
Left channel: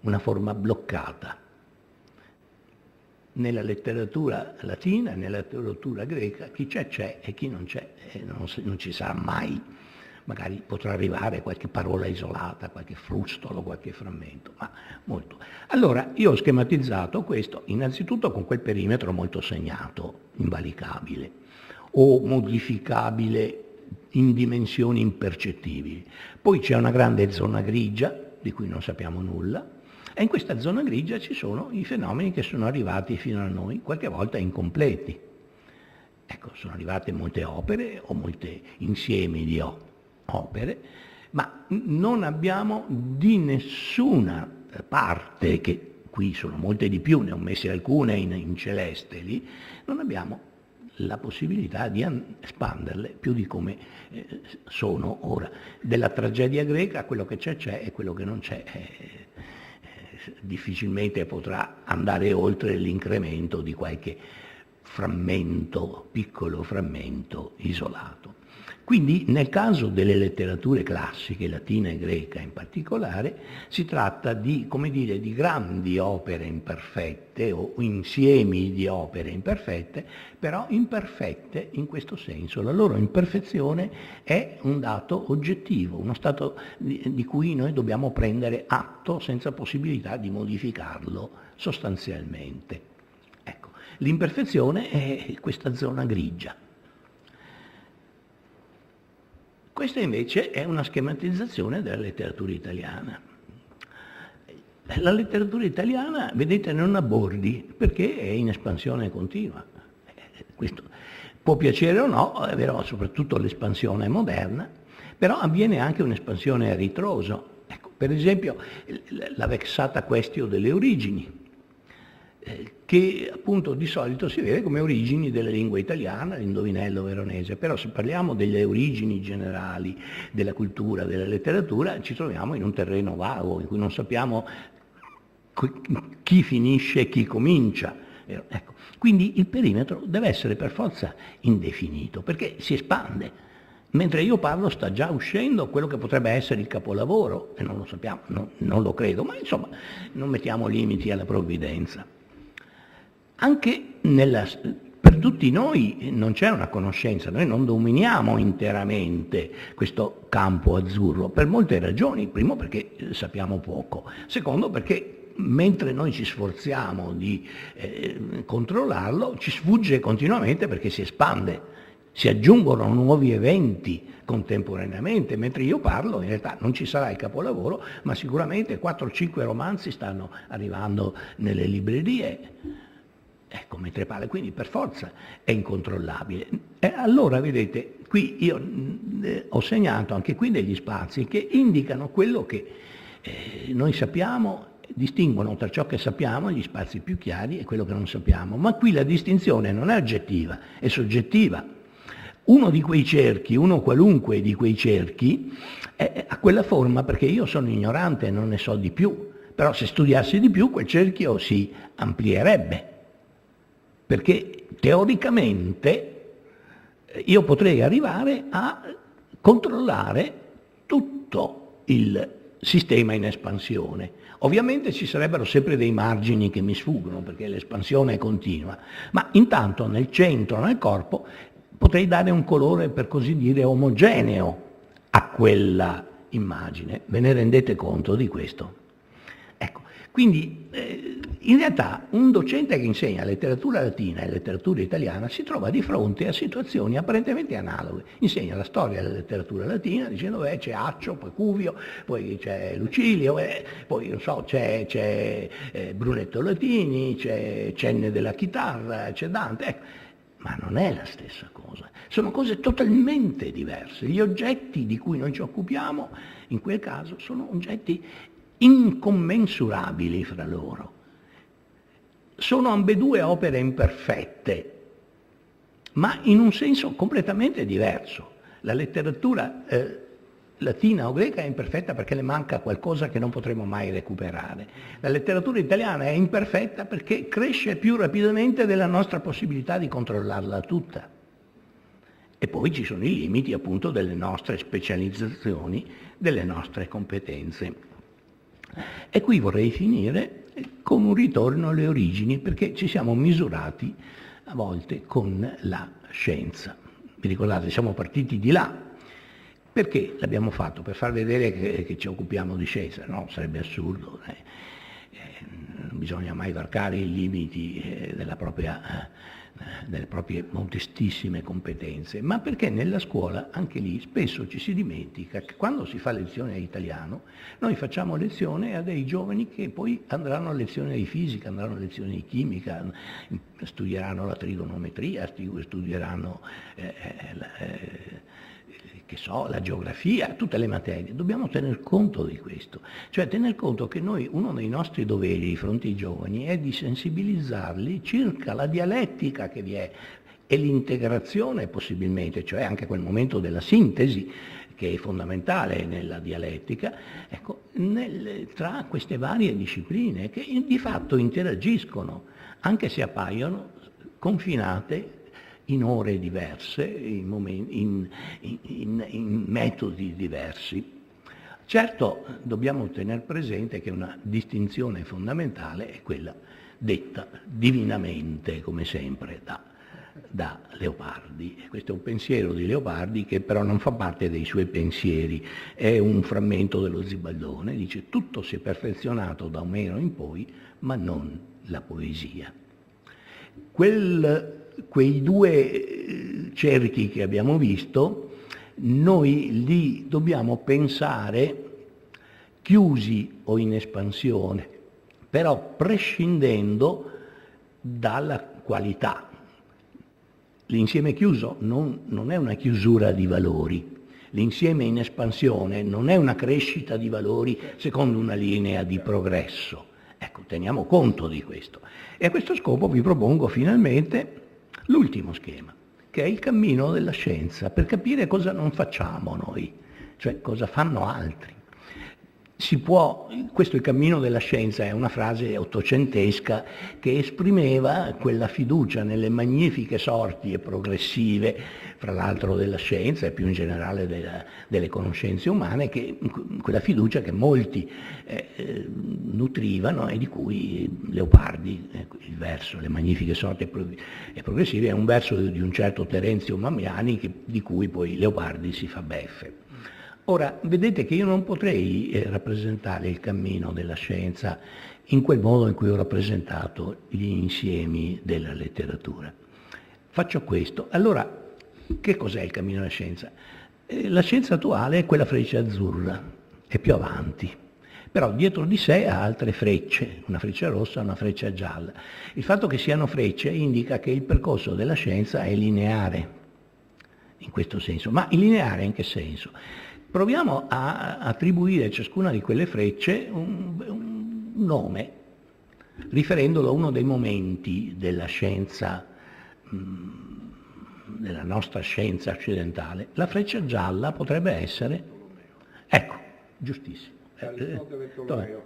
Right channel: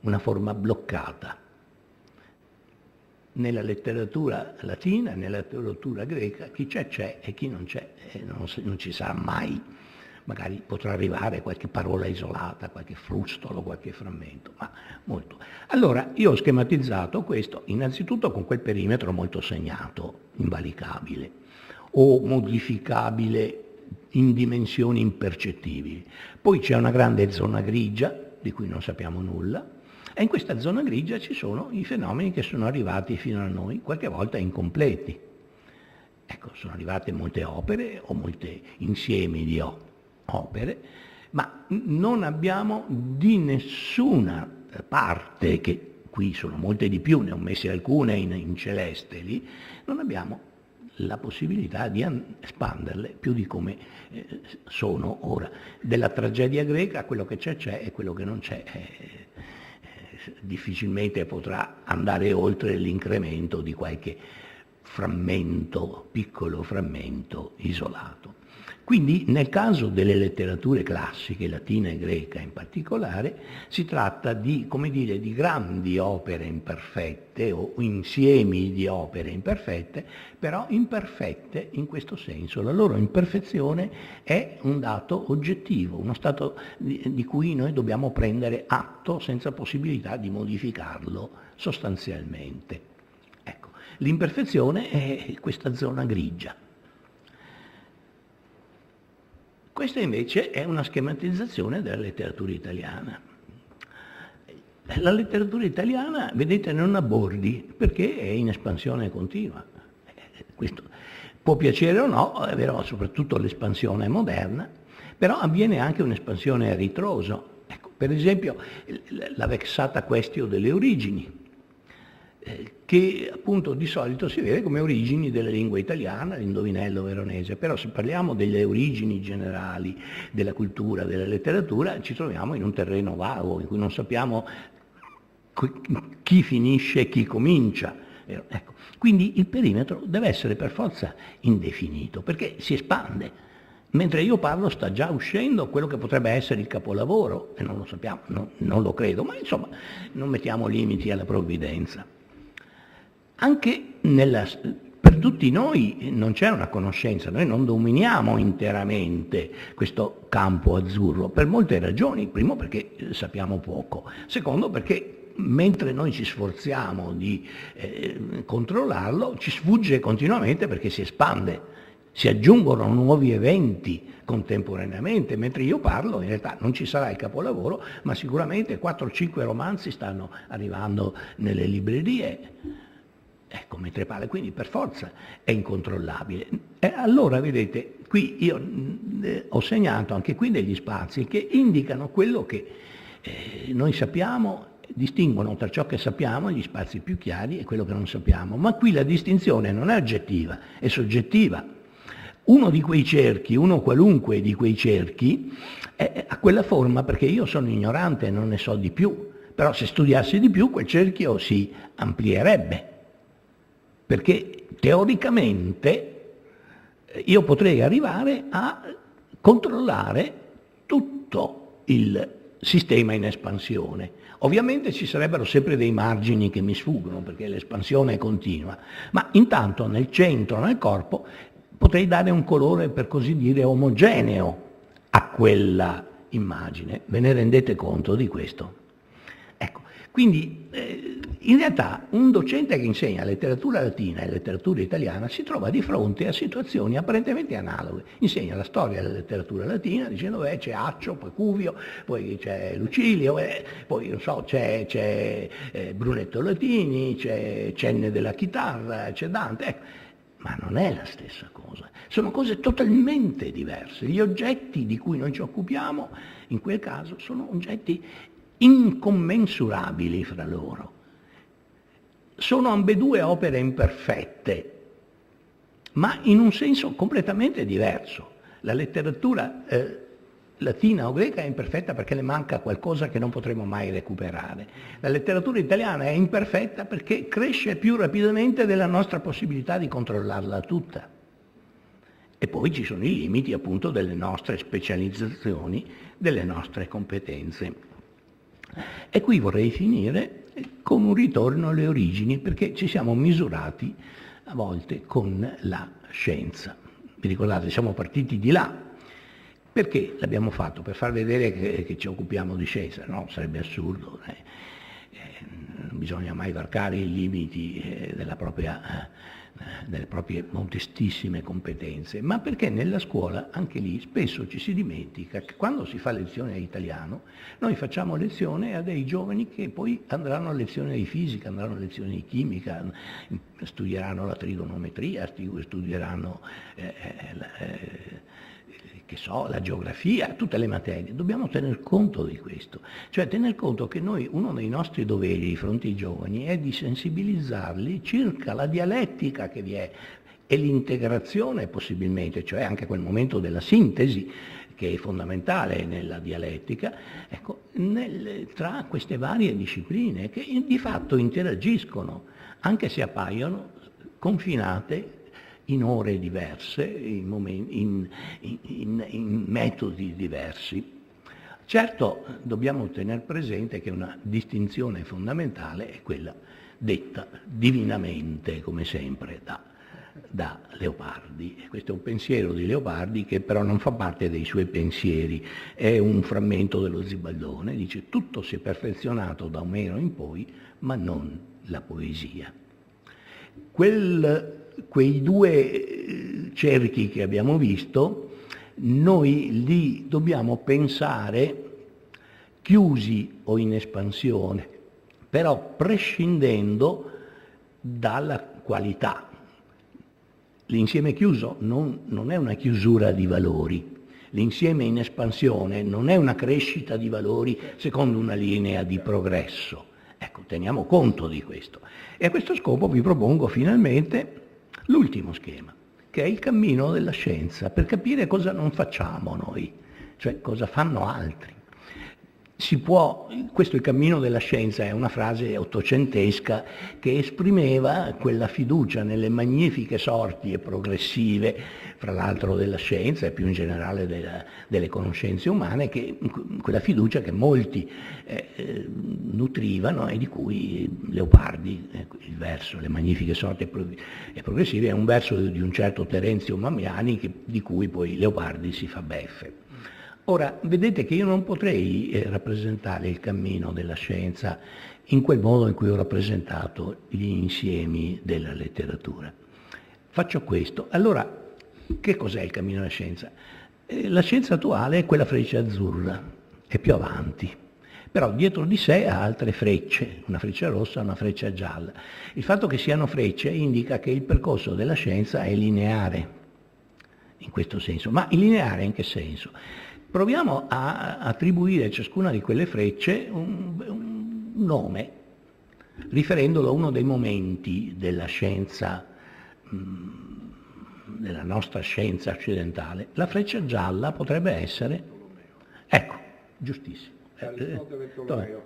una forma bloccata. Nella letteratura latina e nella letteratura greca chi c'è e chi non c'è non ci sarà mai. Magari potrà arrivare qualche parola isolata, qualche frustolo, qualche frammento, ma molto. Allora, io ho schematizzato questo innanzitutto con quel perimetro molto segnato, invalicabile, o modificabile in dimensioni impercettibili. Poi c'è una grande zona grigia, di cui non sappiamo nulla, e in questa zona grigia ci sono i fenomeni che sono arrivati fino a noi, qualche volta incompleti. Ecco, sono arrivate molte opere o molti insiemi di opere, ma non abbiamo di nessuna parte, che qui sono molte di più, ne ho messe alcune in celeste lì, non abbiamo la possibilità di espanderle più di come sono ora. Della tragedia greca quello che c'è e quello che non c'è difficilmente potrà andare oltre l'incremento di qualche frammento, piccolo frammento isolato. Quindi nel caso delle letterature classiche, latina e greca in particolare, si tratta di, come dire, di grandi opere imperfette o insiemi di opere imperfette, però imperfette in questo senso. La loro imperfezione è un dato oggettivo, uno stato di cui noi dobbiamo prendere atto senza possibilità di modificarlo sostanzialmente. Ecco, l'imperfezione è questa zona grigia. Questa invece è una schematizzazione della letteratura italiana. La letteratura italiana, vedete, non ha bordi perché è in espansione continua. Questo può piacere o no, è vero, soprattutto l'espansione moderna, però avviene anche un'espansione a ritroso. Ecco, per esempio, la vexata questione delle origini. che appunto di solito si vede come origini della lingua italiana, l'indovinello veronese, però se parliamo delle origini generali della cultura, della letteratura, ci troviamo in un terreno vago, in cui non sappiamo chi finisce e chi comincia. Ecco. Quindi il perimetro deve essere per forza indefinito, perché si espande. Mentre io parlo sta già uscendo quello che potrebbe essere il capolavoro, e non lo sappiamo, non lo credo, ma insomma non mettiamo limiti alla provvidenza. Anche per tutti noi non c'è una conoscenza, noi non dominiamo interamente questo campo azzurro, per molte ragioni. Primo perché sappiamo poco, secondo perché mentre noi ci sforziamo di controllarlo, ci sfugge continuamente perché si espande. Si aggiungono nuovi eventi contemporaneamente, mentre io parlo in realtà non ci sarà il capolavoro, ma sicuramente 4-5 romanzi stanno arrivando nelle librerie, ecco, mentre parlo, quindi per forza è incontrollabile. E allora vedete, qui io ho segnato anche qui degli spazi che indicano quello che noi sappiamo, distinguono tra ciò che sappiamo, gli spazi più chiari, e quello che non sappiamo, ma qui la distinzione non è oggettiva, è soggettiva. Uno di quei cerchi, uno qualunque di quei cerchi, ha quella forma perché io sono ignorante e non ne so di più, però se studiassi di più quel cerchio si amplierebbe, perché teoricamente io potrei arrivare a controllare tutto il sistema in espansione. Ovviamente ci sarebbero sempre dei margini che mi sfuggono perché l'espansione è continua, ma intanto nel centro, nel corpo, potrei dare un colore, per così dire, omogeneo a quella immagine. Ve ne rendete conto di questo? Ecco, quindi in realtà un docente che insegna letteratura latina e letteratura italiana si trova di fronte a situazioni apparentemente analoghe. Insegna la storia della letteratura latina dicendo c'è Accio, poi Cuvio, poi c'è Lucilio, poi non so, c'è Brunetto Latini, c'è Cenne della chitarra, c'è Dante. Ecco. Ma non è la stessa cosa, sono cose totalmente diverse. Gli oggetti di cui noi ci occupiamo, in quel caso, sono oggetti incommensurabili fra loro. Sono ambedue opere imperfette, ma in un senso completamente diverso. La letteratura latina o greca è imperfetta perché le manca qualcosa che non potremo mai recuperare. La letteratura italiana è imperfetta perché cresce più rapidamente della nostra possibilità di controllarla tutta. E poi ci sono i limiti appunto delle nostre specializzazioni, delle nostre competenze. E qui vorrei finire con un ritorno alle origini, perché ci siamo misurati a volte con la scienza. Vi ricordate, siamo partiti di là. Perché l'abbiamo fatto? Per far vedere che ci occupiamo di scienza? No, sarebbe assurdo. Non bisogna mai varcare i limiti delle proprie modestissime competenze, ma perché nella scuola, anche lì, spesso ci si dimentica che quando si fa lezione di italiano, noi facciamo lezione a dei giovani che poi andranno a lezione di fisica, andranno a lezione di chimica, studieranno la trigonometria, studieranno che so, la geografia, tutte le materie. Dobbiamo tener conto di questo, cioè tener conto che noi, uno dei nostri doveri di fronte ai giovani è di sensibilizzarli circa la dialettica che vi è e l'integrazione possibilmente, cioè anche quel momento della sintesi che è fondamentale nella dialettica, ecco, tra queste varie discipline che di fatto interagiscono, anche se appaiono confinate in ore diverse, in metodi diversi. Certo, dobbiamo tenere presente che una distinzione fondamentale è quella detta divinamente, come sempre, da Leopardi. Questo è un pensiero di Leopardi che però non fa parte dei suoi pensieri, è un frammento dello Zibaldone, dice tutto si è perfezionato da Omero in poi, ma non la poesia. Quei due cerchi che abbiamo visto, noi li dobbiamo pensare chiusi o in espansione, però prescindendo dalla qualità. L'insieme chiuso non è una chiusura di valori, l'insieme in espansione non è una crescita di valori secondo una linea di progresso, Ecco, teniamo conto di questo. E a questo scopo vi propongo finalmente l'ultimo schema, che è il cammino della scienza, per capire cosa non facciamo noi, cioè cosa fanno altri. Questo è il cammino della scienza, è una frase ottocentesca che esprimeva quella fiducia nelle magnifiche sorti e progressive, fra l'altro della scienza e più in generale delle conoscenze umane, quella fiducia che molti nutrivano e di cui Leopardi, il verso Le magnifiche sorti e progressive, è un verso di un certo Terenzio Mamiani di cui poi Leopardi si fa beffe. Ora, vedete che io non potrei rappresentare il cammino della scienza in quel modo in cui ho rappresentato gli insiemi della letteratura. Faccio questo. Allora, che cos'è il cammino della scienza? La scienza attuale è quella freccia azzurra, è più avanti, però dietro di sé ha altre frecce, una freccia rossa e una freccia gialla. Il fatto che siano frecce indica che il percorso della scienza è lineare, in questo senso. Ma il lineare in che senso? Proviamo a attribuire a ciascuna di quelle frecce un nome, riferendolo a uno dei momenti della scienza, della nostra scienza occidentale. La freccia gialla potrebbe essere, ecco, giustissimo.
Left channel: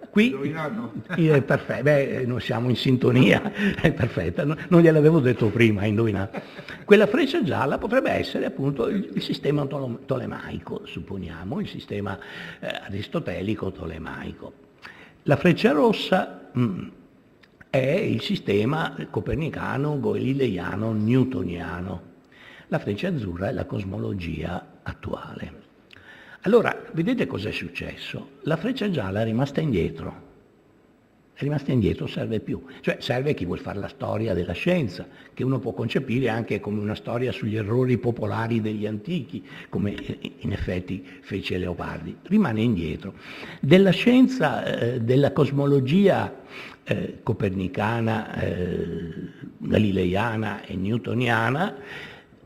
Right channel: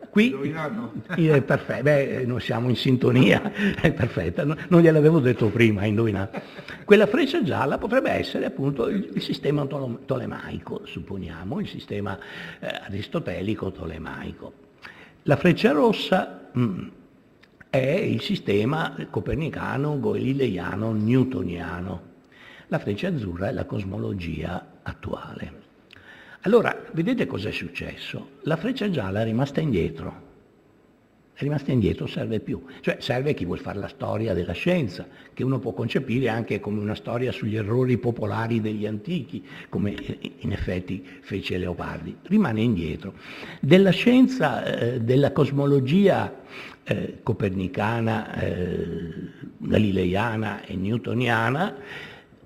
Qui è perfetto, noi siamo in sintonia, è perfetta, non gliel'avevo detto prima, indovinato. Quella freccia gialla potrebbe essere appunto il sistema tolemaico, supponiamo, il sistema aristotelico tolemaico. La freccia rossa è il sistema copernicano, galileiano, newtoniano. La freccia azzurra è la cosmologia attuale. Allora, vedete cos'è successo? La freccia gialla è rimasta indietro. È rimasta indietro, serve più. Cioè serve chi vuol fare la storia della scienza, che uno può concepire anche come una storia sugli errori popolari degli antichi, come in effetti fece Leopardi. Rimane indietro. Della scienza, della cosmologia copernicana, galileiana e newtoniana,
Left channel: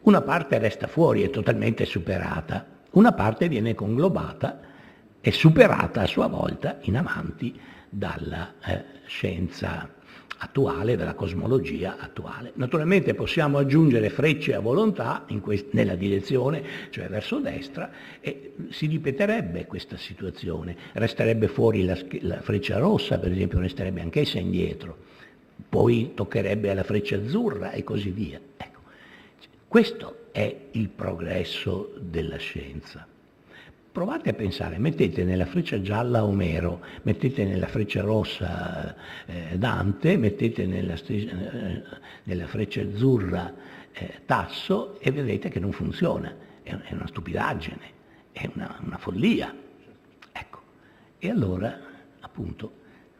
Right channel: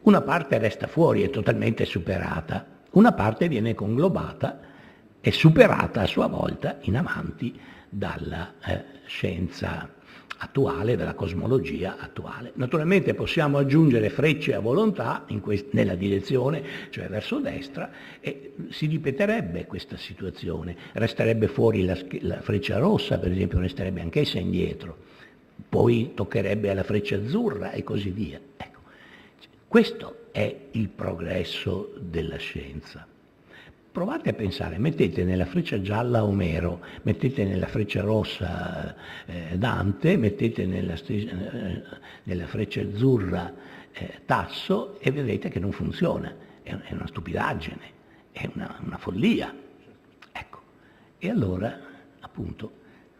una parte resta fuori, è totalmente superata. Una parte viene conglobata e superata a sua volta in avanti dalla scienza attuale, dalla cosmologia attuale. Naturalmente possiamo aggiungere frecce a volontà nella direzione, cioè verso destra, e si ripeterebbe questa situazione. Resterebbe fuori la freccia rossa, per esempio, resterebbe anch'essa indietro. Poi toccherebbe alla freccia azzurra e così via. Ecco, questo è il progresso della scienza. Provate a pensare, mettete nella freccia gialla Omero, mettete nella freccia rossa Dante, mettete nella freccia azzurra Tasso e vedete che non funziona, è una stupidaggine, è una follia. Ecco, e allora appunto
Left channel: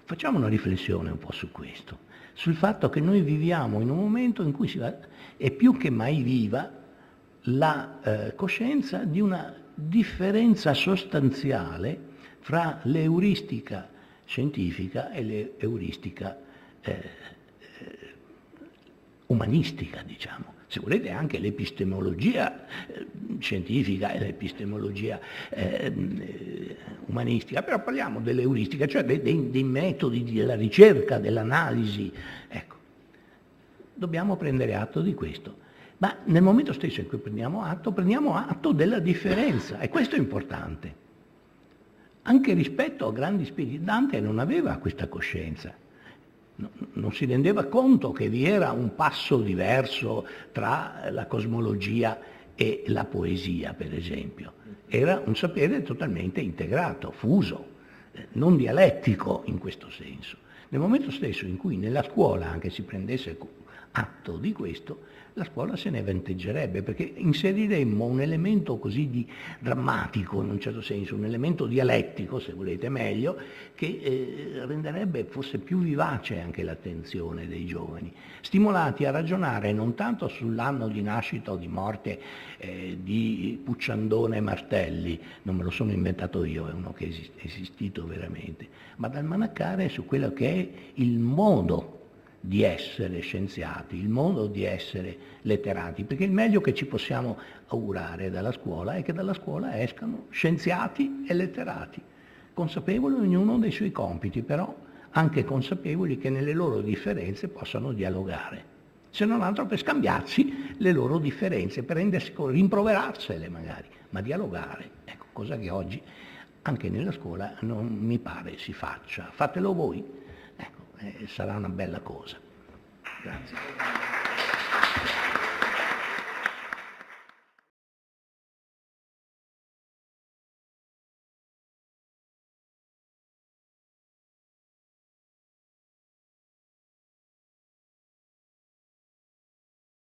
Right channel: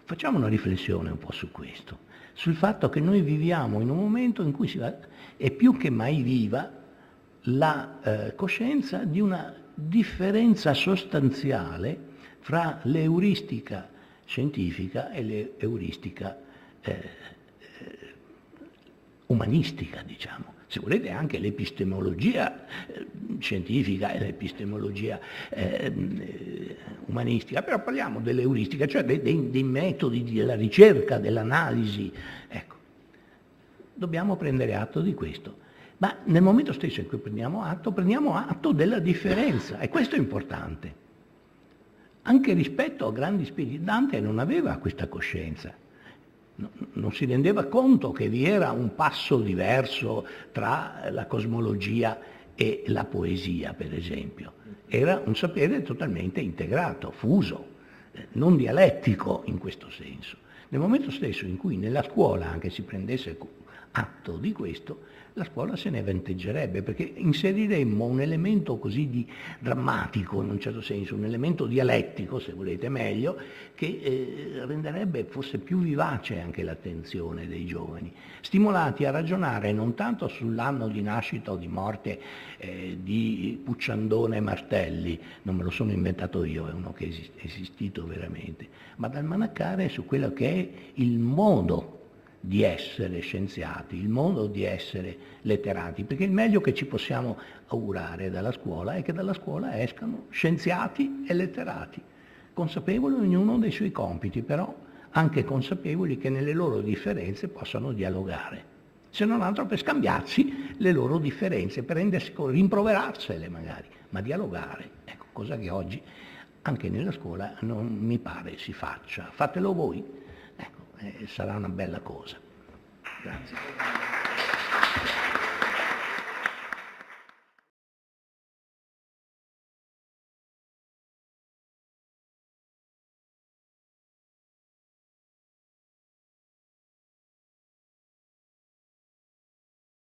facciamo una riflessione un po' su questo, sul fatto che noi viviamo in un momento in cui è più che mai viva la coscienza di una differenza sostanziale fra l'euristica scientifica e l'euristica umanistica, diciamo. Se volete anche l'epistemologia scientifica e l'epistemologia umanistica, però parliamo dell'euristica, cioè dei metodi della ricerca, dell'analisi. Ecco, dobbiamo prendere atto di questo. Ma nel momento stesso in cui prendiamo atto della differenza, e questo è importante. Anche rispetto a grandi spiriti, Dante non aveva questa coscienza, non si rendeva conto che vi era un passo diverso tra la cosmologia e la poesia, per esempio. Era un sapere totalmente integrato, fuso, non dialettico in questo senso. Nel momento stesso in cui nella scuola anche si prendesse atto di questo, la scuola se ne vanteggerebbe, perché inseriremmo un elemento così drammatico, in un certo senso, un elemento dialettico, se volete meglio, che renderebbe forse più vivace anche l'attenzione dei giovani, stimolati a ragionare non tanto sull'anno di nascita o di morte di Pucciandone Martelli, non me lo sono inventato io, è uno che è esistito veramente, ma dal manaccare su quello che è il modo di essere scienziati, il modo di essere letterati, perché il meglio che ci possiamo augurare dalla scuola è che dalla scuola escano scienziati e letterati, consapevoli ognuno dei suoi compiti, però anche consapevoli che nelle loro differenze possano dialogare, se non altro per scambiarsi le loro differenze, per rendersi conto, rimproverarsele magari, ma dialogare, ecco, cosa che oggi anche nella scuola non mi pare si faccia. Fatelo voi, ecco, sarà una bella cosa. Grazie.